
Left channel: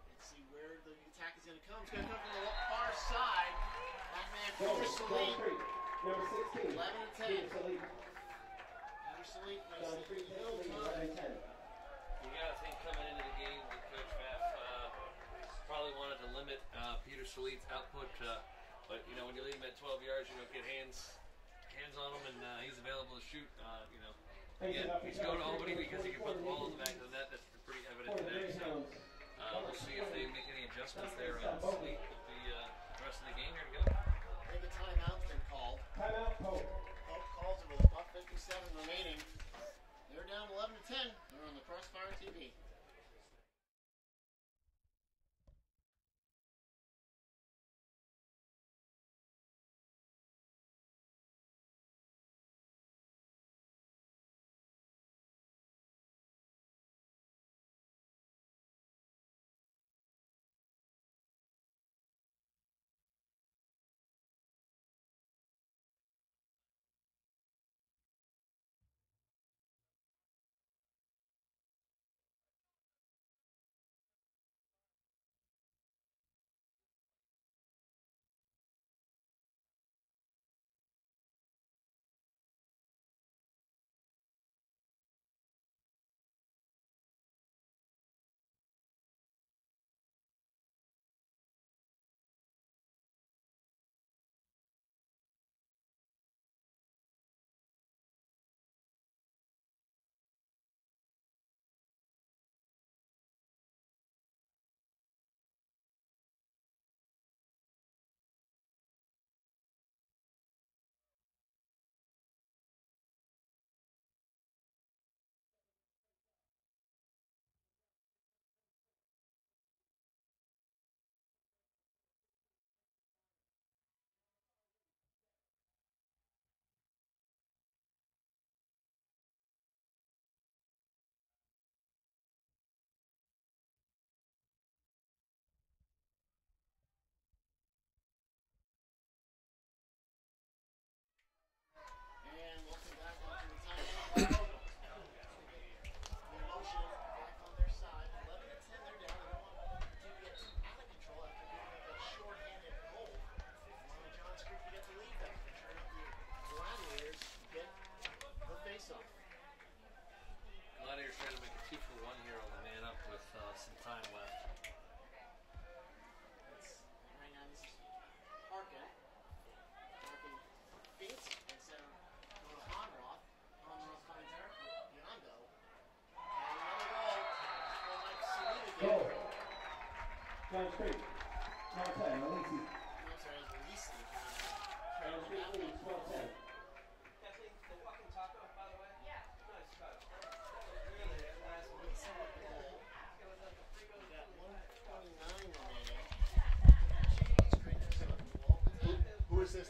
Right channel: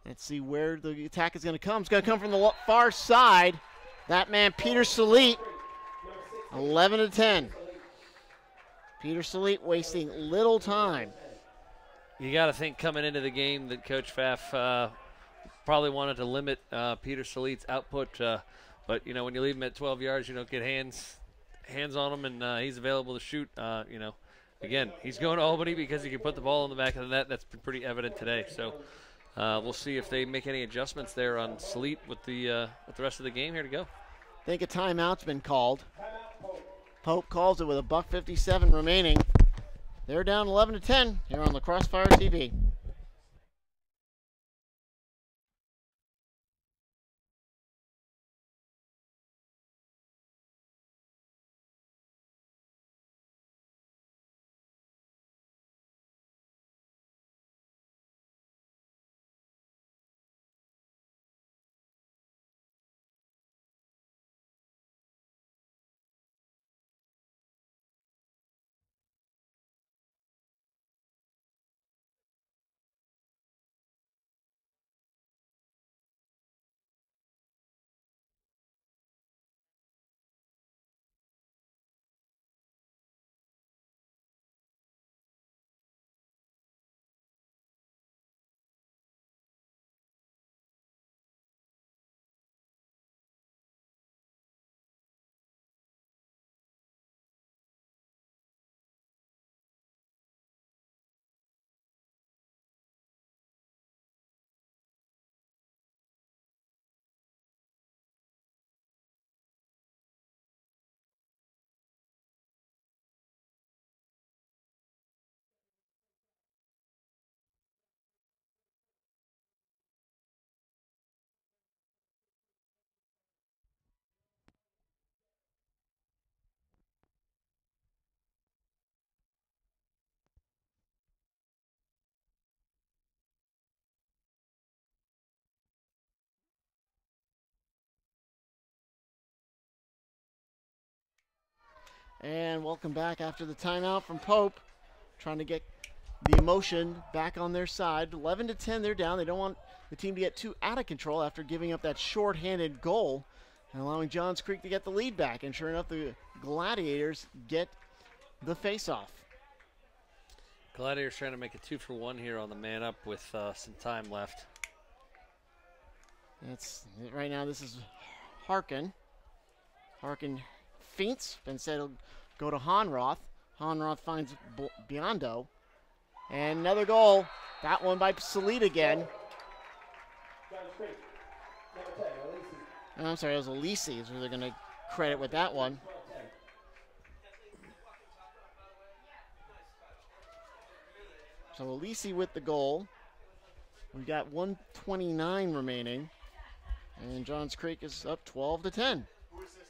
Let's see where the attack is going to come. It's going to come from the far side. That man, Peter Salit, 11-10. Peter Salit wasting little time. You got to think coming into the game that Coach Pfaff probably wanted to limit Peter Salit's output. But, when you leave him at 12 yards, you don't get hands on him, and he's available to shoot. Again, he's going to Albany because he can put the ball in the back of the net. That's been pretty evident today. So we'll see if they make any adjustments there on Salit with the rest of the game here to go. I think a timeout's been called. Pope calls it with a $1:57 remaining. They're down 11-10 here on La Crossfire TV. And welcome back after the timeout from Pope, trying to get the emotion back on their side. 11-10, they're down. They don't want the team to get too out of control after giving up that short-handed goal and allowing Johns Creek to get the lead back. And sure enough, the Gladiators get the face-off. Gladiators trying to make a 2-for-1 here on the man up with some time left. That's right now. This is Harkin. Harkin feints, instead he'll go to Honroth. Honroth finds Biondo. And another goal. That one by Salit again. I'm sorry, it was Alisi is who they're going to credit with that one. So Alisi with the goal. We've got 1:29 remaining. And Johns Creek is up 12-10. Who is this?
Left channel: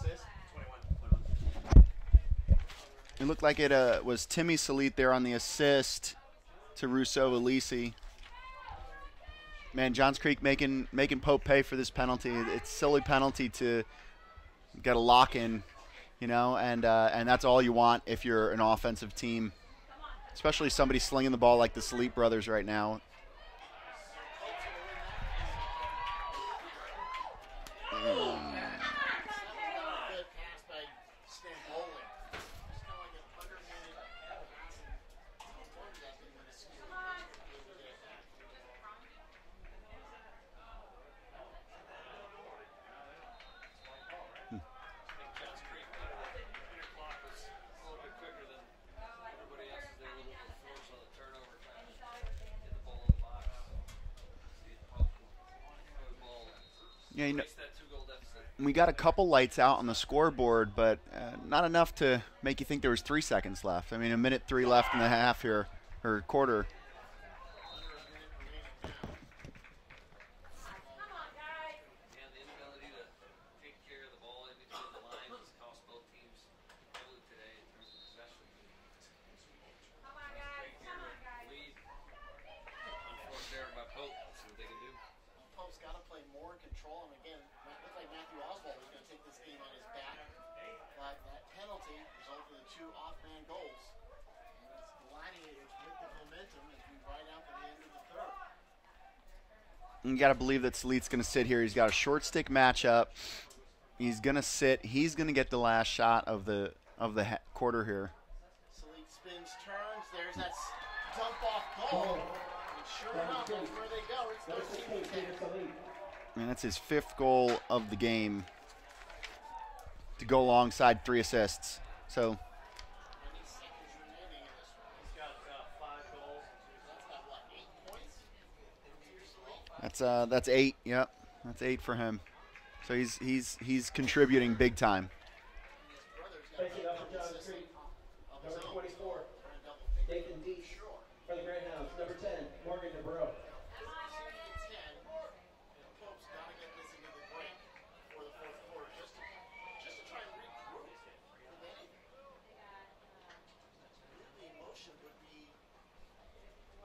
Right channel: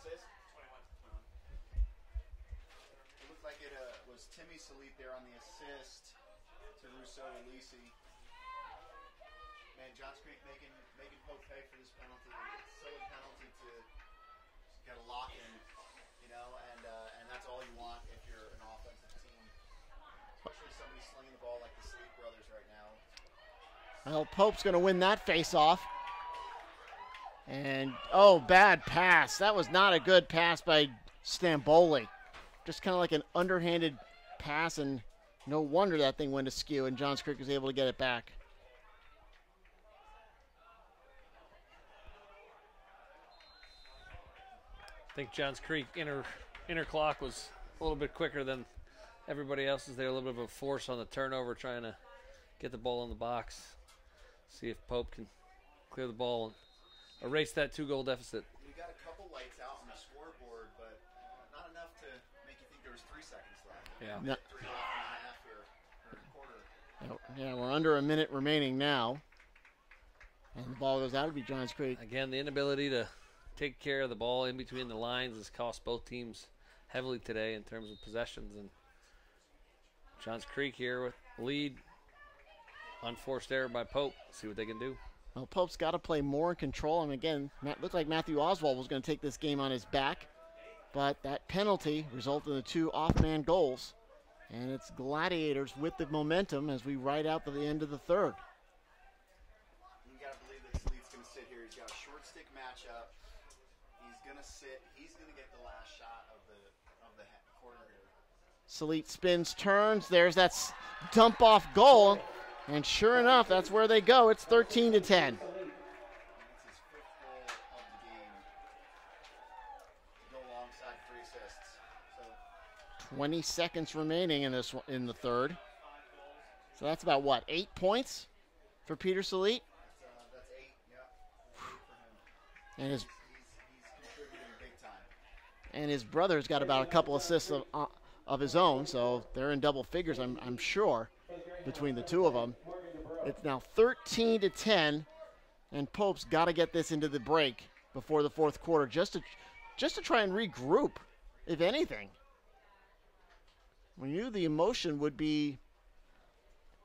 Assist? 21. It looked like it was Timmy Salit there on the assist to Rousseau Alisi. Man, Johns Creek making Pope pay for this penalty. It's a silly penalty to get a lock in, you know, and that's all you want if you're an offensive team, especially somebody slinging the ball like the Salit brothers right now. Well, Pope's going to win that face-off. And, oh, bad pass. That was not a good pass by Stamboli. Just kind of like an underhanded pass, and no wonder that thing went askew, and Johns Creek was able to get it back. I think Johns Creek inner clock was a little bit quicker than everybody else's. They're a little bit of a force on the turnover, trying to get the ball in the box. See if Pope can clear the ball and erase that 2-goal deficit. We got a couple lights out on the scoreboard, but not enough to make you think there was 3 seconds left. I mean, a minute 3 left in the half here, or quarter. Yeah, we're under a minute remaining now. And the ball goes out. It'll be Johns Creek. Again, the inability to take care of the ball in between the lines has cost both teams heavily today in terms of possessions. And Johns Creek here with lead. Unforced error by Pope. See what they can do. Well, Pope's got to play more in control. And again, looked like Matthew Oswald was going to take this game on his back. But that penalty resulted in the 2 off-man goals. And it's Gladiators with the momentum as we ride out to the end of the third. You got to believe that Salit's going to sit here. He's got a short stick matchup. He's going to sit. He's going to get the last shot of the quarter here. Salit spins, turns. There's that dump-off goal. And sure enough, that's where they go. It's 13-10. And that's his 5th goal of the game to go alongside 3 assists. So 20 seconds remaining in the third. So that's about what, 8 points for Peter Salit? That's 8. Yep, that's 8 for him. And so he's contributing big time. And his brother's got about a couple assists of his own, so they're in double figures, I'm sure, between the two of them. It's now 13-10, and Pope's got to get this into the break before the 4th quarter, just to try and regroup, if anything. We knew the emotion would be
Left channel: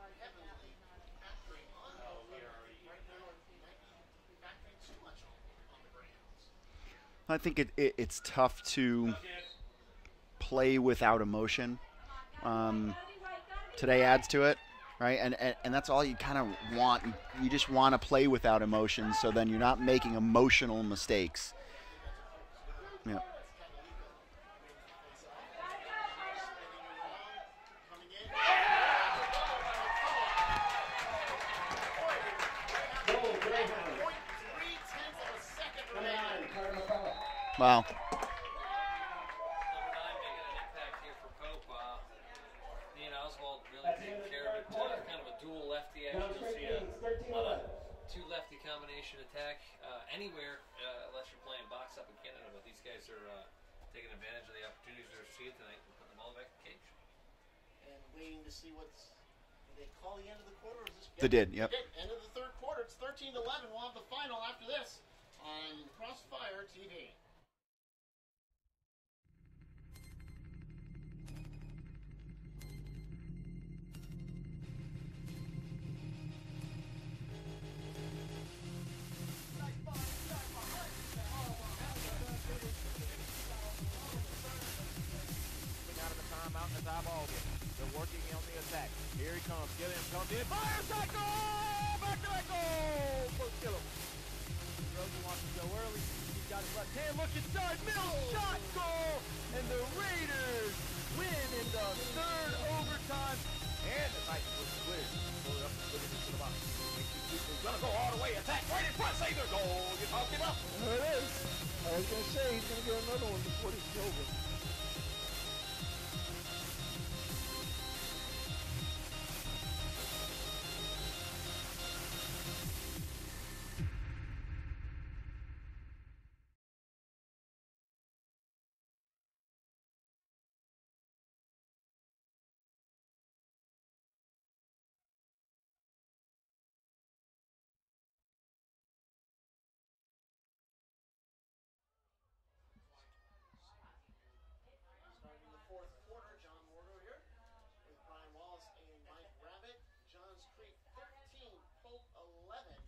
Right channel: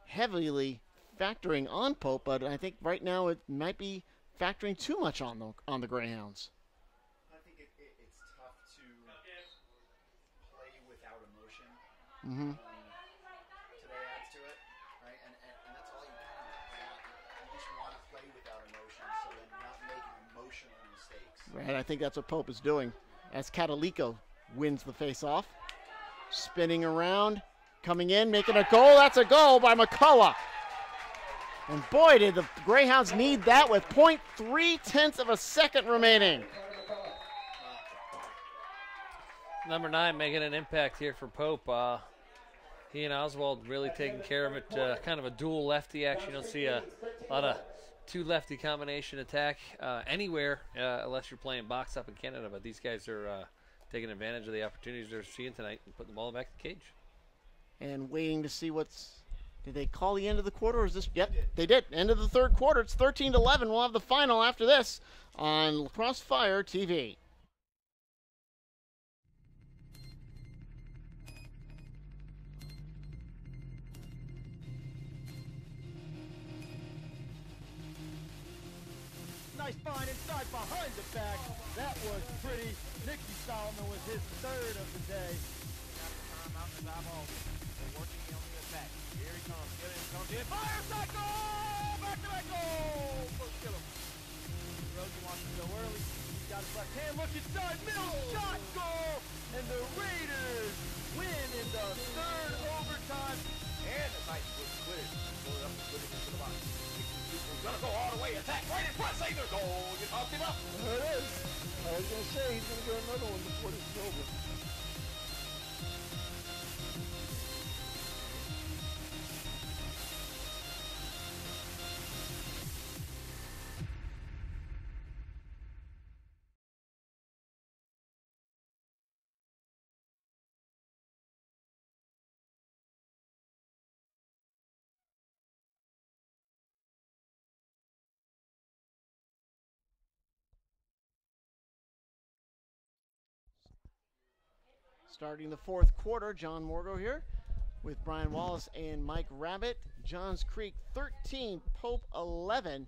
heavily factoring on Pope, but I think right now it might be factoring too much on the Greyhounds. I think it's tough to play without emotion. Today adds to it, right? And that's all you kind of want. You just want to play without emotion, so then you're not making emotional mistakes. Right, I think that's what Pope is doing. Yeah. As Catalico wins the face-off. Spinning around, coming in, making a goal. That's a goal by McCullough. And boy, did the Greyhounds need that with 0.3 of a second remaining. Wow. Number 9 making an impact here for Pope. He and Oswald really taking care of it. Kind of a dual lefty action. You don't see a lot of 2 lefty combination attack anywhere unless you're playing box up in Canada. But these guys are taking advantage of the opportunities they're seeing tonight and putting the ball back in the cage. And waiting to see did they call the end of the quarter? Or is this? Yep, they did. They did. End of the third quarter. It's 13-11. We'll have the final after this on Crossfire TV. Nice find inside behind the back. That was pretty. Nicky Solomon with his eyeballed him. They're working on the attack. Here he comes. Gilliam comes in. Fires that goal! Back-to-back goal for Gilliam. Rosie wants to go early. He's got his left hand. Look inside. Mills shot goal! And the Raiders win in the third overtime. And the Titans was cleared. Pull it up and put it into the box. Makes these people gonna go all the way. Attack right in front. Save their goal. You talked him up. There it is. I was going to say he's going to get another one before this is over. Starting the fourth quarter, John Morgo here with Brian Wallace and Mike Rabbit. Johns Creek 13, Pope 11.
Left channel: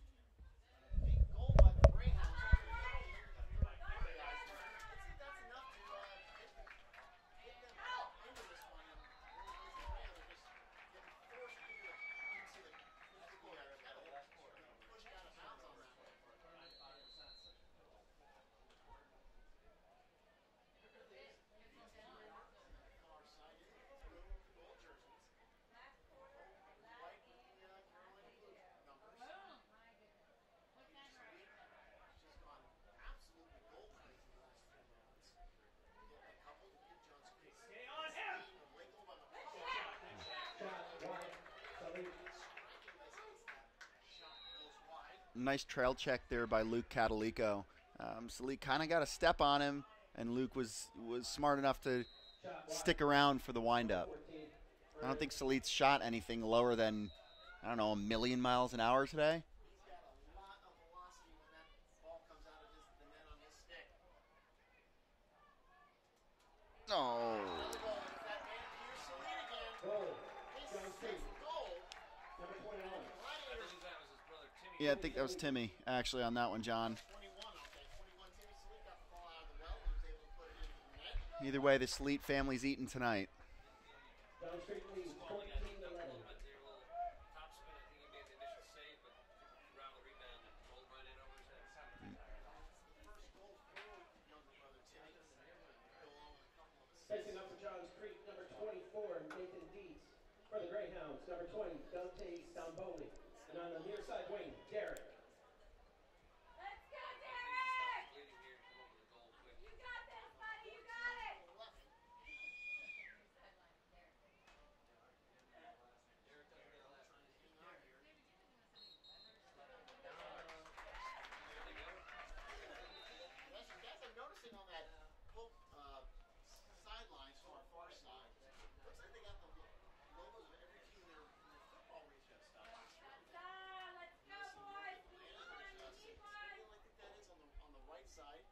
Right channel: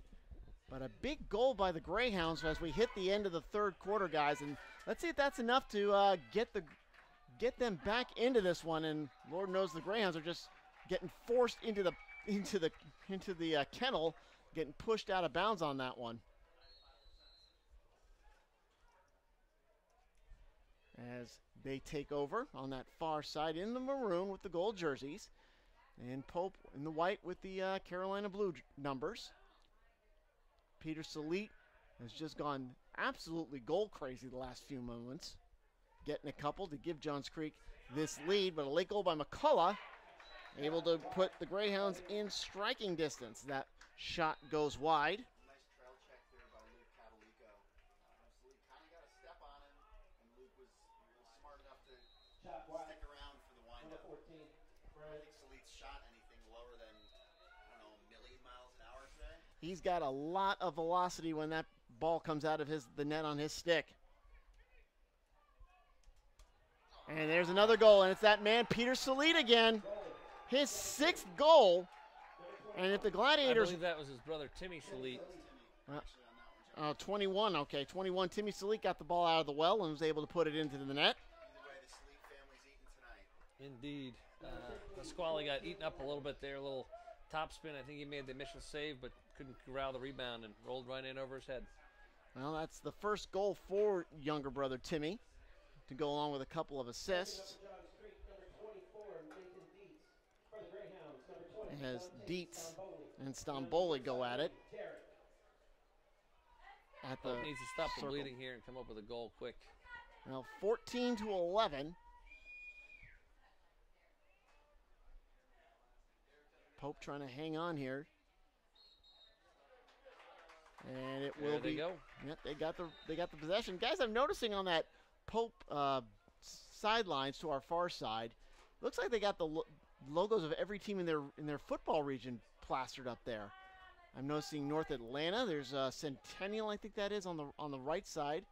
But a big goal by the Greyhounds as we hit the end of the third quarter, guys. And let's see if that's enough to get them back into this one. And Lord knows the Greyhounds are just getting forced into the kennel, getting pushed out of bounds on that one. As they take over on that far side in the maroon with the gold jerseys. And Pope in the white with the Carolina blue numbers. Peter Salit has just gone absolutely goal crazy the last few moments. Getting a couple to give Johns Creek this lead, but a late goal by McCullough. Able to put the Greyhounds in striking distance. That shot goes wide. Nice trail check there by Luke Catalico. Salit kind of got a step on him, and Luke was smart enough to stick around for the windup. I don't think Salit's shot anything lower than, I don't know, 1 million miles an hour today. He's got a lot of velocity when that ball comes out of the net on his stick. Oh. And there's another goal, and it's that man, Peter Salit again. His 6th goal. And if the Gladiators... I believe that was his brother, Timmy Yeah, Salit. I think that was Timmy, actually, on that one, John. 21, okay. 21, Timmy Salit got the ball out of the well and was able to put it into the net. Either way, the Salit family's eating tonight. Indeed. Squally got eaten up a little bit there, a little topspin. I think he made the initial save, but couldn't corral the rebound and rolled right in over his head. Well, that's the first goal for younger brother Timmy, to go along with a couple of assists. Johns Creek, number 24, Nathan Dietz. For the Greyhounds, number 20, And as Dante Dietz Stromboli. and Stromboli go at it. Derek. At the Pope needs to stop the circle. bleeding here and come up with a goal quick. Well, 14-11. Pope trying to hang on here. And it will There they be. go. Yep, they got the possession. Guys, I'm noticing on that Pope sidelines to our far side, looks like they got the logos of every team in their football region plastered up there. I'm noticing North Atlanta. There's Centennial, I think that is, on the right side.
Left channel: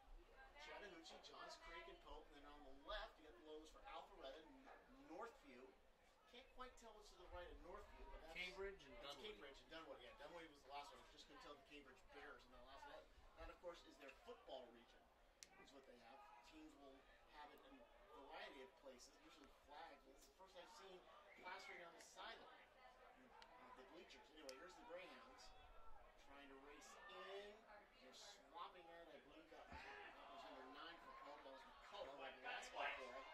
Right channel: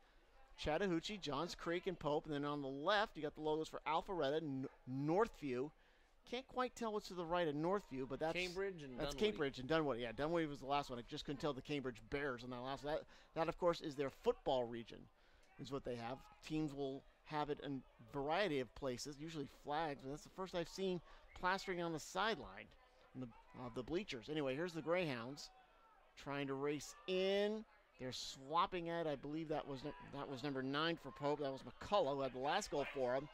Chattahoochee, Johns Creek, and Pope. And then on the left, you got the logos for Alpharetta and Northview. Can't quite tell what's to the right of Northview, but that's Cambridge and that's Dunwoody. Cambridge and Dunwoody. Yeah, Dunwoody was the last one. I just couldn't tell the Cambridge Bears on that last one. That of course is their football region, is what they have. Teams will have it in a variety of places, usually flags. But that's the first I've seen plastering on the sideline, the bleachers. Anyway, here's the Greyhounds trying to race in. They're swapping at. I believe that was number 9 for Pope. That was McCullough who had the last goal for him.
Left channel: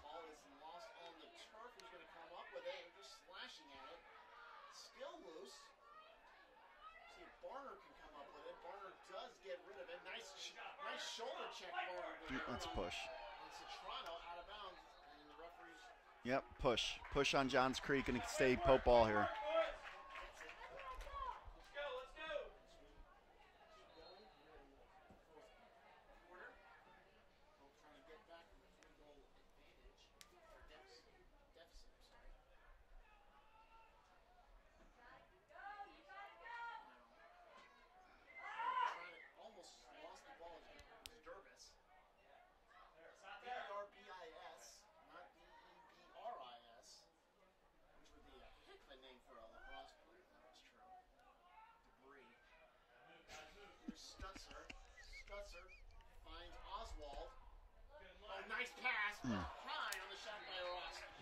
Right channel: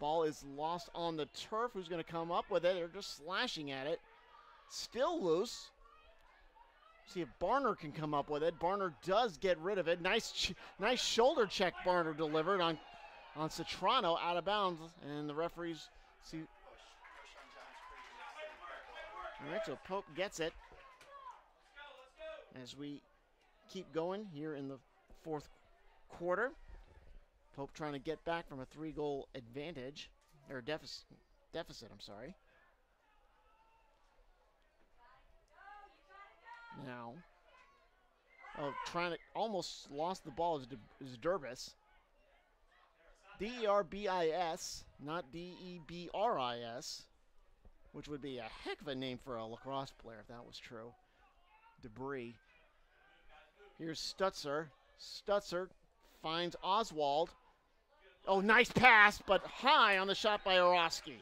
Ball is lost on the turf. Who's going to come up with it? They're just slashing at it. Still loose. See if Barner can come up with it. Barner does get rid of it. Nice shoulder check Barner delivered on Citrano out of bounds. And the referees. Yep, push on Johns Creek and stay Pope ball here. All right, so Pope gets it. As we keep going here in the fourth quarter. Pope trying to get back from a 3-goal advantage, or deficit, I'm sorry. Now, trying to, almost lost the ball is Derbis. D-E-R-B-I-S, not D-E-B-R-I-S, which would be a heck of a name for a lacrosse player if that was true. Debris. Here's Stutzer. Stutzer finds Oswald. Oh, nice pass, but high on the shot by Orosky.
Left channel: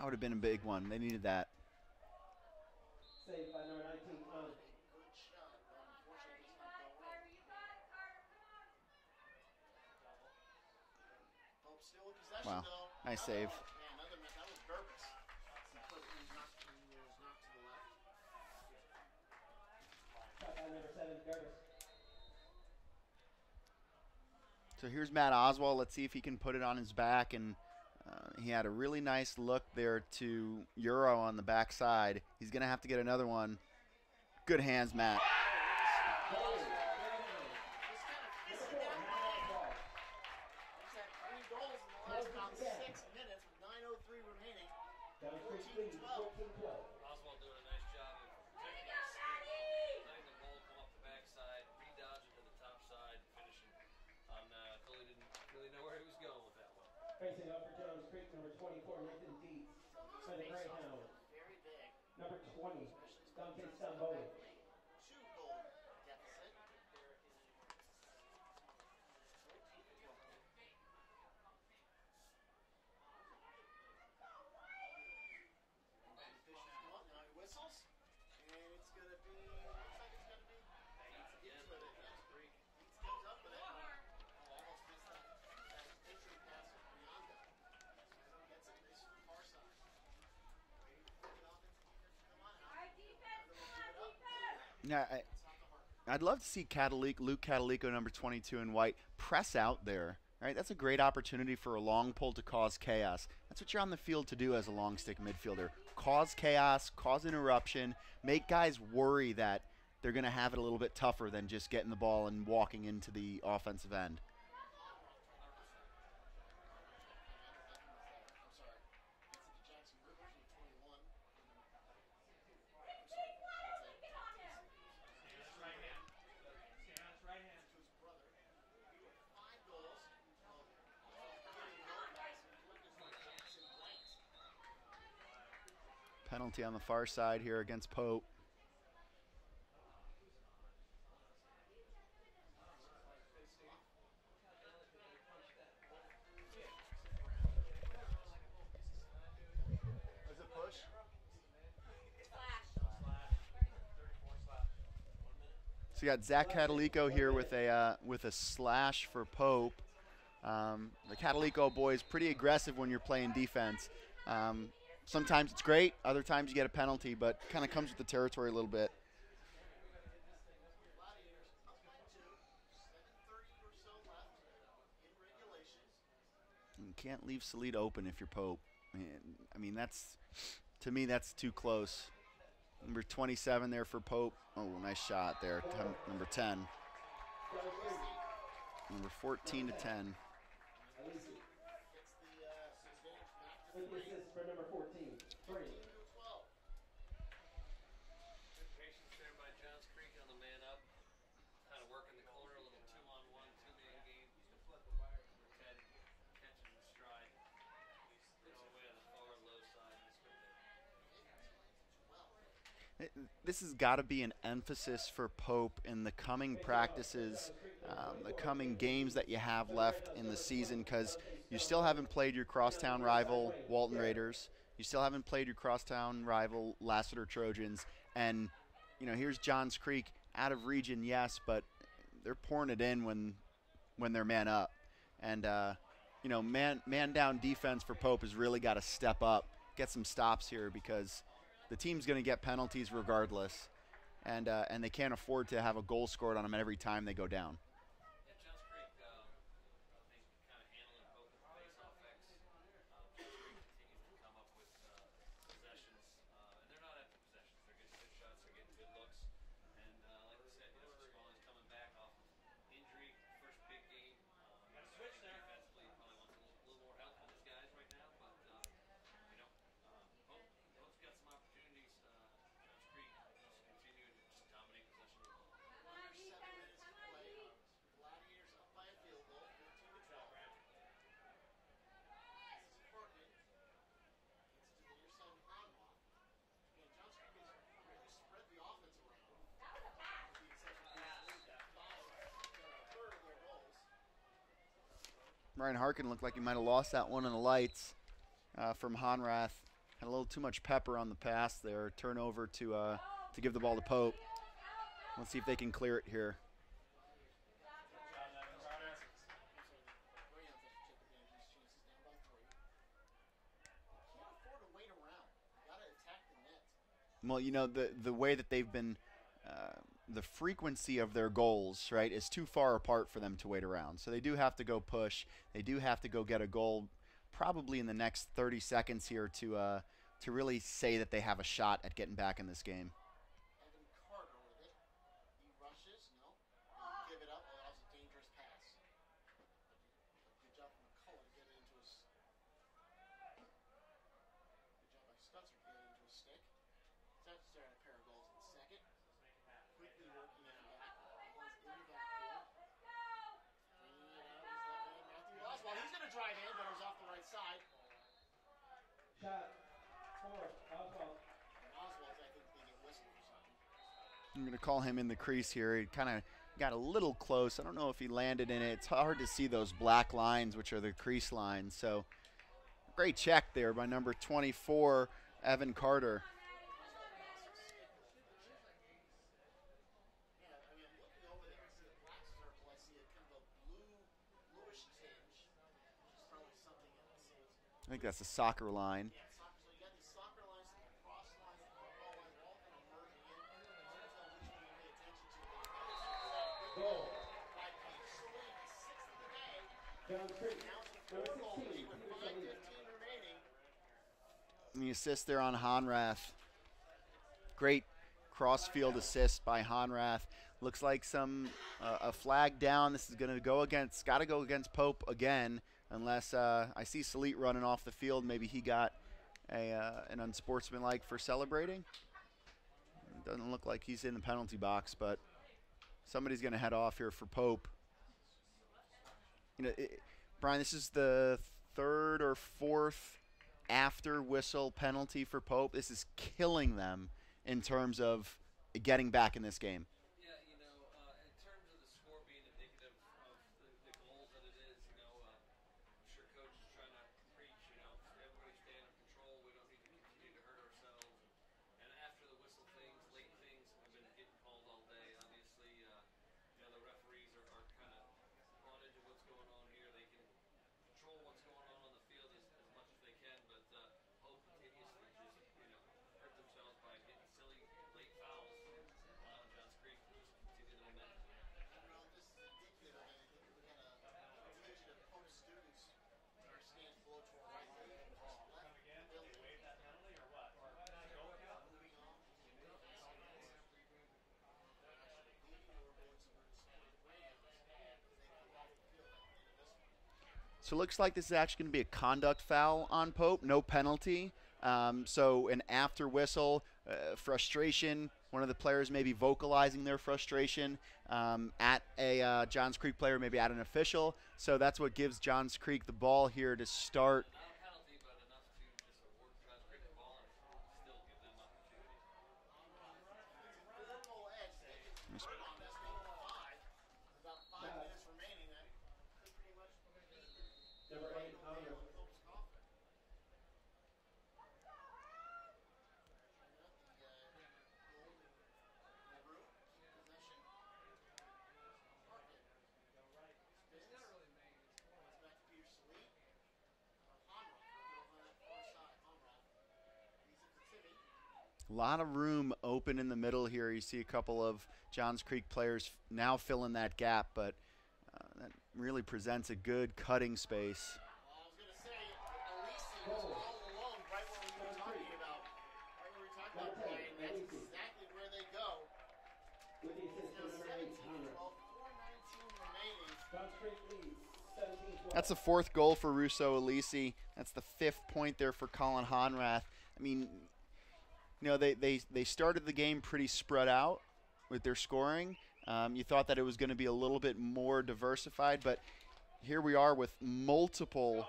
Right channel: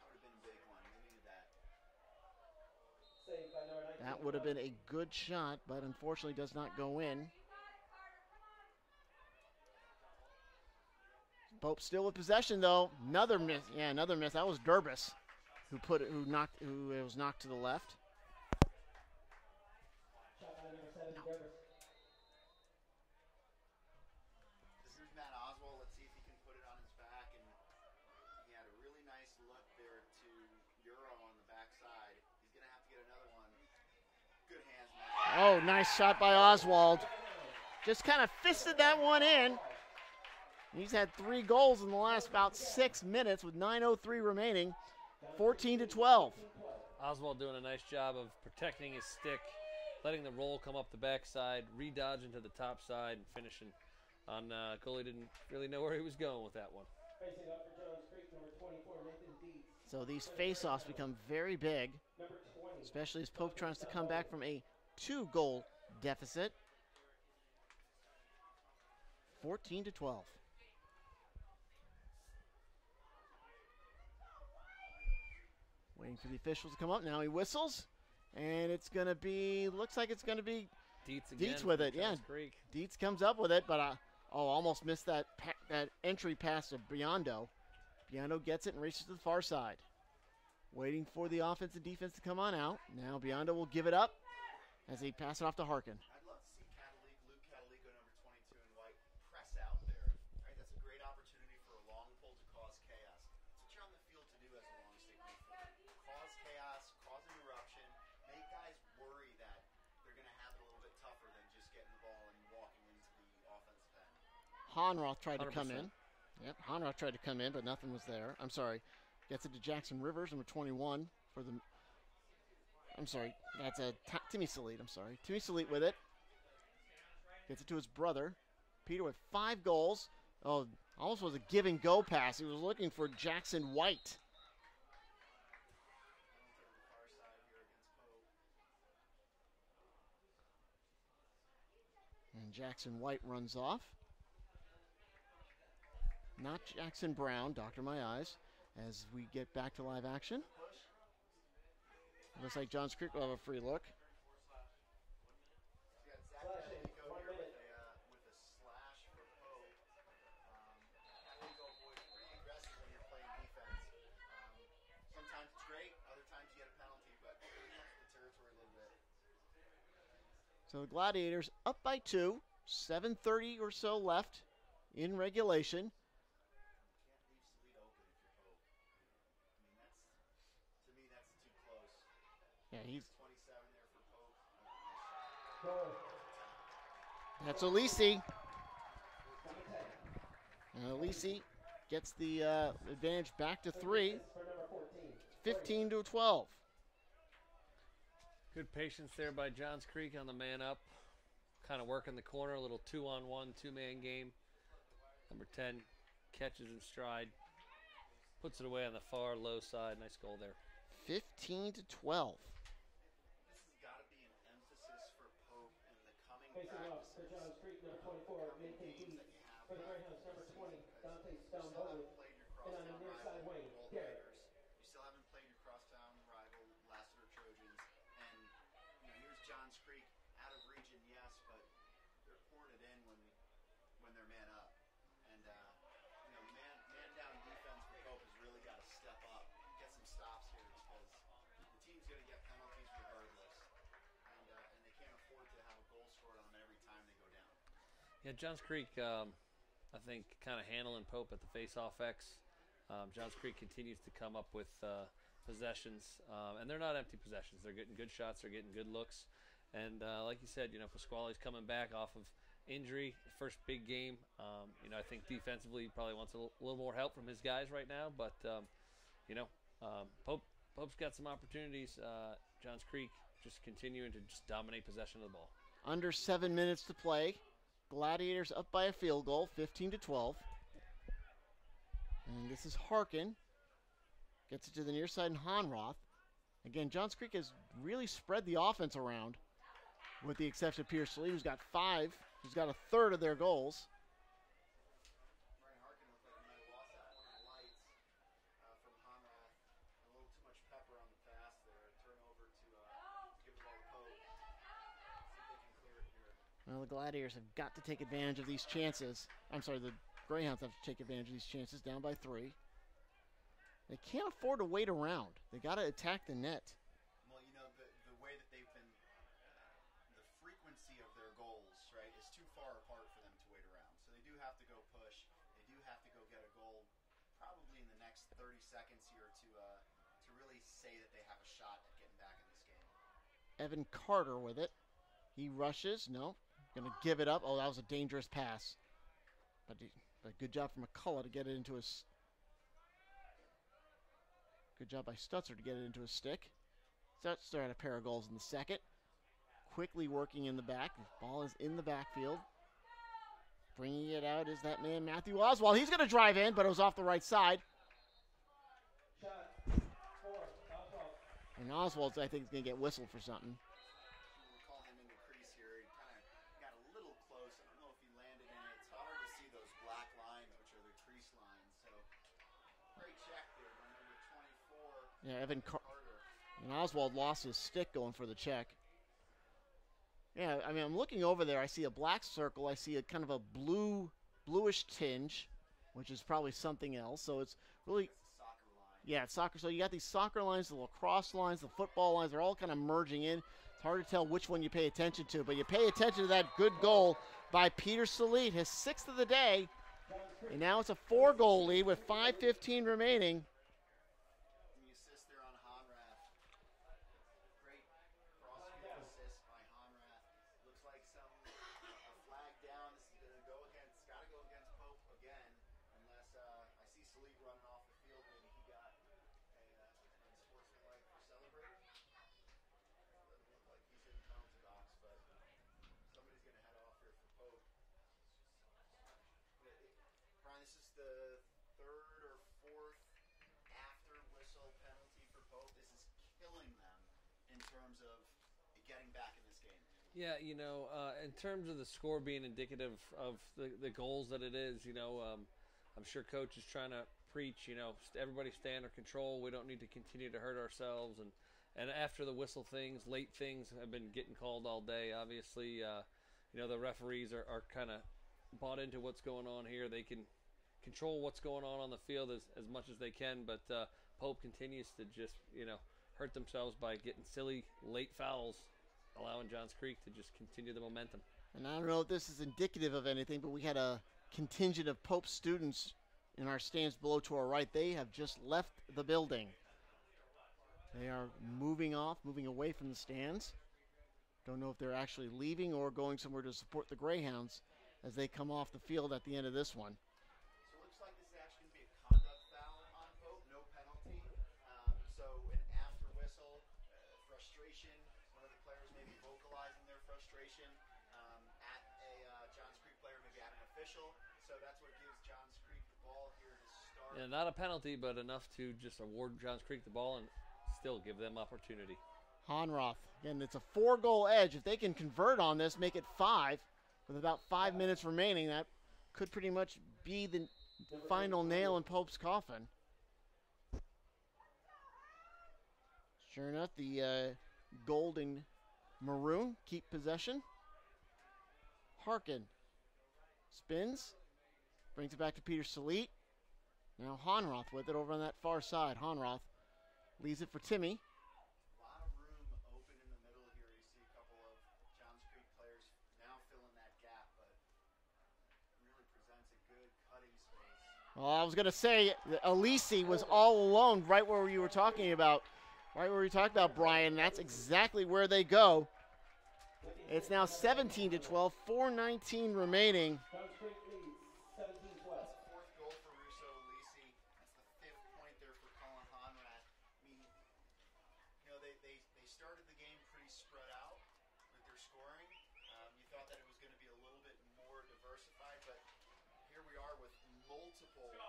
That would have been a big one. They needed that. Saved by number 19. That would have been a good shot, but unfortunately does not go in. Pope still with possession, Wow. though. Nice Another save. miss. Yeah, another miss. That was Durbus who was knocked to the left. Shot by number 7, Durst. So here's Matt Oswald. Let's see if he can put it on his back. And he had a really nice look there to Euro on the backside. He's going to have to get another one. Good hands, Matt. Oh, nice shot by Oswald. Just kind of fisted that one in. He's had 3 goals in the last about 6 minutes with 9:03 remaining. 14-12. Oswald doing a nice job of protecting his stick, letting the roll come up the backside, re-dodging to the top side, and finishing on goalie didn't really know where he was going with that one. Facing up for Jones Creek, number 24, Nathan Dietz. So these face-offs become very big, Number 20. especially as Pope tries to come back from a 2-goal deficit. 14-12. Waiting for the officials to come up. Now he whistles, and it's going to be, looks like it's going to be Dietz again. Dietz with it. Yeah, Jones Creek. Dietz comes up with it, but almost missed that entry pass to Biondo. Biondo gets it and races to the far side. Waiting for the offense and defense to come on out. Now Biondo will give it up as he pass it off to Harkin. I'd love to see Luke Catalico, number 22 in white, press out there. Right? That's a great opportunity for a long pull to cause chaos. That's what you're on the field to do as a long stick midfielder. Cause chaos, cause interruption, make guys worry that they're going to have it a little bit tougher than just getting the ball and walking into the offensive end. Honroth tried to come 100%. in. Yep, Honroth tried to come in, but nothing was there. I'm sorry. Gets it to Jackson Rivers, number 21 for the. I'm sorry. That's a Timmy Salit. I'm sorry. Timmy Salit with it. Gets it to his brother. Peter with 5 goals. Oh, almost was a give and go pass. He was looking for Jackson White. Penalty on the far side here against Pope. And Jackson White runs off. Not Jackson Brown, Dr. My Eyes, as we get back to live action. Looks like Johns Creek will have a free look. So you got Zach Catalico here with a slash for Pope. The Catalico boys pretty aggressive when you're playing defense. Sometimes it's great, other times you get a penalty, but kind of comes with the territory a little bit. So the Gladiators up by 2, 7:30 or so left in regulation. You can't leave Salida open if you're Pope. I mean, to me, that's too close. Yeah, Number 27 there for Pope. Oh, nice shot there. Number 10. that's Alisi. Number 14 to 10. And Alisi gets the advantage back to 3, For number 14. 15-12. Good patience there by Johns Creek on the man up. Kind of working the corner, a little 2-on-1, 2-man game. Number 10 catches in stride. Puts it away on the far low side. Nice goal there. 15-12. This has got to be an emphasis for Pope in the coming practices, the coming games that you have left in the season, because you still haven't played your crosstown rival, Walton Raiders. You still haven't played your crosstown rival, Lassiter Trojans. And, here's Johns Creek, out of region, yes, but they're pouring it in when they're man up. And, man down defense for Pope has really got to step up, get some stops here, because the team's going to get penalties regardless, and they can't afford to have a goal scored on them every time they go down. Yeah, Johns Creek, I think, kind of handling Pope at the face-off X. Johns Creek continues to come up with possessions, and they're not empty possessions. They're getting good shots. They're getting good looks. And like you said, Pasquale's coming back off of injury, first big game. I think defensively he probably wants a little more help from his guys right now, but, Pope's got some opportunities. Johns Creek just continuing to just dominate possession of the ball. Under 7 minutes to play. Gladiators up by a field goal, 15-12. And this is Harkin. Gets it to the near side and Honroth. Again, Johns Creek has really spread the offense around, with the exception of Pierce Lee, who's got 5. He's got a third of their goals. Ryan Harkin looked like he might have lost that one in the lights from Honrath. Had a little too much pepper on the pass there. Turnover to give the ball to Pope. Let's see if they can clear it here. Well, the Gladiators have got to take advantage of these chances. I'm sorry, the Greyhounds have to take advantage of these chances, down by 3. They can't afford to wait around. They got to attack the net. Well, you know, the way that they've been, the frequency of their goals, right, is too far apart for them to wait around. So they do have to go push. They do have to go get a goal probably in the next 30 seconds here to really say that they have a shot at getting back in this game. Evan Carter with it. He rushes. No. Going to give it up. Oh, that was a dangerous pass. But good job from McCullough to get it into his... Good job by Stutzer to get it into his stick. Stutzer had a pair of goals in the second. Quickly working in the back. The ball is in the backfield. Bringing it out is that man, Matthew Oswald. He's going to drive in, but it was off the right side. Shot 4, Oswald. And Oswald's, I think, is going to get whistled for something. I'm going to call him in the crease here. He kind of got a little close. I don't know if he landed in it. It's hard to see those black lines, which are the crease lines. So great check there by number 24, Evan Carter. And Oswald lost his stick going for the check. Yeah, I mean, I'm looking over there. I see a black circle. I see a kind of a bluish tinge, which is probably something else. So it's really, I think that's the soccer line. Yeah, it's soccer. So you got these soccer lines, the lacrosse lines, the football lines. They're all kind of merging in. It's hard to tell which one you pay attention to, but you pay attention to that good goal by Peter Salit, his 6th of the day. And now it's a 4-goal lead with 5:15 remaining. And the assist there on Honrath. Great cross-field assist by Honrath. Looks like a flag down. This is going to go against, got to go against Pope again, unless I see Salit running off the field. Maybe he got an unsportsmanlike for celebrating. It doesn't look like he's in the penalty box, but somebody's going to head off here for Pope. You know, Brian, this is the 3rd or 4th after whistle penalty for Pope. This is killing them in terms of getting back in this game. Yeah, you know, in terms of the score being indicative of the goals that it is, you know, I'm sure Coach is trying to preach, you know, everybody stay under control. We don't need to continue to hurt ourselves. And after the whistle things, late things have been getting called all day. Obviously, you know, the referees are kind of bought into what's going on here. They can control what's going on the field as much as they can, but Pope continues to just, you know, hurt themselves by getting silly late fouls, allowing Johns Creek to just continue the momentum. And I don't know if this is indicative of anything, but we had a contingent of Pope students in our stands below to our right. They have just left the building. They are moving away from the stands. Don't know if they're actually leaving or going somewhere to support the Greyhounds as they come off the field at the end of this one. So it looks like this is actually going to be a conduct foul on Pope, no penalty. So an after whistle, frustration, one of the players maybe vocalizing their frustration at a Johns Creek player, maybe at an official. So that's what gives Johns Creek the ball here to start. And not a penalty, but enough to just award Johns Creek the ball and still give them opportunity. Honroth, again, it's a 4-goal edge. If they can convert on this, make it 5, with about 5 minutes remaining, that could pretty much be the final nail in Pope's coffin. Sure enough, the gold and maroon keep possession. Harkin spins, brings it back to Peter Salit. Now Honroth with it over on that far side. Honroth leaves it for Timmy. A lot of room open in the middle here. You see a couple of Johns Creek players now filling that gap, but that really presents a good cutting space. Well, I was going to say, Alisi was all alone right where you were talking about. Right where we talked about, Brian. That's exactly where they go. It's now 17-12, 4:19 remaining. That's the 4th goal for Russo Alisi. That's the 5th point there for Colin Honrath. I mean, you know, they started the game pretty spread out with their scoring. You thought that it was going to be a little bit more diversified, but here we are with multiple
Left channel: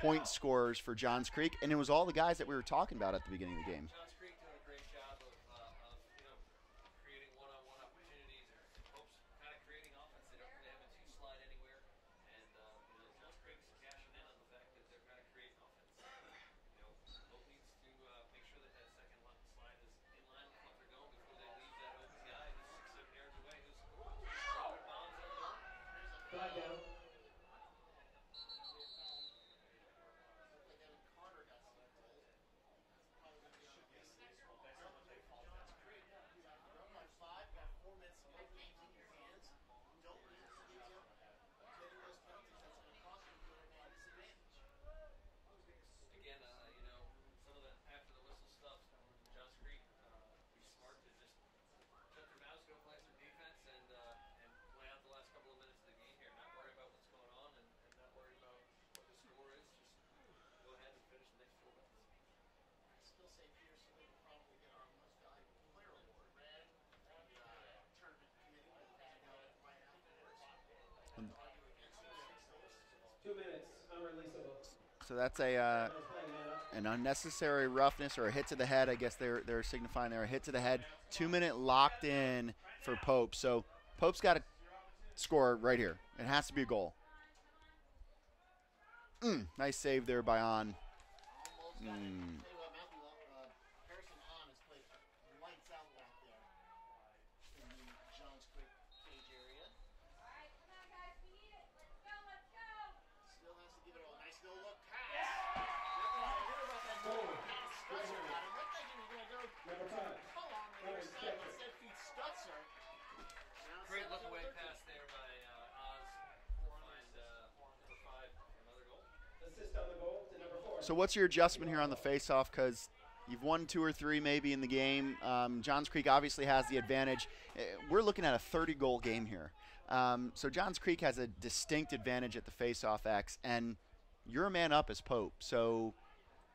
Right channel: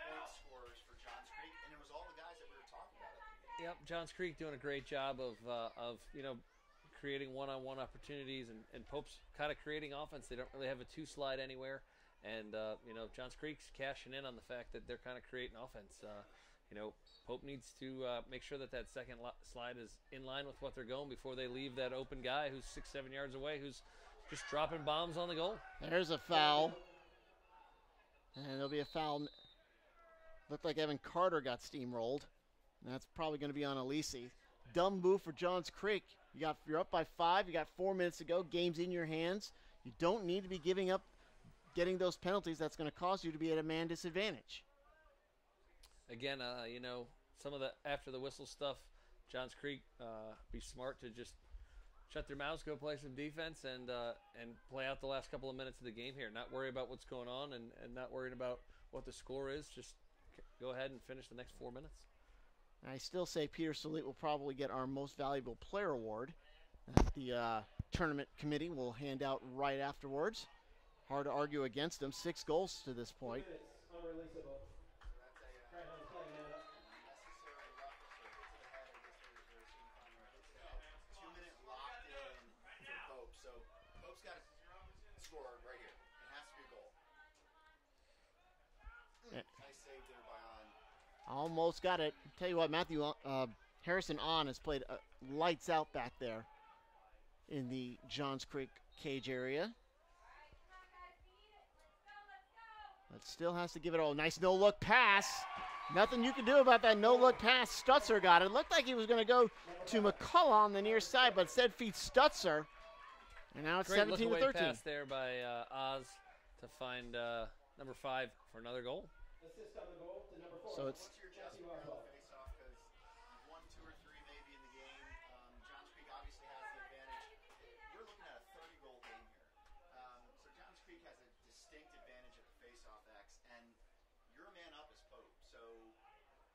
point scorers for Johns Creek, and it was all the guys that we were talking about at the beginning of the game. Johns Creek doing a great job of you know, creating one-on-one opportunities, and Pope's kind of creating offense. They don't really have a 2-slide anywhere, and you know, Johns Creek's cashing in on the fact that they're kind of creating offense. Pope needs to make sure that second slide is in line with what they're going before they leave that open guy who's 6-7 yards away, who's just dropping bombs on the goal. There's a foul. And there'll be a foul. Looked like Evan Carter got steamrolled. And that's probably going to be on Alisi. Dumb move for Johns Creek. You're up by 5. You got 4 minutes to go. Game's in your hands. You don't need to be giving up getting those penalties. That's going to cause you to be at a man disadvantage. Again, some of the after the whistle stuff, Johns Creek be smart to just shut their mouths, go play some defense, and play out the last couple of minutes of the game here. Not worry about what's going on and not worried about what the score is. Just go ahead and finish the next 4 minutes. I still say Peter Salit will probably get our most valuable player award. The tournament committee will hand out right afterwards. Hard to argue against him. 6 goals to this point. So that's an unnecessary roughness or a hit to the head. I guess they're signifying there a hit to the head. 2-minute locked in for Pope. So Pope's got to score right here. It has to be a goal. Nice save there by On. Almost got it. Tell you what, Matthew Harrison On has played lights out back there in the Johns Creek cage area. But still has to give it all. Nice no-look pass. Nothing you can do about that no-look pass. Stutzer got it. Looked like he was going to go to McCullough on the near side, but instead feeds Stutzer. And now it's 17 to 13. Pass there by Oz to find number 5 for another goal. Assist on the goal to number 4. So what's your adjustment here on the face-off? Because you've won 2 or 3 maybe in the game. Johns Creek obviously has the advantage. We're looking at a 30-goal game here. So Johns Creek has a distinct advantage at the face-off X, and you're a man up as Pope. So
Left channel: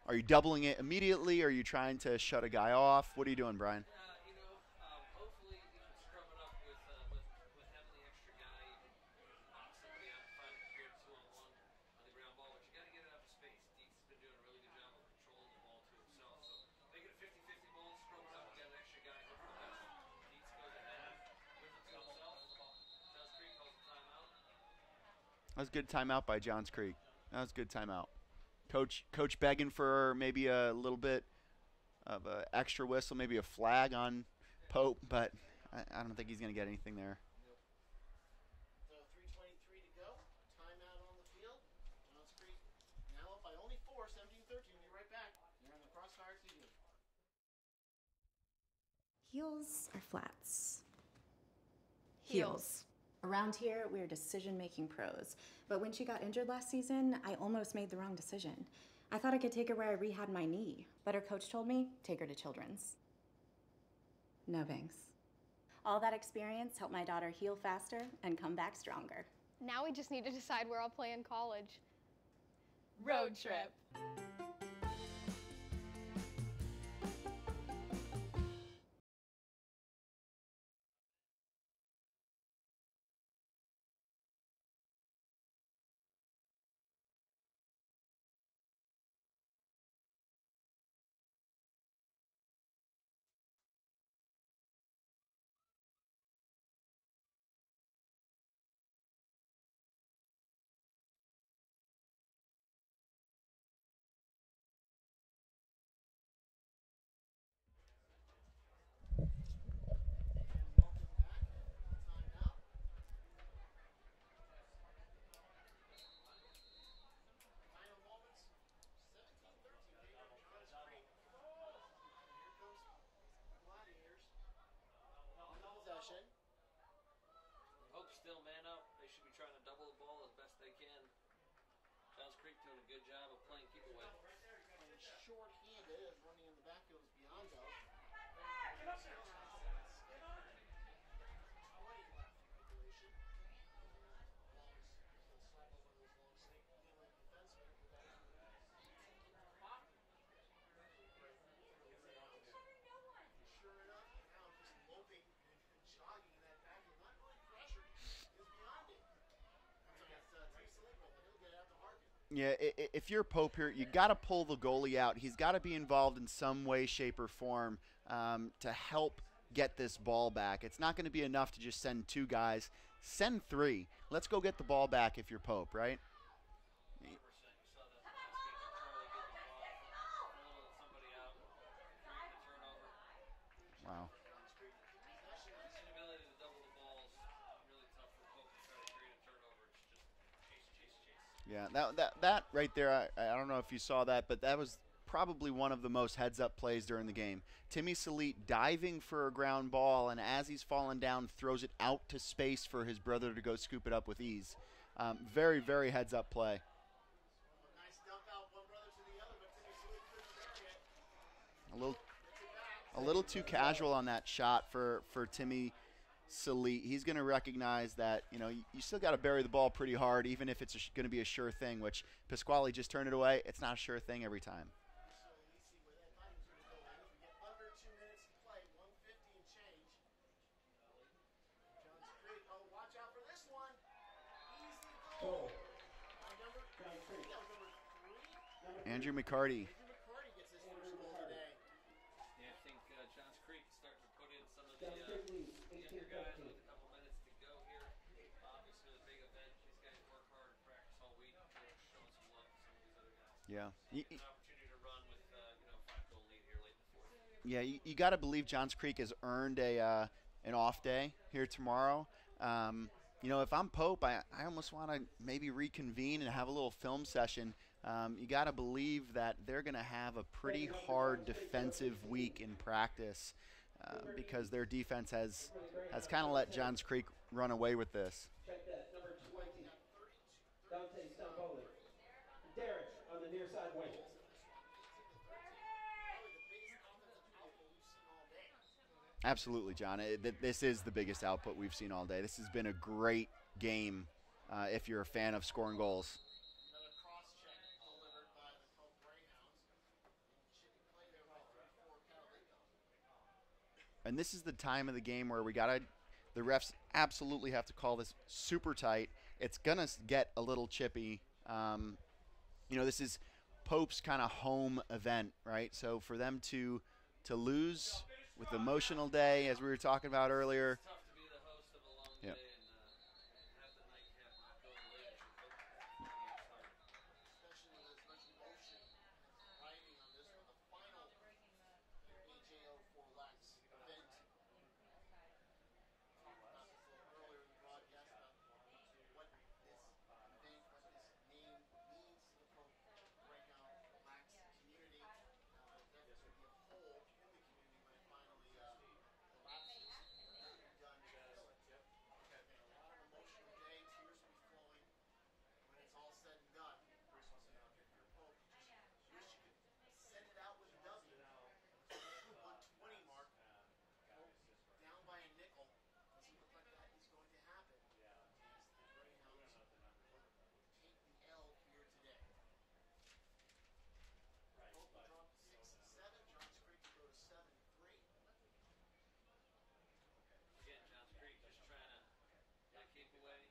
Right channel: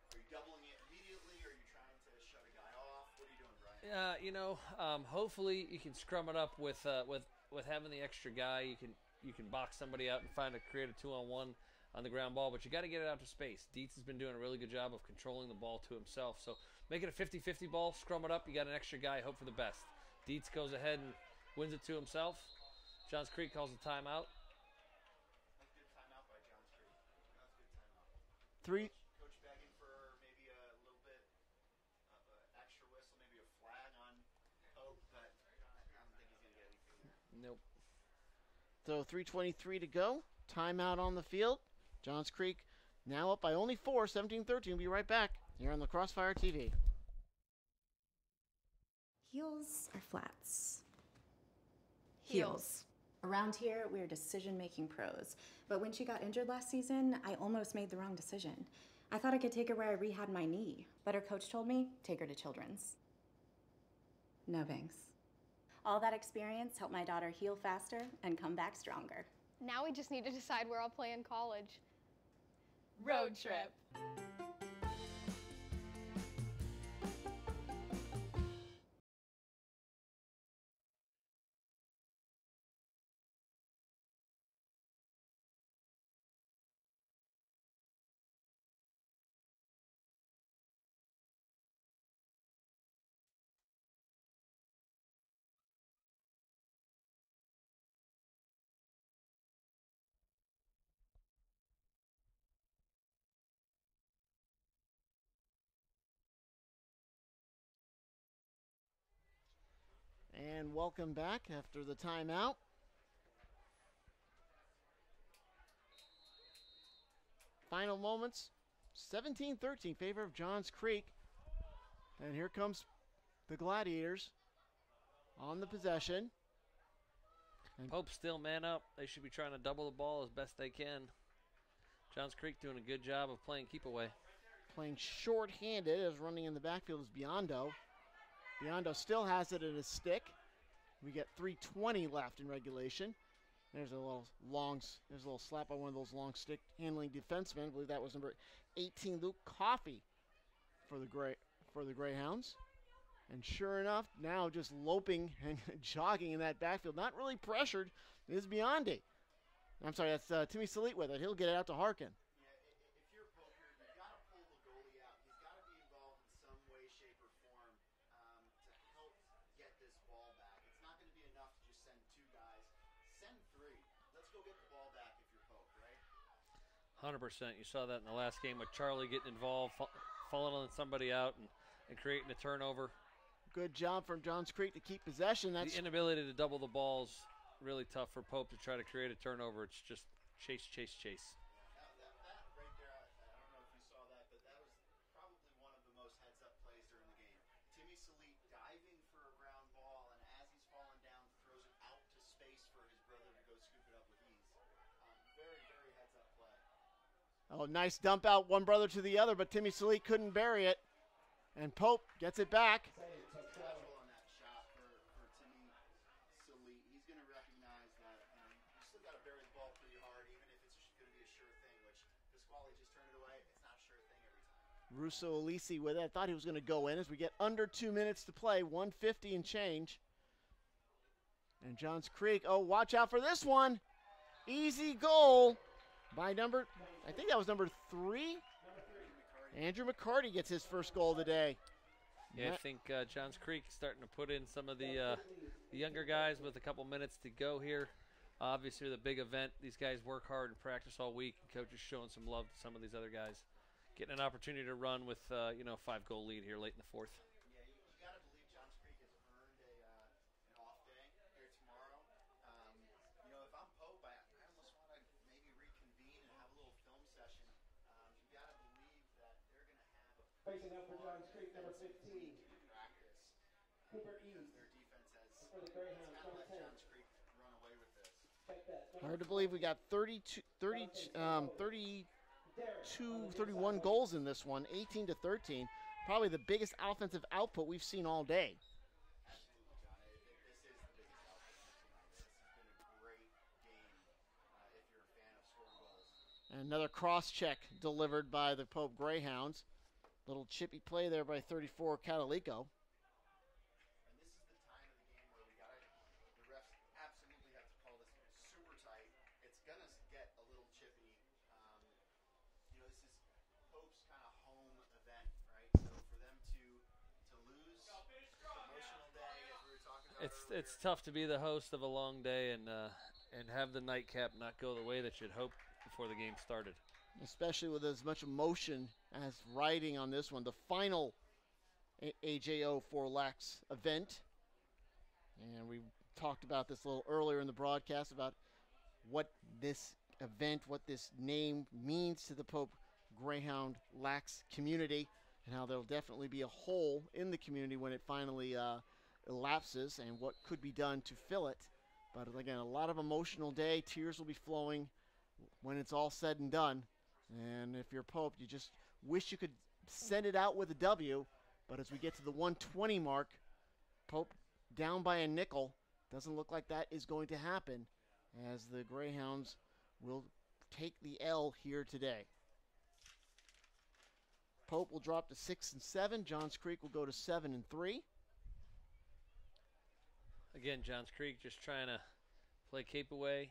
are you doubling it immediately? Are you trying to shut a guy off? What are you doing, Brian? Hopefully you can scrum it up with having the extra guy. You can box somebody out and create a 2-on-1 on the ground ball, but you got to get it out to space. Dietz has been doing a really good job of controlling the ball to himself. So make it a 50-50 ball, scrum it up. You got an extra guy, hope for the best. Dietz goes ahead and wins it to himself. Johns Creek calls a timeout. That was a good timeout by Johns Creek. That was a good timeout. Coach begging for maybe a little bit of an extra whistle, maybe a flag on Pope, but I don't think he's going to get anything there. Nope. So 3:23 to go. Timeout on the field. Johns Creek now up by only 4, 17-13. We'll be right back here on the Crossfire TV. Heels or flats? Heels. Around here, we're decision-making pros. But when she got injured last season, I almost made the wrong decision. I thought I could take her where I rehabbed my knee, but her coach told me, take her to Children's. No thanks. All that experience helped my daughter heal faster and come back stronger. Now we just need to decide where I'll play in college. Road trip. And welcome back after the timeout. Final moments, 17-13, favor of Johns Creek. And here comes the Gladiators on the possession. And Pope still man up. They should be trying to double the ball as best they can. Johns Creek doing a good job of playing keep away. Playing short-handed as running in the backfield is Biondo. Biondo still has it in his stick. We get 3:20 left in regulation. There's a little slap by one of those long stick handling defensemen. I believe that was number 18, Luke Coffey, for the Greyhounds. And sure enough, now just loping and jogging in that backfield, not really pressured, is Biondi. I'm sorry, that's Timmy Salit with it. He'll get it out to Harkin. Yeah, if you're Pope here, you got to pull the goalie out. He's got to be involved in some way, shape, or form to help get this ball back. It's not going to be enough to just send 2 guys. Send 3. Let's go get the ball back if you're Pope, right? 100%. You saw that in the last game with Charlie getting involved, following somebody out and creating a turnover. Good job from Johns Creek to keep possession. That's the inability to double the balls really tough for Pope to try to create a turnover. It's just chase, chase, chase. Yeah, that right there, I don't know if you saw that, but that was probably one of the most heads-up plays during the game. Timmy Salit diving for a ground ball, and as he's falling down, throws it out to space for his brother to go scoop it up with ease. Very, very heads-up play. Oh, nice dump out, one brother to the other, but Timmy Salit couldn't bury it. And Pope gets it back. A little too casual on that shot for Timmy Salit. He's going to recognize that, you still got to bury the ball pretty hard, even if it's going to be a sure thing, which Pasquale just turned it away. It's not a sure thing every time. Russo Alisi with it. I thought he was going to go in as we get under 2 minutes to play, 150 and change. And Johns Creek, oh, watch out for this one. Easy goal by I think that was number 3. Andrew McCarty. Andrew McCarty gets his first goal of the day. Yeah, I think Johns Creek starting to put in some of the younger guys with a couple minutes to go here. Obviously, the big event. These guys work hard and practice all week. Coach is showing some love to some of these other guys. Yeah, getting an opportunity to run with 5-goal lead here late in the fourth. Yeah, you got to believe Johns Creek has earned an off day here tomorrow. If I'm Pope, I almost want to maybe reconvene and have a little film session. You got to believe that they're going to have a pretty hard defensive week in practice because their defense has kind of let Johns Creek run away with this. Hard to believe we got 31 goals in this one, 18-13. Probably the biggest offensive output we've seen all day. Absolutely, John. This is the biggest output we've seen all day. This has been a great game if you're a fan of scoring goals. Another cross-check delivered by the Pope Greyhounds. Little chippy play there by 34 Catalico. And this is the time of the game where the refs absolutely have to call this super tight. It's going to get a little chippy. This is Pope's kind of home event, right? So for them to lose with the emotional day, as we were talking about earlier. It's tough to be the host of a long day and have the nightcap not go the way that you'd hope before the game started. Especially with as much emotion as riding on this one. The final AJO4LAX event. And we talked about this a little earlier in the broadcast about what this event, what this name means to the Pope Greyhound Lax community, and how there'll definitely be a hole in the community when it finally elapses and what could be done to fill it. But again, a lot of emotional day. Tears will be flowing when it's all said and done. And if you're Pope, you just wish you could send it out with a W. But as we get to the 120 mark, Pope down by a nickel. Doesn't look like that is going to happen as the Greyhounds will take the L here today. Pope will drop to 6-7. Johns Creek will go to 7-3. Again, Johns Creek just trying to play Cape away,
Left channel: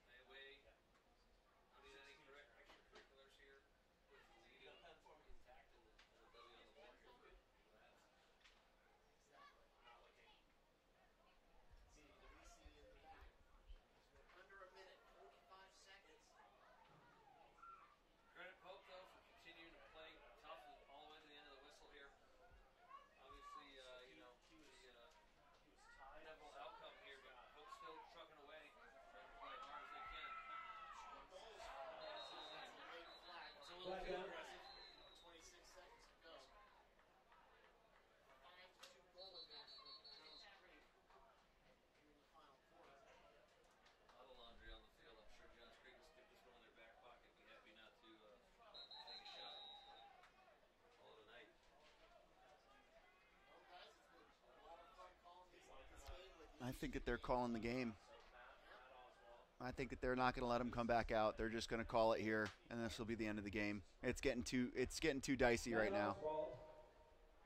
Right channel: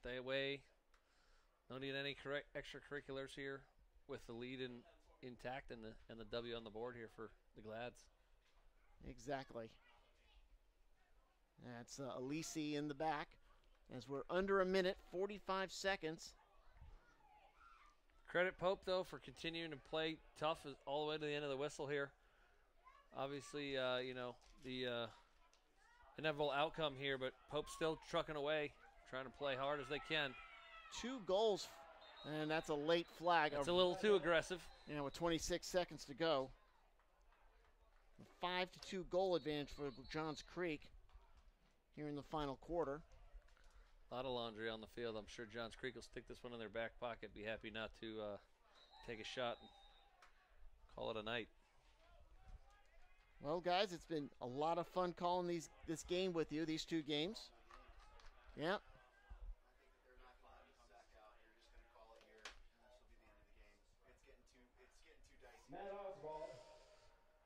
stay away. No need any extracurriculars here with the lead intact and the W on the board here for the Glads. Exactly. That's Alisi in the back as we're under a minute, 45 seconds. Credit Pope, though, for continuing to play tough all the way to the end of the whistle here. Obviously, the inevitable outcome here, but Pope's still trucking away, trying to play hard as they can. 2 goals, and that's a late flag. It's a little too aggressive. Yeah, with 26 seconds to go. A 5-2 goal advantage for Johns Creek here in the final quarter. A lot of laundry on the field. I'm sure Johns Creek will stick this one in their back pocket. Be happy not to take a shot and call it a night. Well, guys, it's been a lot of fun calling this game with you. I think that they're calling the game. Yeah. I think that they're not going to let them come back out. They're just going to call it here, and this will be the end of the game. It's getting too dicey right now.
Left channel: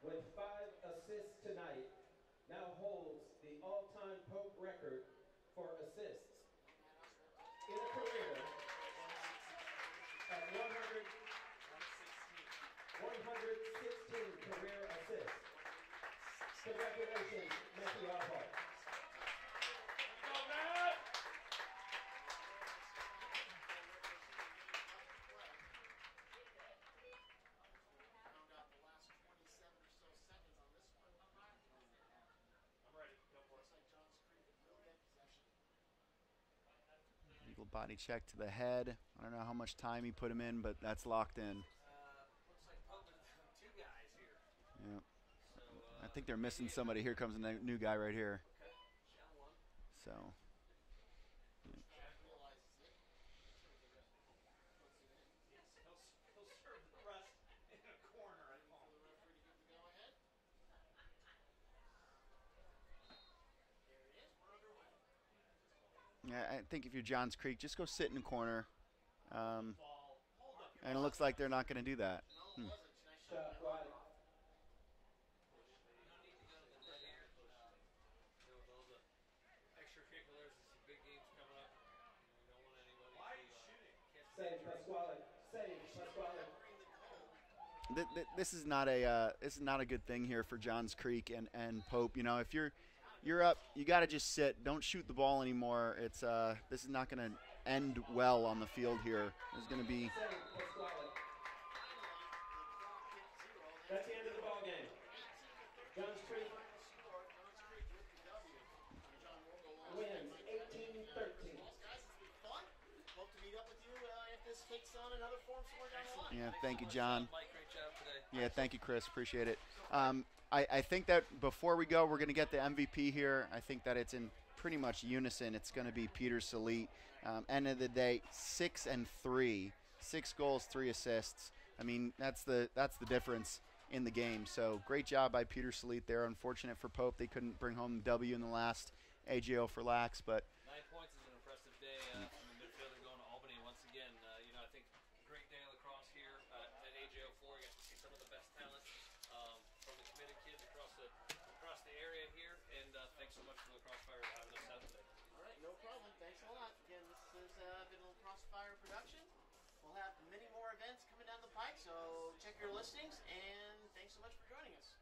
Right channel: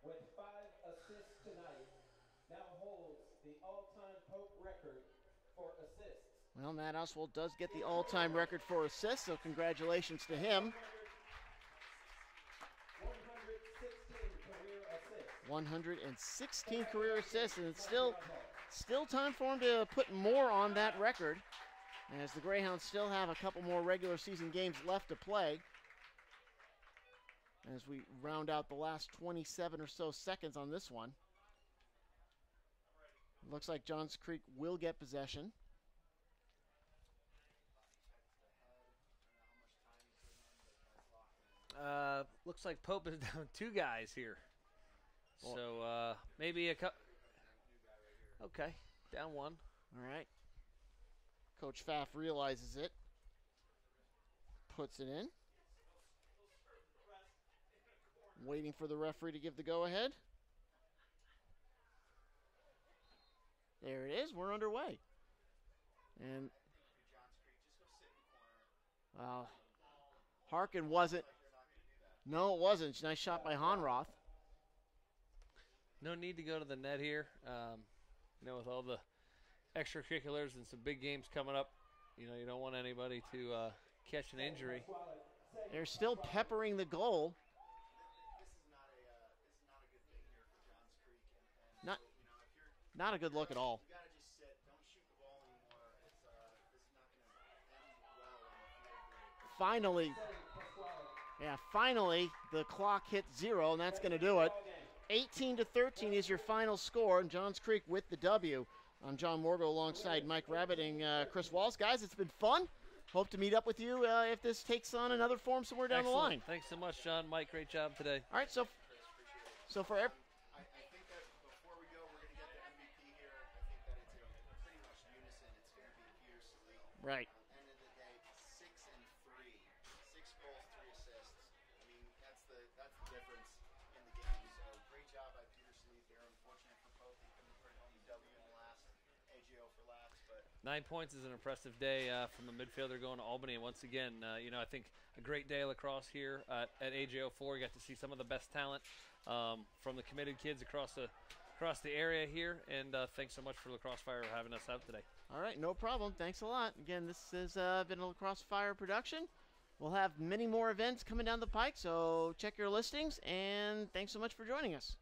With 5 assists tonight, now holds the all-time Pope record for assists. Well, Matt Oswald does get the all-time record for assists, so congratulations to him. 116 career assists. 116 career assists, and it's still time for him to put more on that record. And as the Greyhounds still have a couple more regular season games left to play, as we round out the last 27 or so seconds on this one, looks like Johns Creek will get possession. Eagle body check to the head. I don't know how much time he put him in, but that's locked in. Looks like Pope is down 2 guys here. Yeah. So I think they're missing somebody. Here comes a new guy right here. Okay, down 1. All right. Coach Pfaff realizes it, puts it in. Waiting for the referee to give the go-ahead. There it is. We're underway. Yeah, I think if you're Johns Creek, just go sit in the corner. Harkin wasn't. It looks like they're not going to do that. No, it wasn't. Nice shot by Honroth. No need to go to the net here. With all the extracurriculars and some big games coming up, you don't want anybody to catch an injury. They're still peppering the goal. This is not a good thing here for Johns Creek and Pope. If you're not a good you're look up, at all. You got to just sit. Don't shoot the ball anymore. It's this is not going to end well on the field here. Finally, the clock hits 0, and that's going to do it. 18-13 is your final score, and Johns Creek with the W. I'm John Morgo alongside Mike Rabbit and Chris Walls. Guys, it's been fun. Hope to meet up with you if this takes on another form somewhere down the line. Yeah, Thanks thank so you, much, John. Mike. Great job today. Yeah, thank you, Chris. Appreciate it. So far, I think that before we go, we're going to get the MVP here. I think that it's in pretty much unison. It's going to be Peter Salit. Right. End of the day, 6 and 3, 6 goals, 3 assists. I mean, that's the difference in the game. So great job by Peter Salit there. Unfortunate for Pope, they couldn't bring home the W in the last AJO4LAX, but 9 points is an impressive day from the midfielder going to Albany. And once again, I think a great day of lacrosse here at AJO4. We got to see some of the best talent from the committed kids across the area here. And thanks so much for Lacrosse Fire for having us out today. All right, no problem. Thanks a lot. Again, this has been a Lacrosse Fire production. We'll have many more events coming down the pike, so check your listings. And thanks so much for joining us.